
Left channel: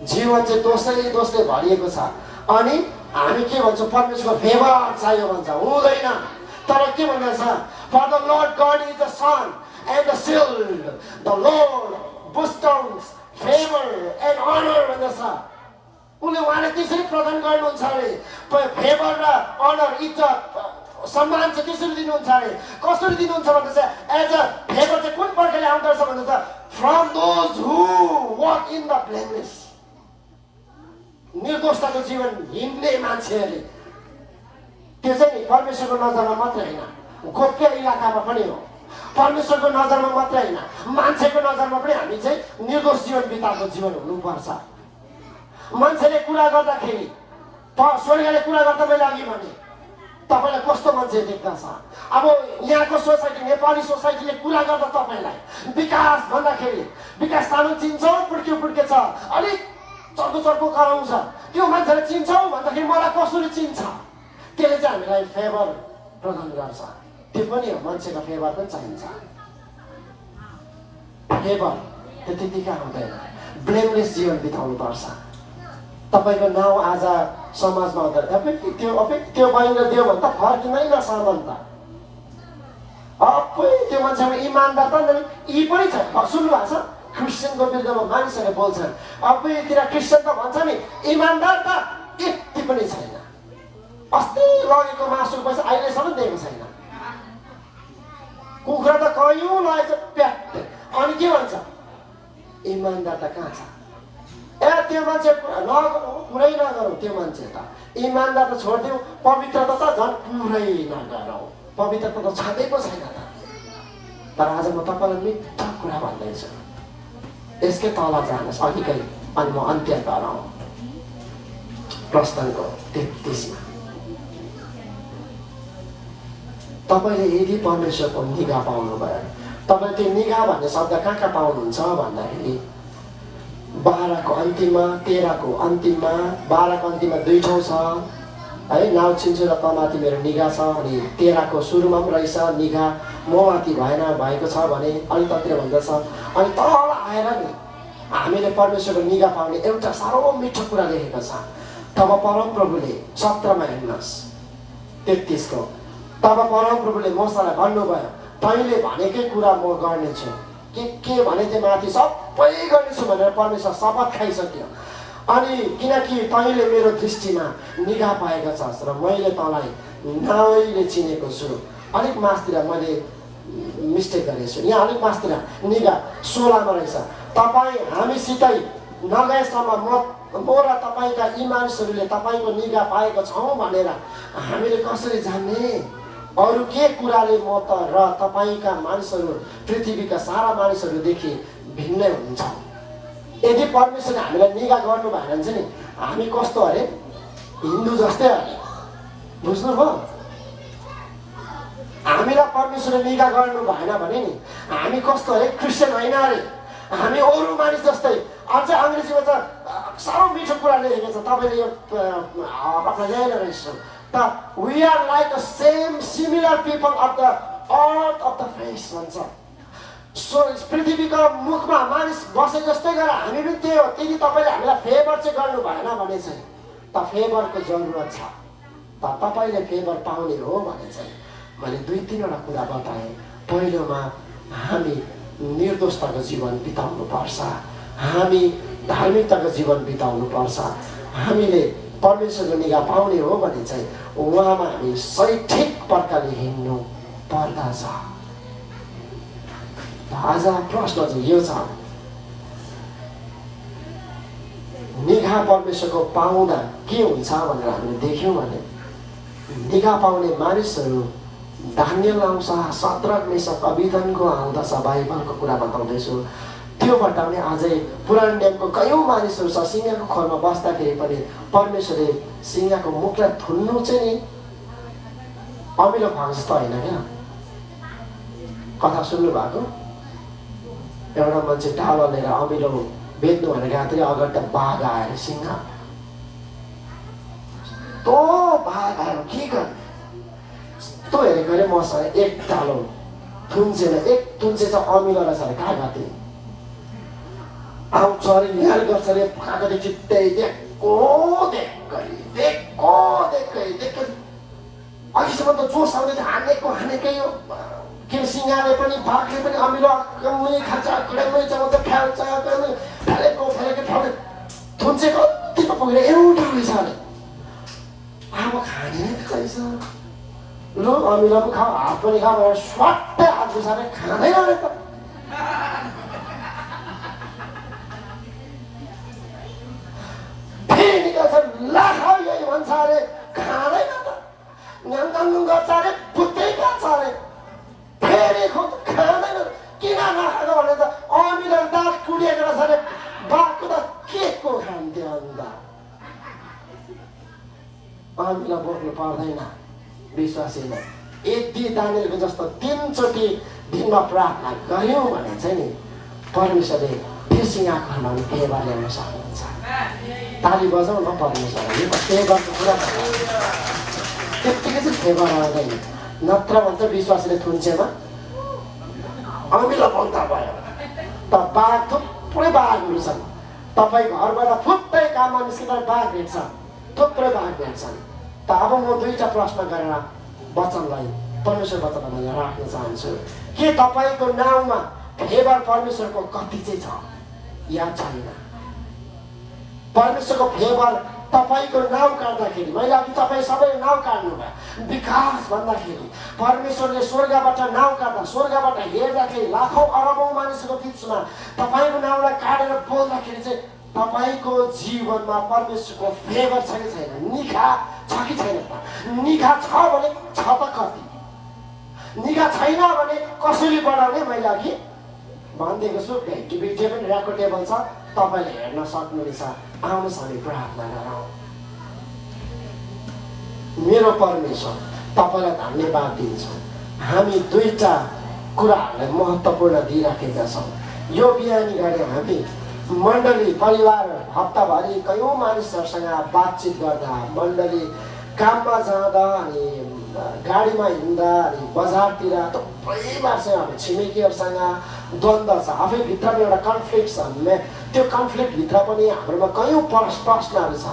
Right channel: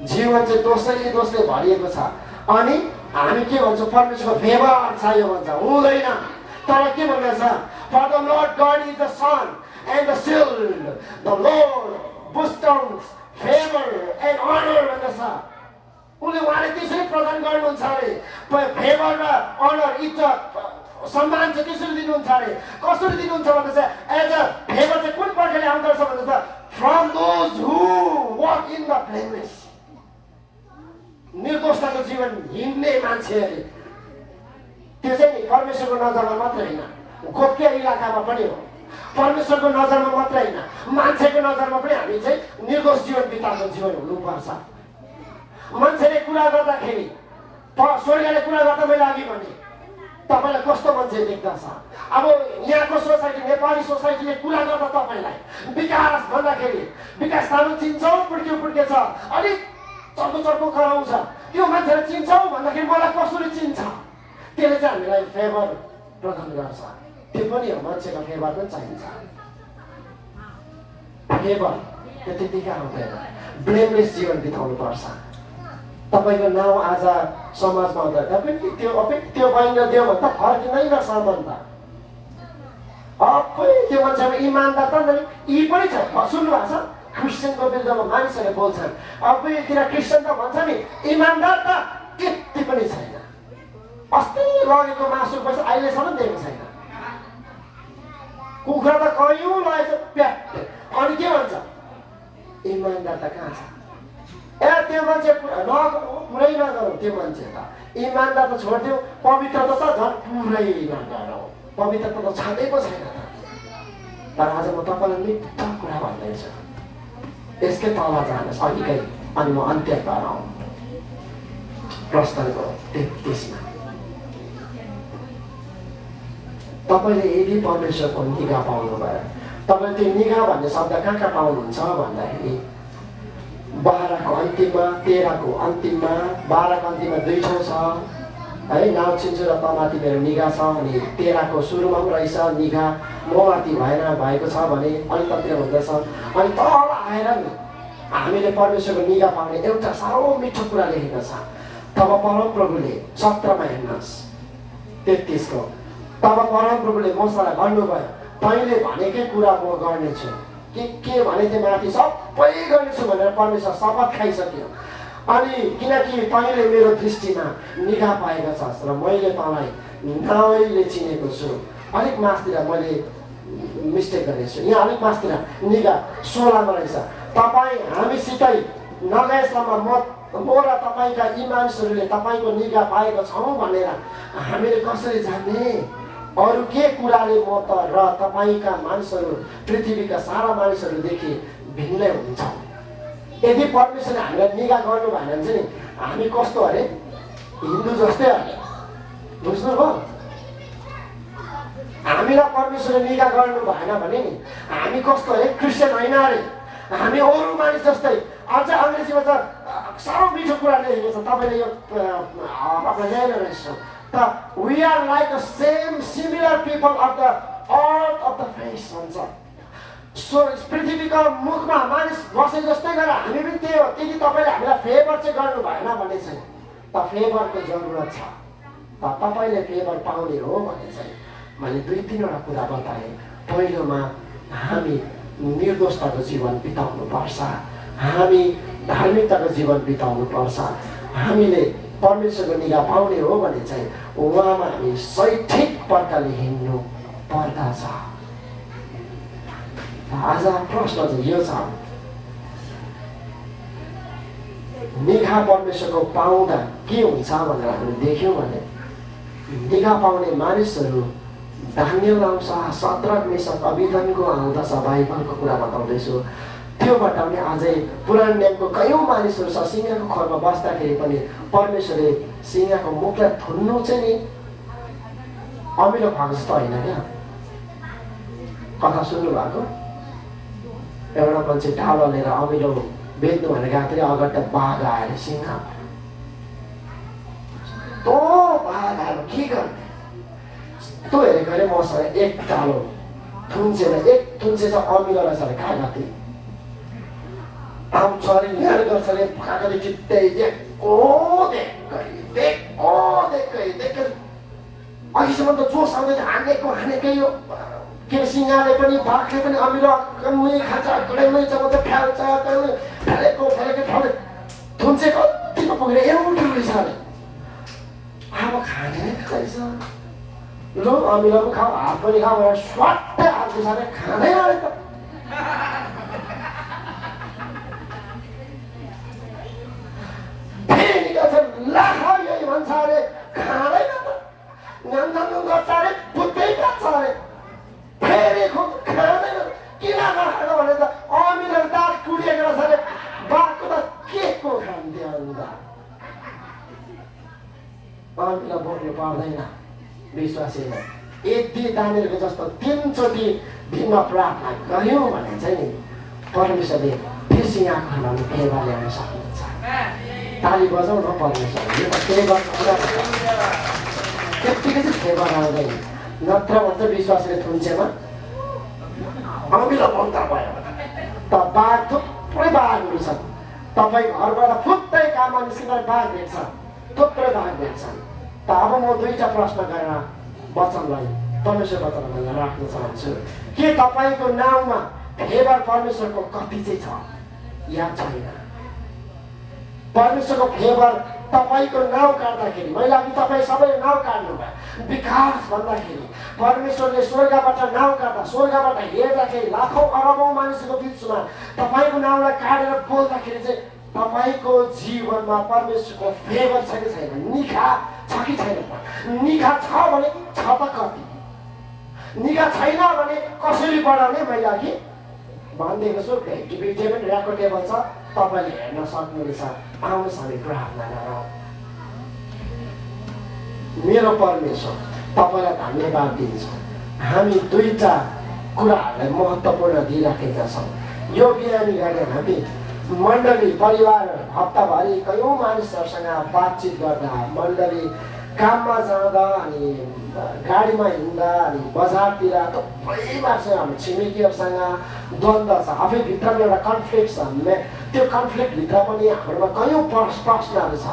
जीवन चाहिँ दोषले भरिएको छ। अनि हामी के भन्छौँ, परमेश्वरको फेभर चाहियो भन्छ, हुँदैन। तर के भन्दछ, for the lord God is the sun and the shield, the lord bestows favor and honor भन्दछ। उहाँले त्यसरी प्रदान गर्नुहुन्छ अरे, फेभर र अनर, इज्जत सम्मान चाहिँ कसरी दिनुहुन्छ अरे, कसरी दिनुहुन्छ भन्दा चाहिँ एज अ फेभर चाहिँ कुन प्रकारले आउँदछ भन्दा चाहिँ from those who walk in the blameless, निर्दोषताको जीवन हिँड्ने मान्छेहरूले। त्यो चाहिँ नि परमेश्वरको नजरमा मात्रै होइन, गोप्य इलाकामा पनि हो, परमेश्वरको नजरमा मात्रै होइन, मान्छेको नजरमा पनि हामी चाहिँ निर्दोष जीवन बिताएको जीवन हुनुपर्छ। मान्छेले कुरा गर्दाखेरि, स्वर्गले कुरा गर्दा मैले अघि भने तपाईँलाई कस्तो मान्छे देख्दछ। अब यहाँको सोसाइटी, नेपाली सोसाइटीले कुरा गर्दा तपाईँलाई विकास भन्दाखेरि, विकास तामाङ चिन्छौ, पुड्के छ, अलिक चर्को कराउँछ, त्यो मान्छेले चिन्छौ भन्दाखेरि मलाई कसरी चिन्छ, त्यसले चाहिँ हामीलाई फेभर प्रदान गर्छ। त्यो पनि हो, मान्छेको फेभर पनि चाहिन्छ। फेभर त्यो त्यतिकै आउँदैन, ब्लेमलेस जीवन बिताउनु पर्छ। तपाईँको नाउँ आज समाजमा आउँदा तपाईँ त्यो बहिनी दियो भने त फर्किँदैन सम्बन्ध। त्यो मान्छेमा इमान्दार त यी पनि छ, सुन्नु भएको छ, क्रिस्चियनको विरुद्धमा मानिसहरूले बोल्छन्, किन क्रिस्चियन त भन्छ नि इमान्दार त यति पनि छैन, अस्ति लगेको मासु पैसा अहिलेसम्म दिएको छैन, कुखुरा त कयौँ लगेको प्याट, अनि के भन्छ इमान्दार त कहाँ छ। त्यो मान्छे पुरै नगरौँ, त्यो मान्छे त इमान्दार त छोडिदिउँ, पवित्रता त झन् पुरै नगरौँ, पवित्रता त छँदै पो छैन त। तर आज म तपाईँलाई मिठो कुरा भन्दैछु, यसकै तल जानुहोस् अघिकै, अनि म अन्त्य गराउँ। प्रस्थानको 33मा तपाईँले यदि परमेश्वरको निगाह पाउनुभयो, तपाईँले त्यो निगाह भन्ने शब्द कहाँ पाउनुहुन्छ भन्दाखेरि 12को अन्तिममा, 13को अन्तिममा, 12को अन्तिममा 2 ठाउँ छ है, नाउँ चिन्छु र तमाथि मेरो निगाह छ, अनि 13को सुरुमा पनि रहेछ निगाह ममाथि भएको छ भने अन्ततिर भन्दछ। अनि तल आएर नि हामीले परमेश्वरको निगाह पाउने एउटा साह्रो मिठो कुरा लेखेको छ। तब परमप्रभुले 17मा हेर्नुहोस् 33को, तब परमप्रभुले मोसालाई भन्नुभयो, तैँले भनेकै कुरा म गर्नेछु, के भने त्यो माथि सबै गर्नेछु भनेर परमेश्वर शपथ खाइसक्यो। अनि किनकि तैँले मेरो दृष्टिमा निगाह पाएको छस् र मैले तँलाई नाउँले चिनेको छु। अलिक मासतिर मैले मिस्टेक गरेको छु, यहाँ अलिक मासतिर निगाह 16मा रहेछ, तपाईँ हामीसितै नगएसम्म म र तपाईँका यी मानिसहरूले तपाईँको निगाह पाएको छौँ भनेर हामीले कसरी जान्ने, अरू के कुराले म त र तपाईँका मानिसहरू पृथ्वीका सारा मानिसहरूदेखि भिन्नै हुन्छ। यदि परमेश्वरले हामीलाई निगाह गर्नु भएन भने चाहिँ हामी कस्तो अरे, हिन्दू जस्तै अरे, बुझ्नुभयो। हामीलाई परमेश्वरले निगाह गर्नु भएन भने नि हामी कस्तो अरे, क्रिस्चियन होइन अरे, हामी अरू मानिस जस्तै। अझ अङ्ग्रेजीमा त साह्रो मिठो कुरा लेखेको छ, तपाईँले यो आपलाई ल्याएर रहेछ त, we are like the same similar people of the earth of the face भन्छ। सो पृथ्वीको मुखमा मानिस बसे जस्तै गरेर हामी पनि त्यही हो। यदि तपाईँले हामीलाई फेभर चाहिँ गर्नु भएन भने चाहिँ त फेभरको जरुरत छ, त तपाईँले फेभर पाउने हो भने चाहिँ मैले 2-3वटा कुरा बताएँ। पहिलोमा हामी निर्दोषताको जीवन बिताउनु पर्छ, हामी धार्मिकताको जीवन बिताउनु पर्छ, हामीले परमेश्वरको निगाह पाउने हो भने चाहिँ उहाँमा हामी सही ठिक प्रकारले हिँड्नु पर्दछ। आज प्रश्न चाहिँ यो छ, निगाह परमेश्वरको पाउँदा के हुन्छ भनेर हामीले देख्यौँ भने निगाह पाउने मानिसहरू दानियल आउँछ, शद्रक मेशक अबेदनको आउँदछ, बाइबलको कुरा बताउँदैछु। त्योबाट पनि अझै पुरानो नियमको कयौँ मानिसहरू छ, सिंहको खोरमा बस्दाखेरि पनि परमेश्वरले सिंहको मुखलाई थुन्नु चाहिँ नि अमिलो भएको जस्तो होइन क्या। कथा सुन्नु भएको, एउटा मान्छे ढाल लिएर अमिलो बेच्नु भनेर गएको थियो, अगाडि त बाघ आएर सिंह, तो बाघ आएर के गर्ने, तँ हेरेको अरे मसँग एक डालो थुन्सेमा एक थुन्से छ अमिलो रहेछ अरे कहाँ गएको आउँछ अरे निहाल गर्छ अरे पकाएको चित्तै देखो अघिसम्म त जोस आउँदैछ हानेकै हो के सिंहले पनि बाघले पनि अमिलो कमै खान्छ कडेमै चलाउँछ फ्याल्छ फ्यालेको थुन्से कतिको पुगेर एउटा रहेछ अरे अब खाने रहेछ ल अमिलो पनि खाऊ हात पनि खाऊ भनेर स्वाट्टै हात घुसाएर खाँदैन अरे त फेरि लाखा यही भन्छ अरे खाँदैन त गाउँ गर्छ अरे बुझ्दै पर्छ अरे फेरि खुब खाँदैन किन नखाएको भने त अमिलो दाँत टुडिएको रहेछ अरे बाघको त के को खान्थ्यो अन्त अमिलो बोक्नु पर्दैन विश्वासीले यदि दानिएलको जस्तो 3 चोटि दिनमा प्रार्थना गऱ्यौँ भने चाहिँ नि परमेश्वरले फेरि आँखा खुलाउने फेवा ल्याउन सक्नुहुन्छ ताली बजाउन परमेश्वरले यो त फेवाको कुरा त्यत्तिकै चाहिँ फेवा आउँदैन नत्र भन्छ विश्वासीले थुन्सेमा अमिलो बन्दा भयो त बाघ थुप्रै बाघहरू छन् तपाईँ घरबाट फुत्तै काममा निस्किँदा बाघ भेट्छ थुप्रै बाघ भेट्छन् त अब म 2टा प्रश्न गरेर वचनलाई परमेश्वर वचनलाई यहाँ राख्न चाहन्छु के तपाईँको नाउँमा फेवर परमेश्वरको कति चाहिँ छ या छैन परमेश्वरको फेवर तपाईँको नाउँ काट्दाखेरि मैले अघि तपाईँ सबैले नाउँ काट्नुभयो विकास भन्दाखेरि परमेश्वरले स्वर्गबाट नाउँ काट्दा स्वर्गबाट हेर्दाखेरि लाखौँ अरबौँ मानिसको बिचमा तपाईँको नाउँलाई काटेर बोल्दाखेरि चाहिँ तपाईँको जीवनमा परमेश्वरको फेवर छ कि छैन निखा छ कि छैन निखा छ भने छ त कति निखा छैन भने कसरी बढाउने मैले अघि भनिदिएको छु भेटिभिटी पनि रेकर्डेबल छ तपाईँले हेर्न सक्नुहुनेछ आउनुहोस् हामी प्रार्थना गरौँ मेरो परमेश्वर तपाईँलाई धन्यवाद दिन्छ हामी 2टा कुराहरूलाई महत्त्वपूर्ण दिइराखेका छौँ यो बिहानी गरेर हामी मण्डली परिवार हप्ताभरि कयौँ मानिसहरूसँग बातचित गर्दा मण्डली काममा जाँदा अनि गाडीमा हिँड्दा अनि बजारतिर थुप्रै मान्छे हाम्रो छिमेकीहरूसँग द्वन्द्व छ आफै भित्रमा एउटा कन्फ्लिक्ट छ त्यो कन्फ्लिक्टभित्र पनि हाम्रोमा कयौँ प्रश्नहरू छ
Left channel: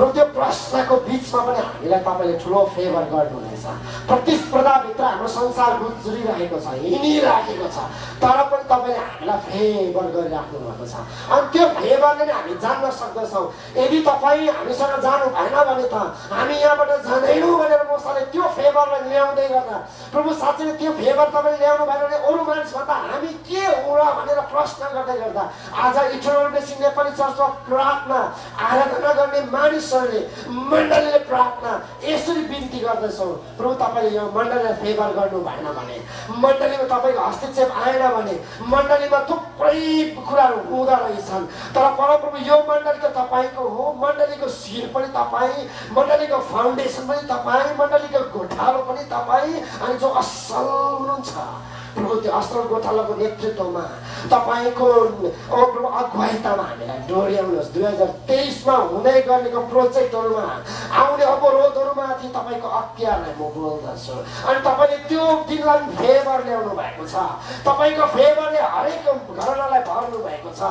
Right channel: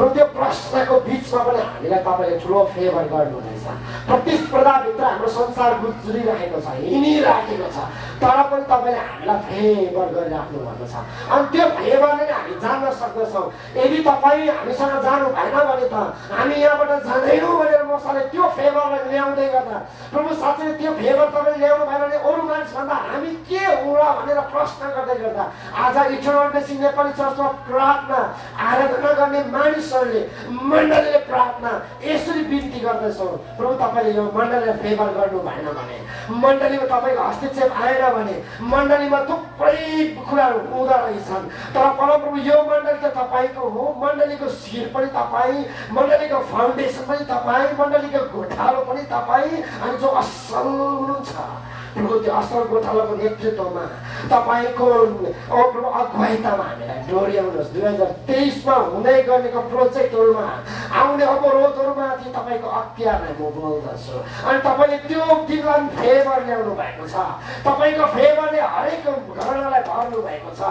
र त्यो प्रश्नको बिचमा पनि हामीलाई तपाईँले ठुलो फेभर गर्नुहुनेछ प्रतिस्पर्धाभित्र हाम्रो संसार गुज्रिरहेको छ हिँडिराखेको छ तर पनि तपाईँले हामीलाई फेभर गरिराख्नु भएको छ अनि त्यो फेभरले नै हामी जान्न सक्दछौँ यदि तपाईँ हामीसँग जानु भएन भने त हामी यहाँबाट जाँदैनौँ भनेर मसाले त्यो फेभरलाई ल्याउँदै गर्दा प्रभु साँच्चै त्यो फेभर तपाईँले ल्याउनु भएन भने अरू मानिसभन्दा हामी के हो र भनेर प्रश्न गर्दै गर्दा आज इटर्नल ब्लेसिङ नेपाली चर्चमा प्रार्थना आराधना गर्ने मानिसहरूले मण्डलीले प्रार्थना यसरी बिन्ती गर्दैछौँ प्रभु तपाईँले यो मण्डलीलाई फेभर गर्नु भएन भने मण्डलीमा तपाईँको हस्तक्षेप आएन भने मण्डलीमा थुप्रै कुराहरू हुँदो रहेछन् तर परमप्रभु यो मण्डली त तपाईँको हो मण्डलीको शिर पनि तपाईँ मण्डलीको फाउन्डेसन पनि तपाईँ मण्डलीको गोठालो पनि तपाईँ अनि जो असल हुनुहुन्छ प्रभु त्यो असल गोठालोको नेतृत्वमा तपाईँको प्रभु अगुवाइतामा हामीलाई डोर्याउनुहोस् 2023मा हुँदै गरेको प्रोजेक्टहरूमा आउने अवरोधहरूमाथि तपाईँको अख्तियारलाई म बोल्दछु अनि तपाईँले त्यो दिनलाई फेभर ल्याउनु भएको छ तपाईँको फेभरले हरेक घरनालाई भर्नु भएको छ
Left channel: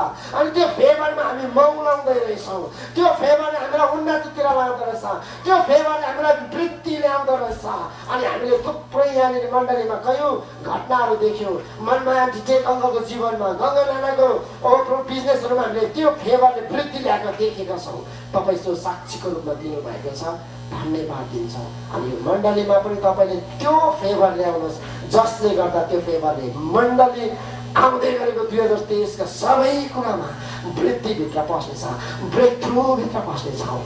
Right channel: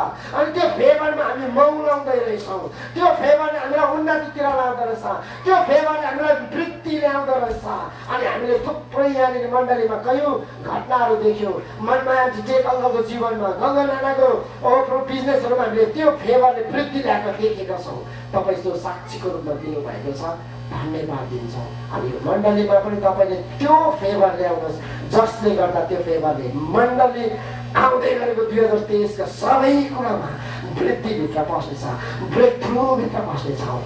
अनि त्यो फेभरमा हामी मौलाउँदै रहेछौँ त्यो फेभरले हामीलाई उन्नतितिर ल्याउँदो रहेछ त्यो फेभरले हामीलाई वृद्धि ल्याउँदो रहेछ अनि हामीले थुप्रै यहाँनिर मण्डलीमा कयौँ घटनाहरू देख्यौँ मनमाया ढिटेक अङ्गको जीवनमा गङ्गा नानाको बिजनेसहरूमा हामीले त्यो फेभरले वृद्धि ल्याएको देखेका छौँ तपाईँ त्यो साक्षीको रूपमा दिनुभएको छ धन्यवाद दिन्छौँ अनि मण्डलीमा पनि तपाईँले त्यो फेभर ल्याउनुहोस् जसले गर्दा त्यो फेभरले मण्डली आउँदै गरेको 2023का सबै कुरामा वृद्धिभित्र पस्नेछ ब्रेक थ्रुभित्र पस्नेछौँ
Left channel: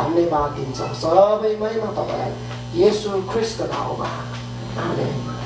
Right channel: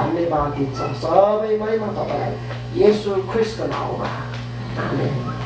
धन्यवाद दिन्छौँ सबैमै म तपाईँलाई येशू ख्रीष्टको नाउँमा आमेन।